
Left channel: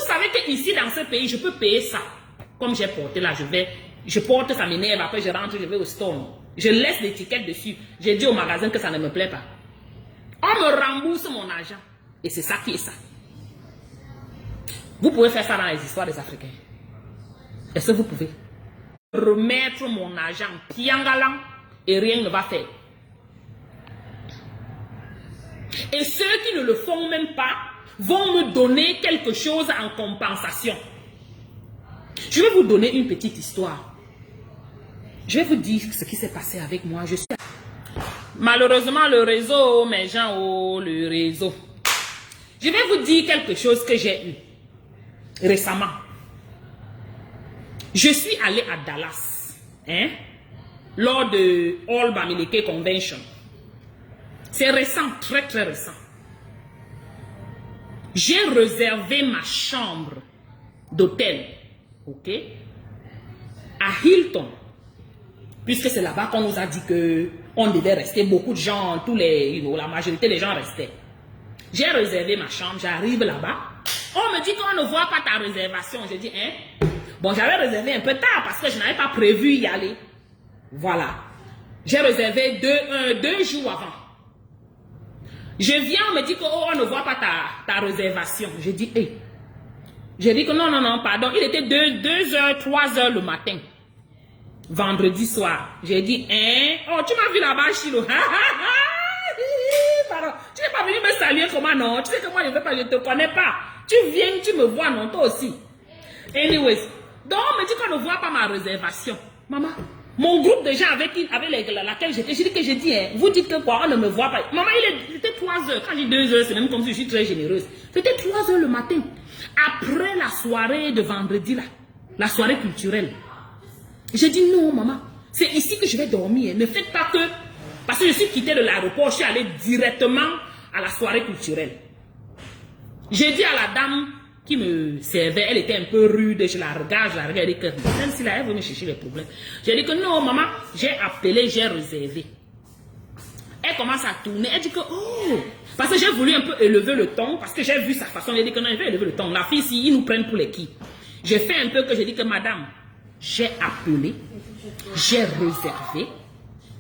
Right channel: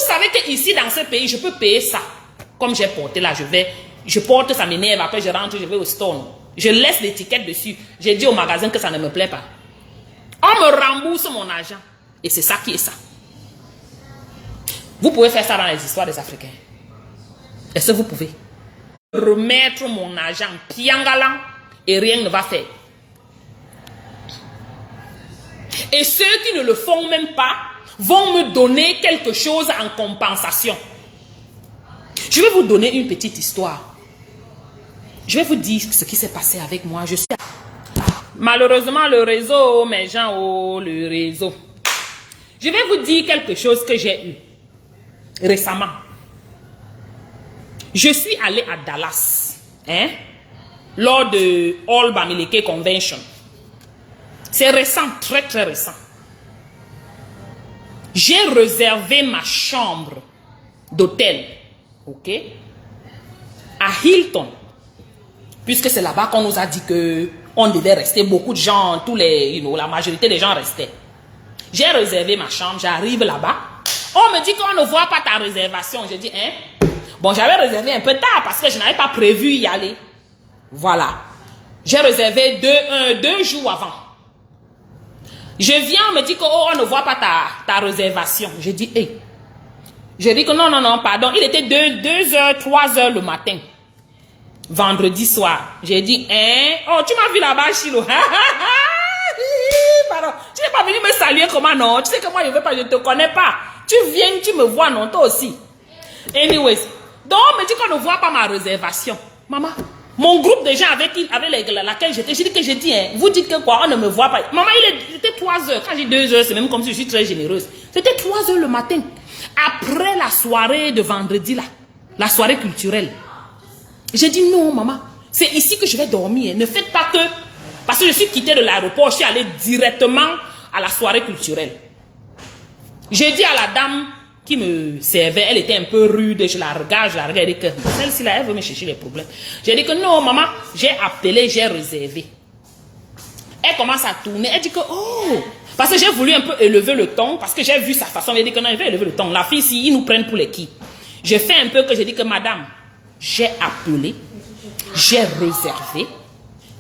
savez qu'ici dans ce pays, je peux payer ça. Comme j'ai porté là, je porte, ça m'énerve, après je rentre, je vais au store. Je laisse l'étiquette dessus. J'ai dit au magasin que ça ne me plaît pas. On me rembourse mon argent. Et c'est ça qui est ça. Vous pouvez faire ça dans les histoires des Africains. Est-ce que vous pouvez? Remettre mon argent piangalan et rien ne va faire. Et ceux qui ne le font même pas vont me donner quelque chose en compensation. Je vais vous donner une petite histoire. Je vais vous dire ce qui s'est passé avec moi. Malheureusement, le réseau, mes gens, oh, le réseau. Je vais vous dire quelque chose que j'ai eu récemment. Je suis allée à Dallas, hein, lors de All Bamileke Convention. C'est récent, très très récent. J'ai réservé ma chambre d'hôtel, ok, à Hilton, puisque c'est là-bas qu'on nous a dit que on devait rester. Beaucoup de gens, la majorité des gens restaient. J'ai réservé ma chambre, j'arrive là-bas. On me dit qu'on ne voit pas ta réservation. J'ai dit, hein? Bon, j'avais réservé un peu tard parce que je n'avais pas prévu y aller. Voilà. J'ai réservé 2 jours avant. Je viens, on me dit qu'on ne voit pas ta réservation. J'ai dit, hé. J'ai dit que non, pardon. Il était 2h, 3h le matin. Vendredi soir. J'ai dit, hein? Oh, tu m'as vu là-bas, Chilo. Pardon. Tu n'es pas venu me saluer comment, non? Tu sais que moi, je ne te connais pas. Tu viens, tu me vois, non? Toi aussi. Anyways. Donc, on me dit qu'on ne voit pas ma réservation. Maman, mon groupe de gens avec laquelle j'étais, j'ai dit, hein, vous dites que quoi, on ne me voit pas. Maman, il était 3 heures. Quand j'ai 2 heures, c'est même comme si je suis très généreuse. C'était 3 heures le matin. Après la soirée de vendredi, là, la soirée culturelle. J'ai dit, non, maman, c'est ici que je vais dormir. Ne faites pas que... Parce que je suis quittée de l'aéroport, je suis allée directement à la soirée culturelle. J'ai dit à la dame qui me servait, elle était un peu rude, je la regarde, elle dit que celle-ci là, elle veut me chercher les problèmes. J'ai dit que non, maman, j'ai appelé, j'ai réservé. Elle commence à tourner, elle dit que oh, parce que j'ai voulu un peu élever le ton, parce que j'ai vu sa façon, elle dit que non, elle veut élever le ton. La fille ici, ils nous prennent pour les qui. J'ai fait un peu que j'ai dit que madame, j'ai appelé, j'ai réservé,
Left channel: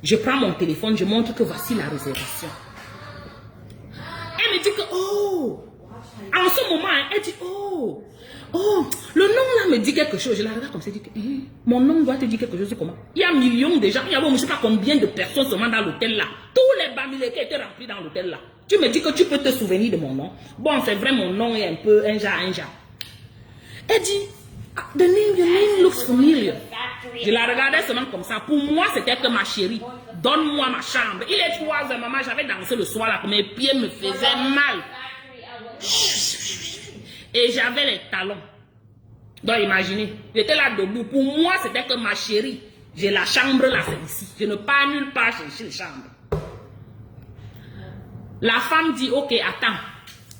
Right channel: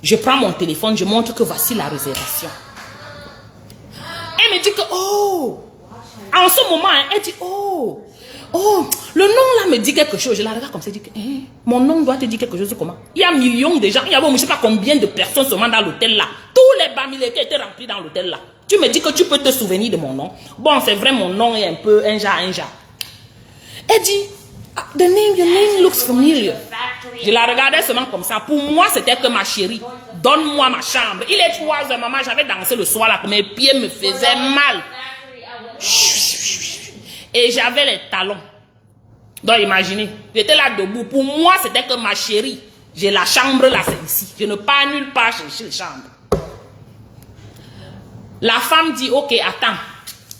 je prends mon téléphone, je montre que voici la réservation. Elle me dit que oh, en ce moment, elle dit, oh, oh, le nom là me dit quelque chose. Je la regarde comme ça, je dis que mon nom doit te dire quelque chose. Comment? Il y a millions de gens, il y a je ne sais pas combien de personnes seulement dans l'hôtel là. Tous les bamilés qui étaient remplis dans l'hôtel là. Tu me dis que tu peux te souvenir de mon nom. Bon, c'est vrai, mon nom est un peu un genre. Elle dit, your name looks familiar. Je la regardais seulement comme ça. Pour moi, c'était que ma chérie, donne-moi ma chambre. Il est 3 heures, maman, j'avais dansé le soir là, mes pieds me faisaient mal. Et j'avais les talons. Donc imaginez, j'étais là debout. Pour moi, c'était que ma chérie, j'ai la chambre là, c'est ici. Je ne pars nulle part chercher la chambre. La femme dit, ok, attends.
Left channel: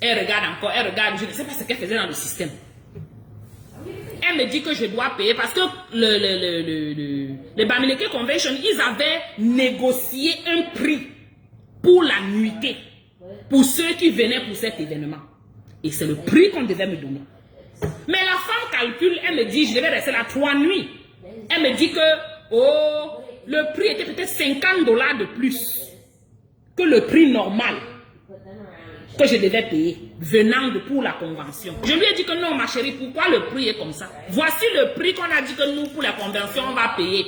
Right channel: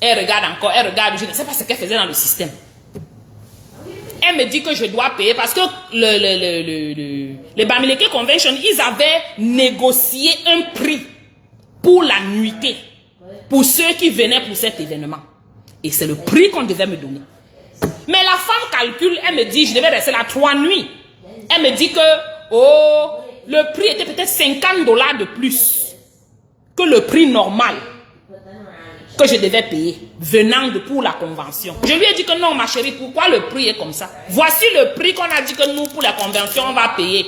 Elle regarde encore, elle regarde. Je ne sais pas ce qu'elle faisait dans le système. Elle me dit que je dois payer parce que les Bamileke Convention, ils avaient négocié un prix pour la nuitée, pour ceux qui venaient pour cet événement. Et c'est le prix qu'on devait me donner. Mais la femme calcule, elle me dit, je devais rester là 3 nuits. Elle me dit que, oh, le prix était peut-être $50 de plus que le prix normal que je devais payer, venant de pour la convention. Je lui ai dit que non, ma chérie, pourquoi le prix est comme ça? Voici le prix qu'on a dit que nous, pour la convention, on va payer.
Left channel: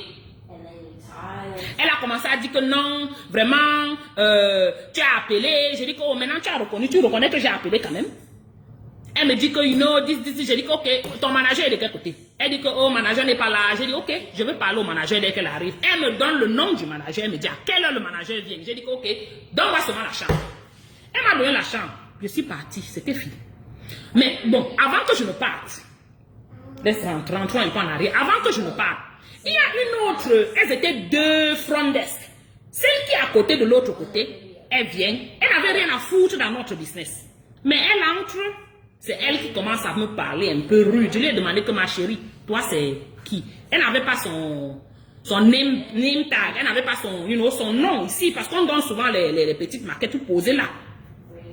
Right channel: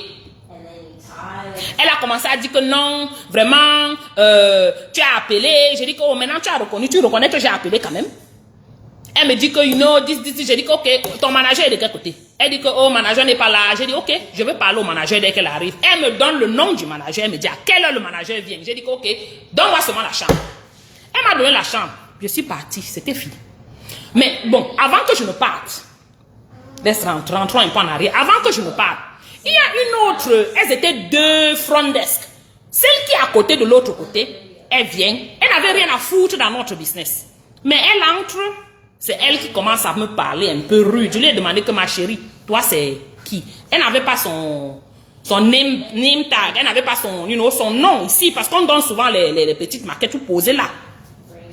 Elle a commencé à dire que non, vraiment, tu as appelé. J'ai dit que oh, maintenant tu as reconnu, tu reconnais que j'ai appelé quand même. Elle me dit que, you know, j'ai dit que, ok, ton manager est de quel côté? Elle dit que, oh, manager n'est pas là. J'ai dit, ok, je vais parler au manager dès qu'elle arrive. Elle me donne le nom du manager. Elle me dit à quelle heure le manager vient. J'ai dit que, ok, donne-moi seulement la chambre. Elle m'a donné la chambre. Je suis partie, c'était fini. Mais bon, avant que je ne parte, rentrons un peu en arrière. Avant que je ne parte, il y a une autre, elles étaient 2 front desk. Celle qui est à côté de l'autre côté, elle vient, elle n'avait rien à foutre dans notre business. Mais elle entre, c'est elle qui commence à me parler un peu rude. Je lui ai demandé que ma chérie, toi c'est qui? Elle n'avait pas son name tag, elle n'avait pas son nom ici, parce qu'on donne souvent les petites maquettes tout posées là.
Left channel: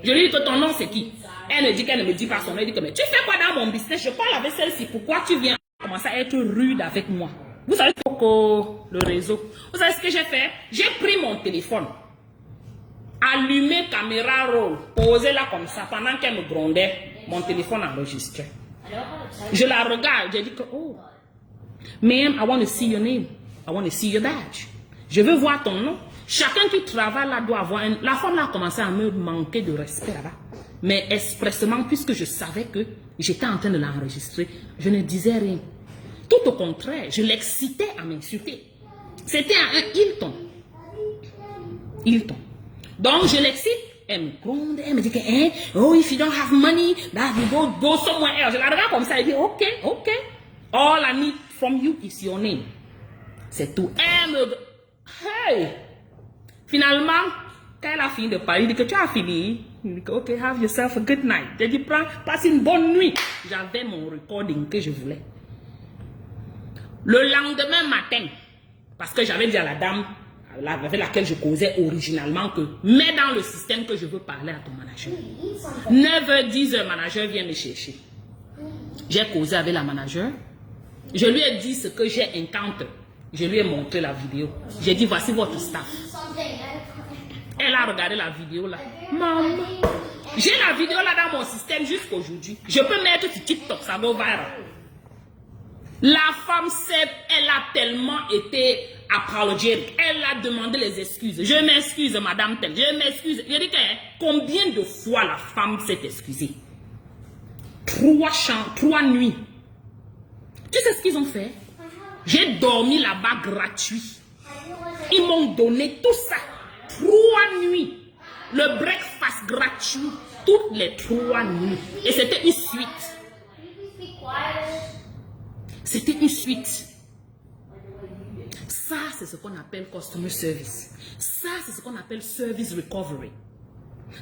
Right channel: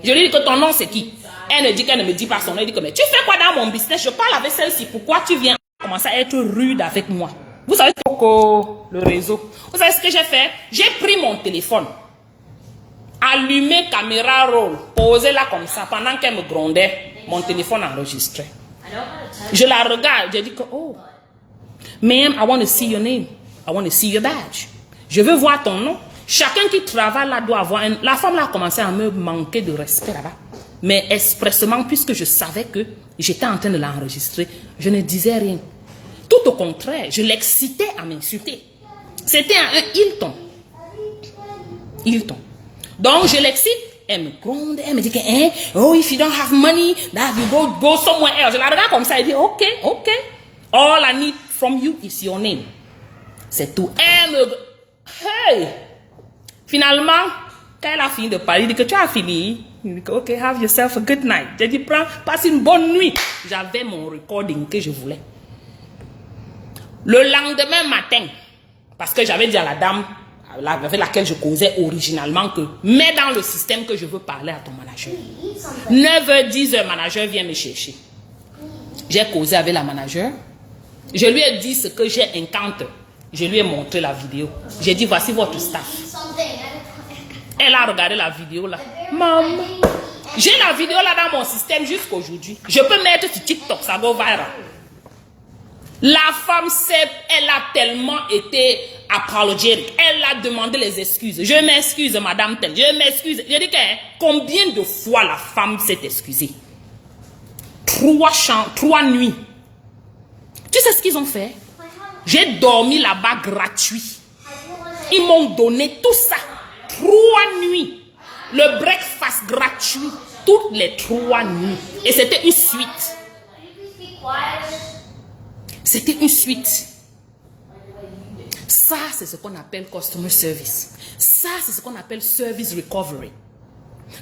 Je lui ai dit que ton nom c'est qui? Elle me dit qu'elle ne me dit pas son nom. Elle dit que mais tu fais quoi dans mon business? Je parle avec celle-ci. Pourquoi tu viens commencer à être rude avec moi? Vous savez le réseau. Vous savez ce que j'ai fait? J'ai pris mon téléphone, allumé caméra roll, posé là comme ça pendant qu'elle me grondait. Mon téléphone enregistrait. Je la regarde. J'ai dit que oh, ma'am, I want to see your name. I want to see your badge. Je veux voir ton nom. Chacun qui travaille là doit avoir un... La femme là a commencé à me manquer de respect là-bas. Mais expressément, puisque je savais que j'étais en train de l'enregistrer, je ne disais rien. Tout au contraire, je l'excitais à m'insulter. C'était un Hilton. Hilton. Donc, je l'excite. Elle me gronde. Elle me dit que, oh, if you don't have money, that you go somewhere else. Je la regarde comme ça. Elle dit, ok. All I need from you is your name. C'est tout. Elle me... Hey! Finalement, quand elle a fini de parler, il dit que tu as fini. Il dit que, ok, have yourself a good night. J'ai dit, passe une bonne nuit. J'avais mon recording que je voulais. Le lendemain matin, parce que j'avais dit à la dame avec laquelle je causais originalement que, mets dans le système que je veux parler à ton manager. 9h, 10h, manager vient me chercher. J'ai causé avec la manager. Je lui ai dit ce que j'ai encounter. Je lui ai montré la vidéo. J'ai dit, voici votre staff. Elle a regardé la vidéo là. Maman, j'ai la vidéo là dans mon système jusqu'aujourd'hui. Je peux mettre sur TikTok, ça va viral. La femme, elle a tellement été apologétique. Elle a demandé les excuses. Je m'excuse, madame telle. Je m'excuse. Je dis que combien de fois la femme s'est excusée? 3 nuits. Tu sais ce qu'ils ont fait? J'ai dormi là-bas gratuit. Ils m'ont donné tout ça. 3 nuits. Le breakfast gratuit. Toutes les 3 nuits. Et c'était une suite. C'était une suite. Ça, c'est ce qu'on appelle customer service. Ça, c'est ce qu'on appelle service recovery.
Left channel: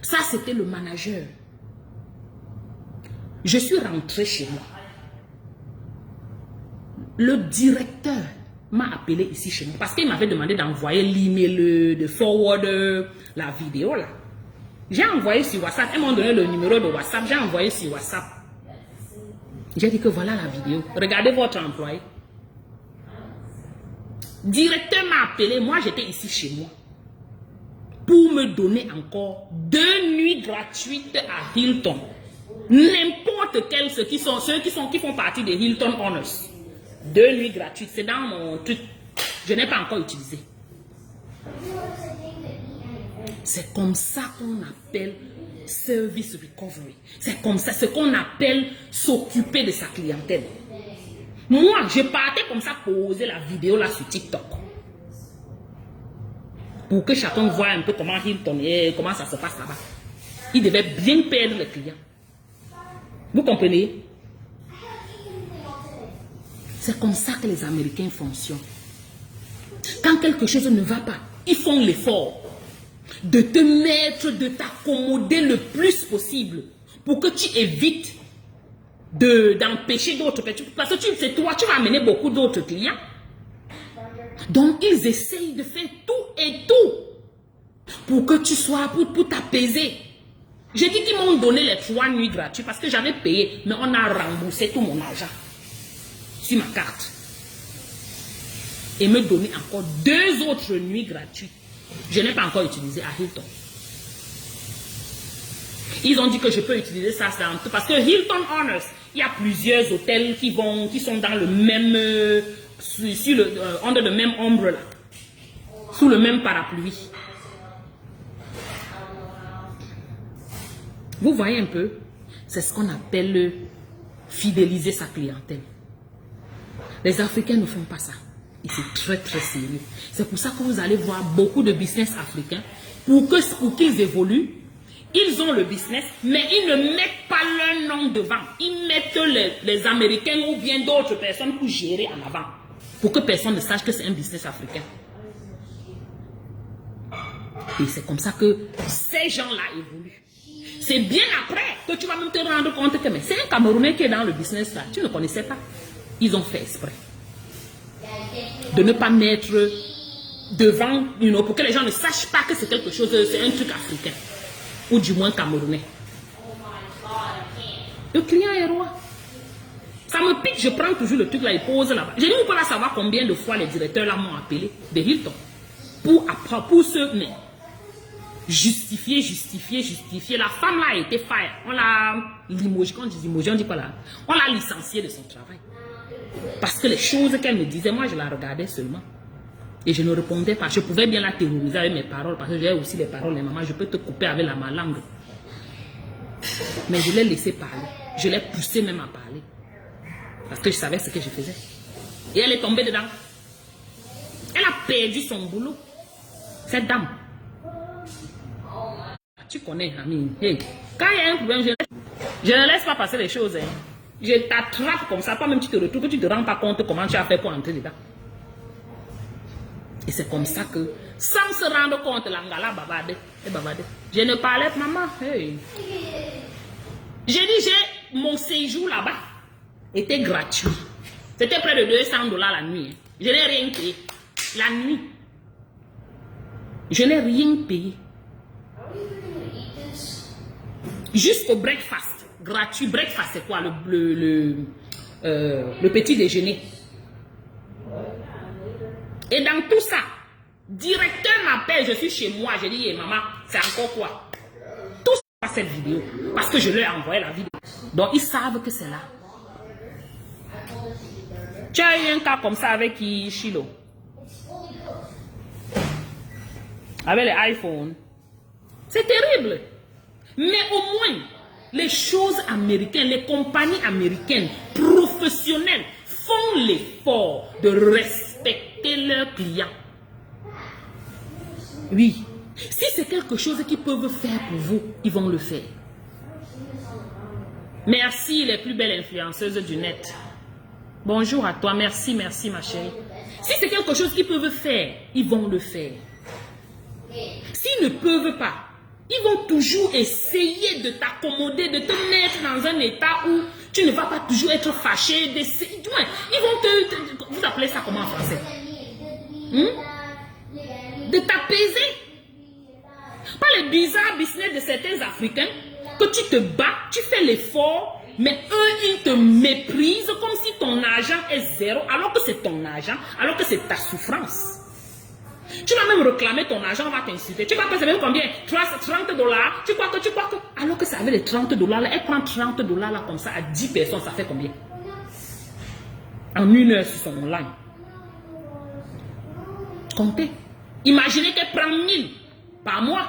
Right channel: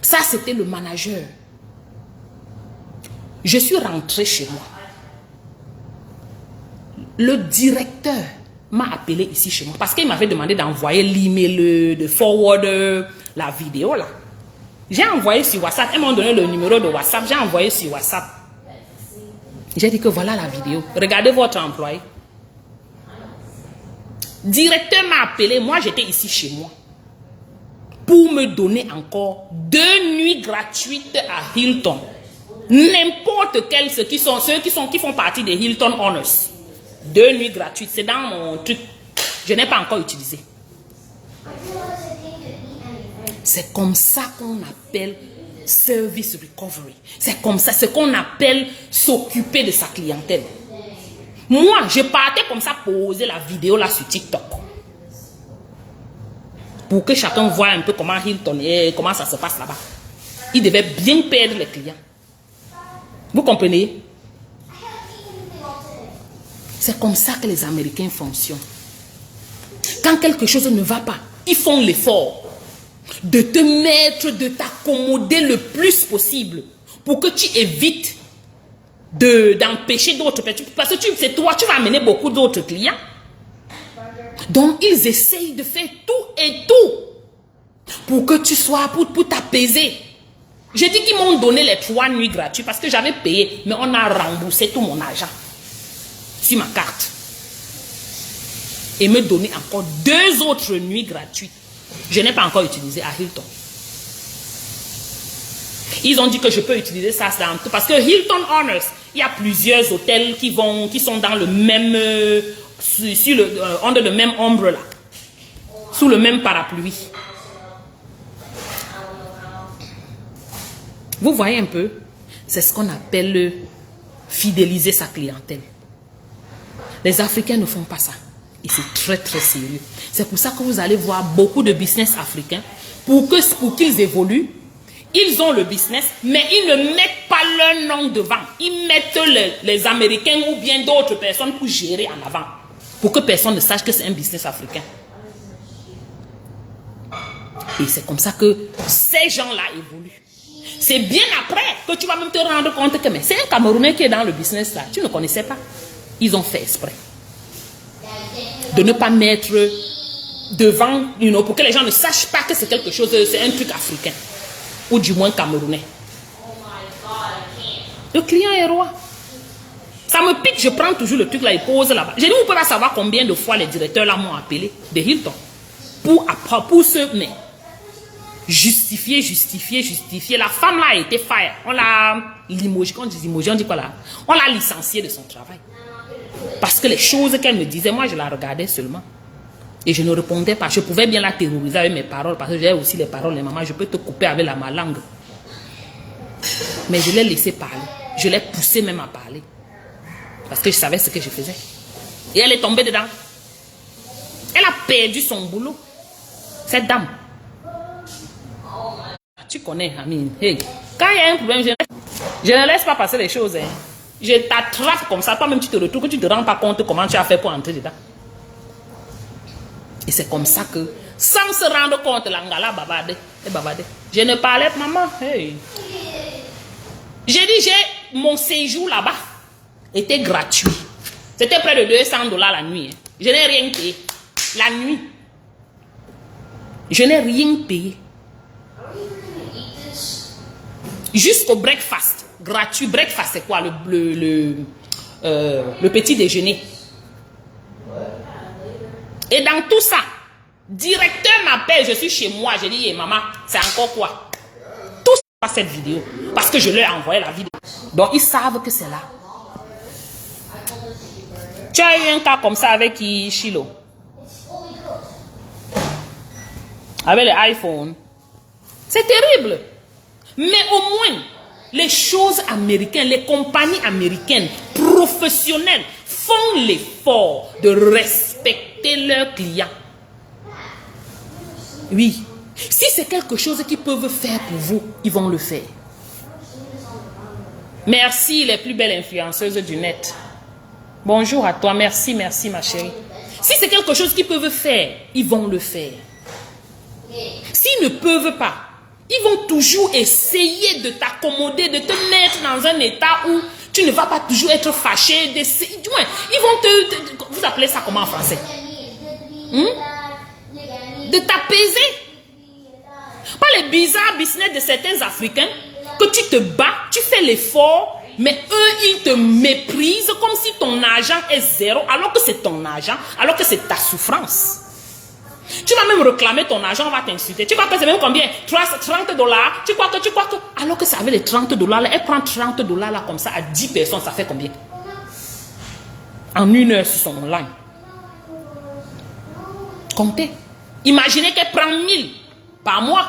Ça, c'était le manager. Je suis rentré chez moi. Le directeur m'a appelé ici chez moi parce qu'il m'avait demandé d'envoyer l'email, de forward la vidéo là. J'ai envoyé sur WhatsApp. Ils m'ont donné le numéro de WhatsApp. J'ai envoyé sur WhatsApp. J'ai dit que voilà la vidéo. Regardez votre employé. Directeur m'a appelé. Moi, j'étais ici chez moi. Pour me donner encore 2 nuits gratuites à Hilton. N'importe quel, ceux qui font partie des Hilton Honors. 2 nuits gratuites, c'est dans mon truc. Je n'ai pas encore utilisé. C'est comme ça qu'on appelle service recovery. C'est comme ça, ce qu'on appelle s'occuper de sa clientèle. Moi, je partais comme ça poser la vidéo là sur TikTok. Pour que chacun voit un peu comment Hilton est, comment ça se passe là-bas. Il devait bien perdre les clients. Vous comprenez? C'est comme ça que les Américains fonctionnent. Quand quelque chose ne va pas, ils font l'effort de te mettre, de t'accommoder le plus possible pour que tu évites d'empêcher d'autres. Parce que c'est toi, tu vas amener beaucoup d'autres clients. Donc, ils essayent de faire tout et tout pour que tu sois, pour t'apaiser. Je dis qu'ils m'ont donné les 3 nuits gratuites parce que j'avais payé, mais on a remboursé tout mon argent sur ma carte. Et me donner encore 2 autres nuits gratuites. Je n'ai pas encore utilisé à Hilton. Ils ont dit que je peux utiliser ça dans tout. Parce que Hilton Honors, il y a plusieurs hôtels qui sont dans le même, under le même ombre là. Sous le même parapluie. Vous voyez un peu? C'est ce qu'on appelle fidéliser sa clientèle. Les Africains ne font pas ça. Et c'est très très sérieux. C'est pour ça que vous allez voir beaucoup de business africains. Pour qu'ils évoluent, ils ont le business, mais ils ne mettent pas leur nom devant. Ils mettent les Américains ou bien d'autres personnes pour gérer en avant. Pour que personne ne sache que c'est un business africain. Et c'est comme ça que ces gens-là évoluent. C'est bien après que tu vas même te rendre compte que c'est un Camerounais qui est dans le business là. Tu ne connaissais pas. Ils ont fait exprès de ne pas mettre devant, pour que les gens ne sachent pas que c'est quelque chose, c'est un truc africain. Ou du moins camerounais. Le client est roi. Ça me pique, je prends toujours le truc là et pose là-bas. Je ne peux pas savoir combien de fois les directeurs là m'ont appelé de Hilton. Pour se mais justifier. La femme là a été fire. On l'a limogé. Quand on dit limogé, on dit quoi là? On l'a licenciée de son travail. Parce que les choses qu'elle me disait, moi je la regardais seulement. Et je ne répondais pas. Je pouvais bien la terroriser avec mes paroles. Parce que j'ai aussi les paroles de maman. Je peux te couper avec ma langue. Mais je l'ai laissé parler. Je l'ai poussé même à parler. Parce que je savais ce que je faisais. Et elle est tombée dedans. Elle a perdu son boulot. Cette dame. Tu connais, Amine. Hey. Quand il y a un problème, je ne laisse pas passer les choses. Hein. Je t'attrape comme ça. Toi-même, tu te retrouves, que tu ne te rends pas compte comment tu as fait pour entrer dedans. Et c'est comme ça que, sans se rendre compte, l'angala babade. Je ne parlais pas, maman. Hey. J'ai dit, mon séjour là-bas était gratuit. C'était près de $200 la nuit. Hein. Je n'ai rien payé. La nuit. Je n'ai rien payé. Jusqu'au breakfast. Gratuit. Breakfast, c'est quoi? Le petit déjeuner. Et dans tout ça, directeur m'appelle, je suis chez moi. Je dis, hey, maman, c'est encore quoi? Tout ça, pas cette vidéo. Parce que je leur ai envoyé la vidéo. Donc, ils savent que c'est là. Tu as eu un cas comme ça avec Chilo? Avec les iPhones. C'est terrible. Mais au moins, les choses américaines, les compagnies américaines professionnelles font l'effort de respecter leurs clients. Oui. Si c'est quelque chose qu'ils peuvent faire pour vous, ils vont le faire. Merci les plus belles influenceuses du net. Bonjour à toi, merci ma chérie. Si c'est quelque chose qu'ils peuvent faire, ils vont le faire. S'ils ne peuvent pas, ils vont toujours essayer de t'accommoder, de te mettre dans un état où tu ne vas pas toujours être fâché. Du moins, ils vont vous appelez ça comment en français? De t'apaiser. Pas les bizarres business de certains Africains que tu te bats, tu fais l'effort, mais eux, ils te méprisent comme si ton argent est zéro, alors que c'est ton argent, alors que c'est ta souffrance. Tu vas même réclamer ton argent, on va t'insulter. Tu crois que c'est même combien? 30 dollars. Tu crois que. Alors que ça avait les 30 dollars, elle prend 30 dollars là comme ça à 10 personnes, ça fait combien? En 1 heure sur son online. Comptez. Imaginez qu'elle prend 1000 par mois.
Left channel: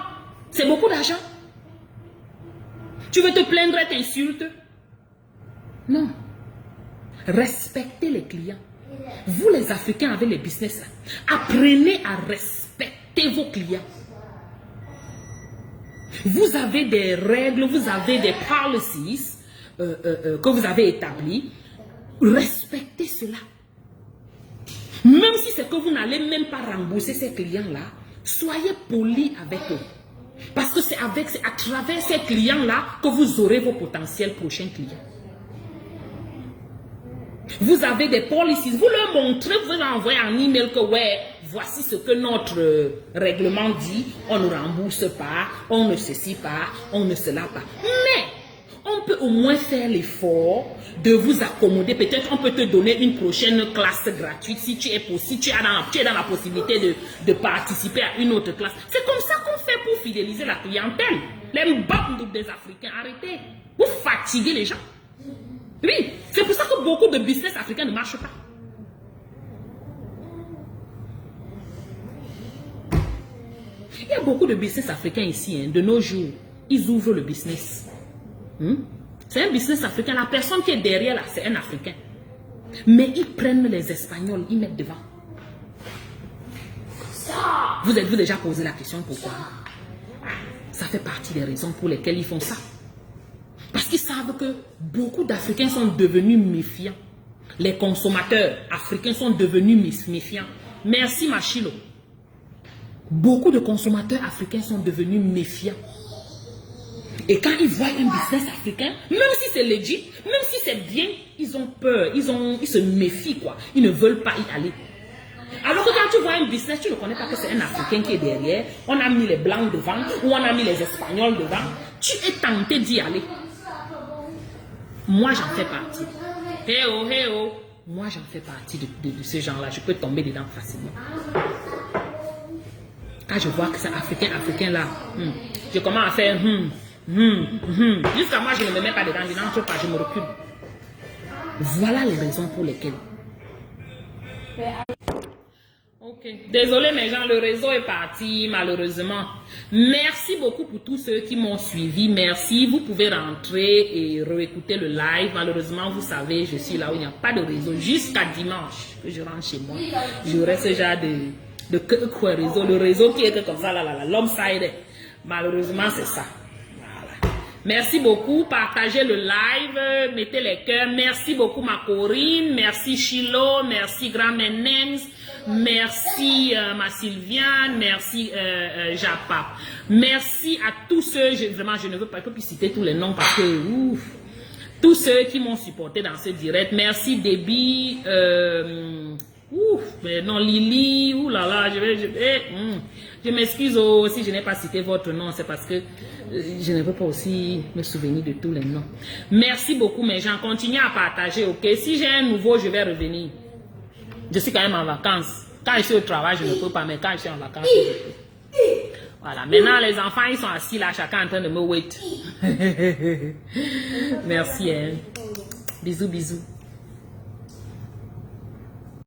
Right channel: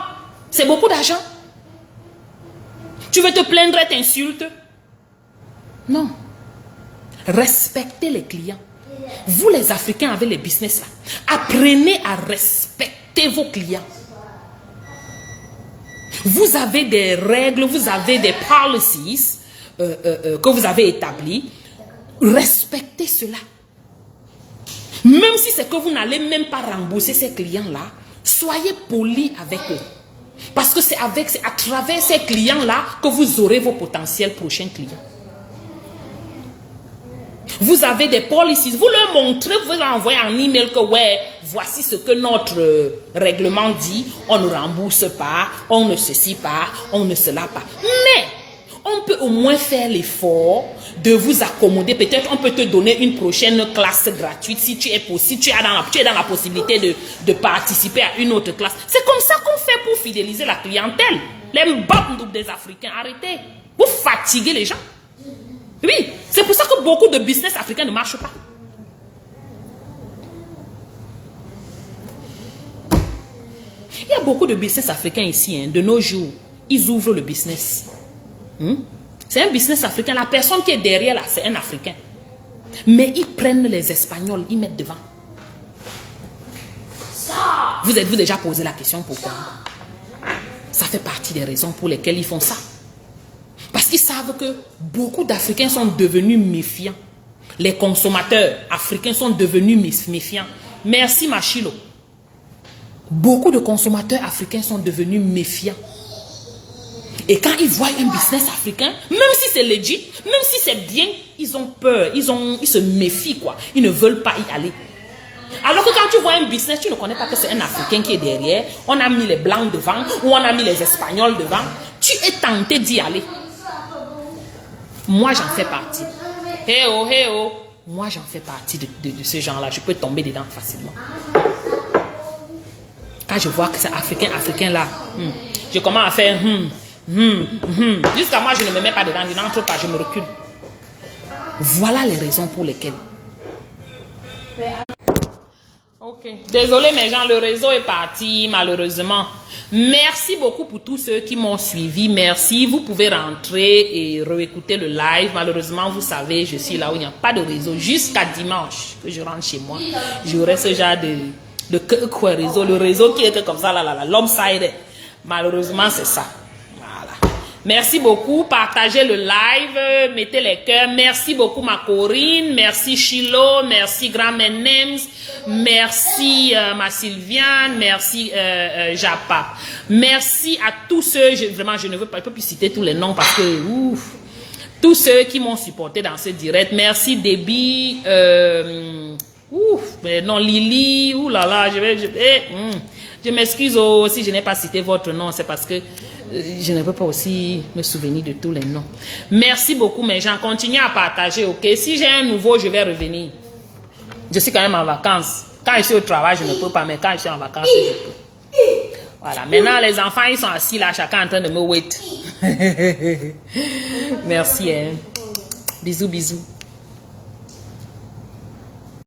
C'est beaucoup d'argent. Tu veux te plaindre, elle t'insulte? Non. Respectez les clients. Vous les Africains avec les business là, apprenez à respecter vos clients. Vous avez des règles, vous avez des policies que vous avez établies. Respectez cela. Même si c'est que vous n'allez même pas rembourser ces clients-là, soyez polis avec eux. Parce que c'est à travers ces clients-là que vous aurez vos potentiels prochains clients. Vous avez des policies, vous leur montrez, vous leur envoyez un email que ouais, voici ce que notre règlement dit, on ne rembourse pas, on ne ceci pas, on ne cela pas. Mais on peut au moins faire l'effort de vous accommoder. Peut-être on peut te donner une prochaine classe gratuite si tu es possible, tu es dans la possibilité de participer à une autre classe. C'est comme ça qu'on fait pour fidéliser la clientèle. Les mbabndouk des Africains, arrêtez. Vous fatiguez les gens. Oui, c'est pour ça que beaucoup de business africains ne marchent pas. Il y a beaucoup de business africains ici, hein, de nos jours. Ils ouvrent le business. C'est un business africain. La personne qui est derrière là, c'est un Africain. Mais ils prennent les Espagnols, ils mettent devant. Vous êtes-vous déjà posé la question pourquoi? Ça fait partie des raisons pour lesquelles ils font ça. Parce qu'ils savent que beaucoup d'Africains sont devenus méfiants. Les consommateurs africains sont devenus méfiants. Merci Machilo. Beaucoup de consommateurs africains sont devenus méfiants. Et quand ils voient un business africain, même si c'est legit, même si c'est bien, ils ont peur, ils se méfient quoi. Ils ne veulent pas y aller. Alors que quand tu vois un business, tu ne connais pas que c'est un Africain qui est derrière. On a mis les Blancs devant ou on a mis les Espagnols devant. Tu es tenté d'y aller. Moi, j'en fais partie. Hey oh. Moi, j'en fais partie de ce genre-là. Je peux tomber dedans facilement. Quand je vois que c'est Africain là, je commence à faire Jusqu'à moi, je ne me mets pas dedans. Je n'entre pas, je me recule. Voilà les raisons pour lesquelles. Ok. Désolé mes gens, le réseau est parti malheureusement. Merci beaucoup pour tous ceux qui m'ont suivi. Merci. Vous pouvez rentrer et réécouter le live. Malheureusement, vous savez, je suis là où il n'y a pas de réseau. Jusqu'à dimanche que je rentre chez moi, j'aurai ce genre de réseau. Le réseau qui était comme ça, l'homme-sided. Malheureusement, c'est ça. Merci beaucoup. Partagez le live. Mettez les cœurs. Merci beaucoup ma Corinne. Merci Chilo. Merci Grand Menems. Merci ma Sylviane. Merci Japa. Merci à tous ceux. Vraiment, je ne peux pas plus citer tous les noms parce que tous ceux qui m'ont supporté dans ce direct. Merci Déby. Non Lily. Je m'excuse si je n'ai pas cité votre nom. C'est parce que je ne peux pas aussi me souvenir de tous les noms. Merci beaucoup mes gens. Continuez à partager, ok? Si j'ai un nouveau, je vais revenir. Je suis quand même en vacances. Quand je suis au travail, je ne peux pas. Mais quand je suis en vacances, je peux. Voilà. Maintenant, les enfants, ils sont assis là, chacun en train de me wait. Merci. Hein. Bisous, bisous.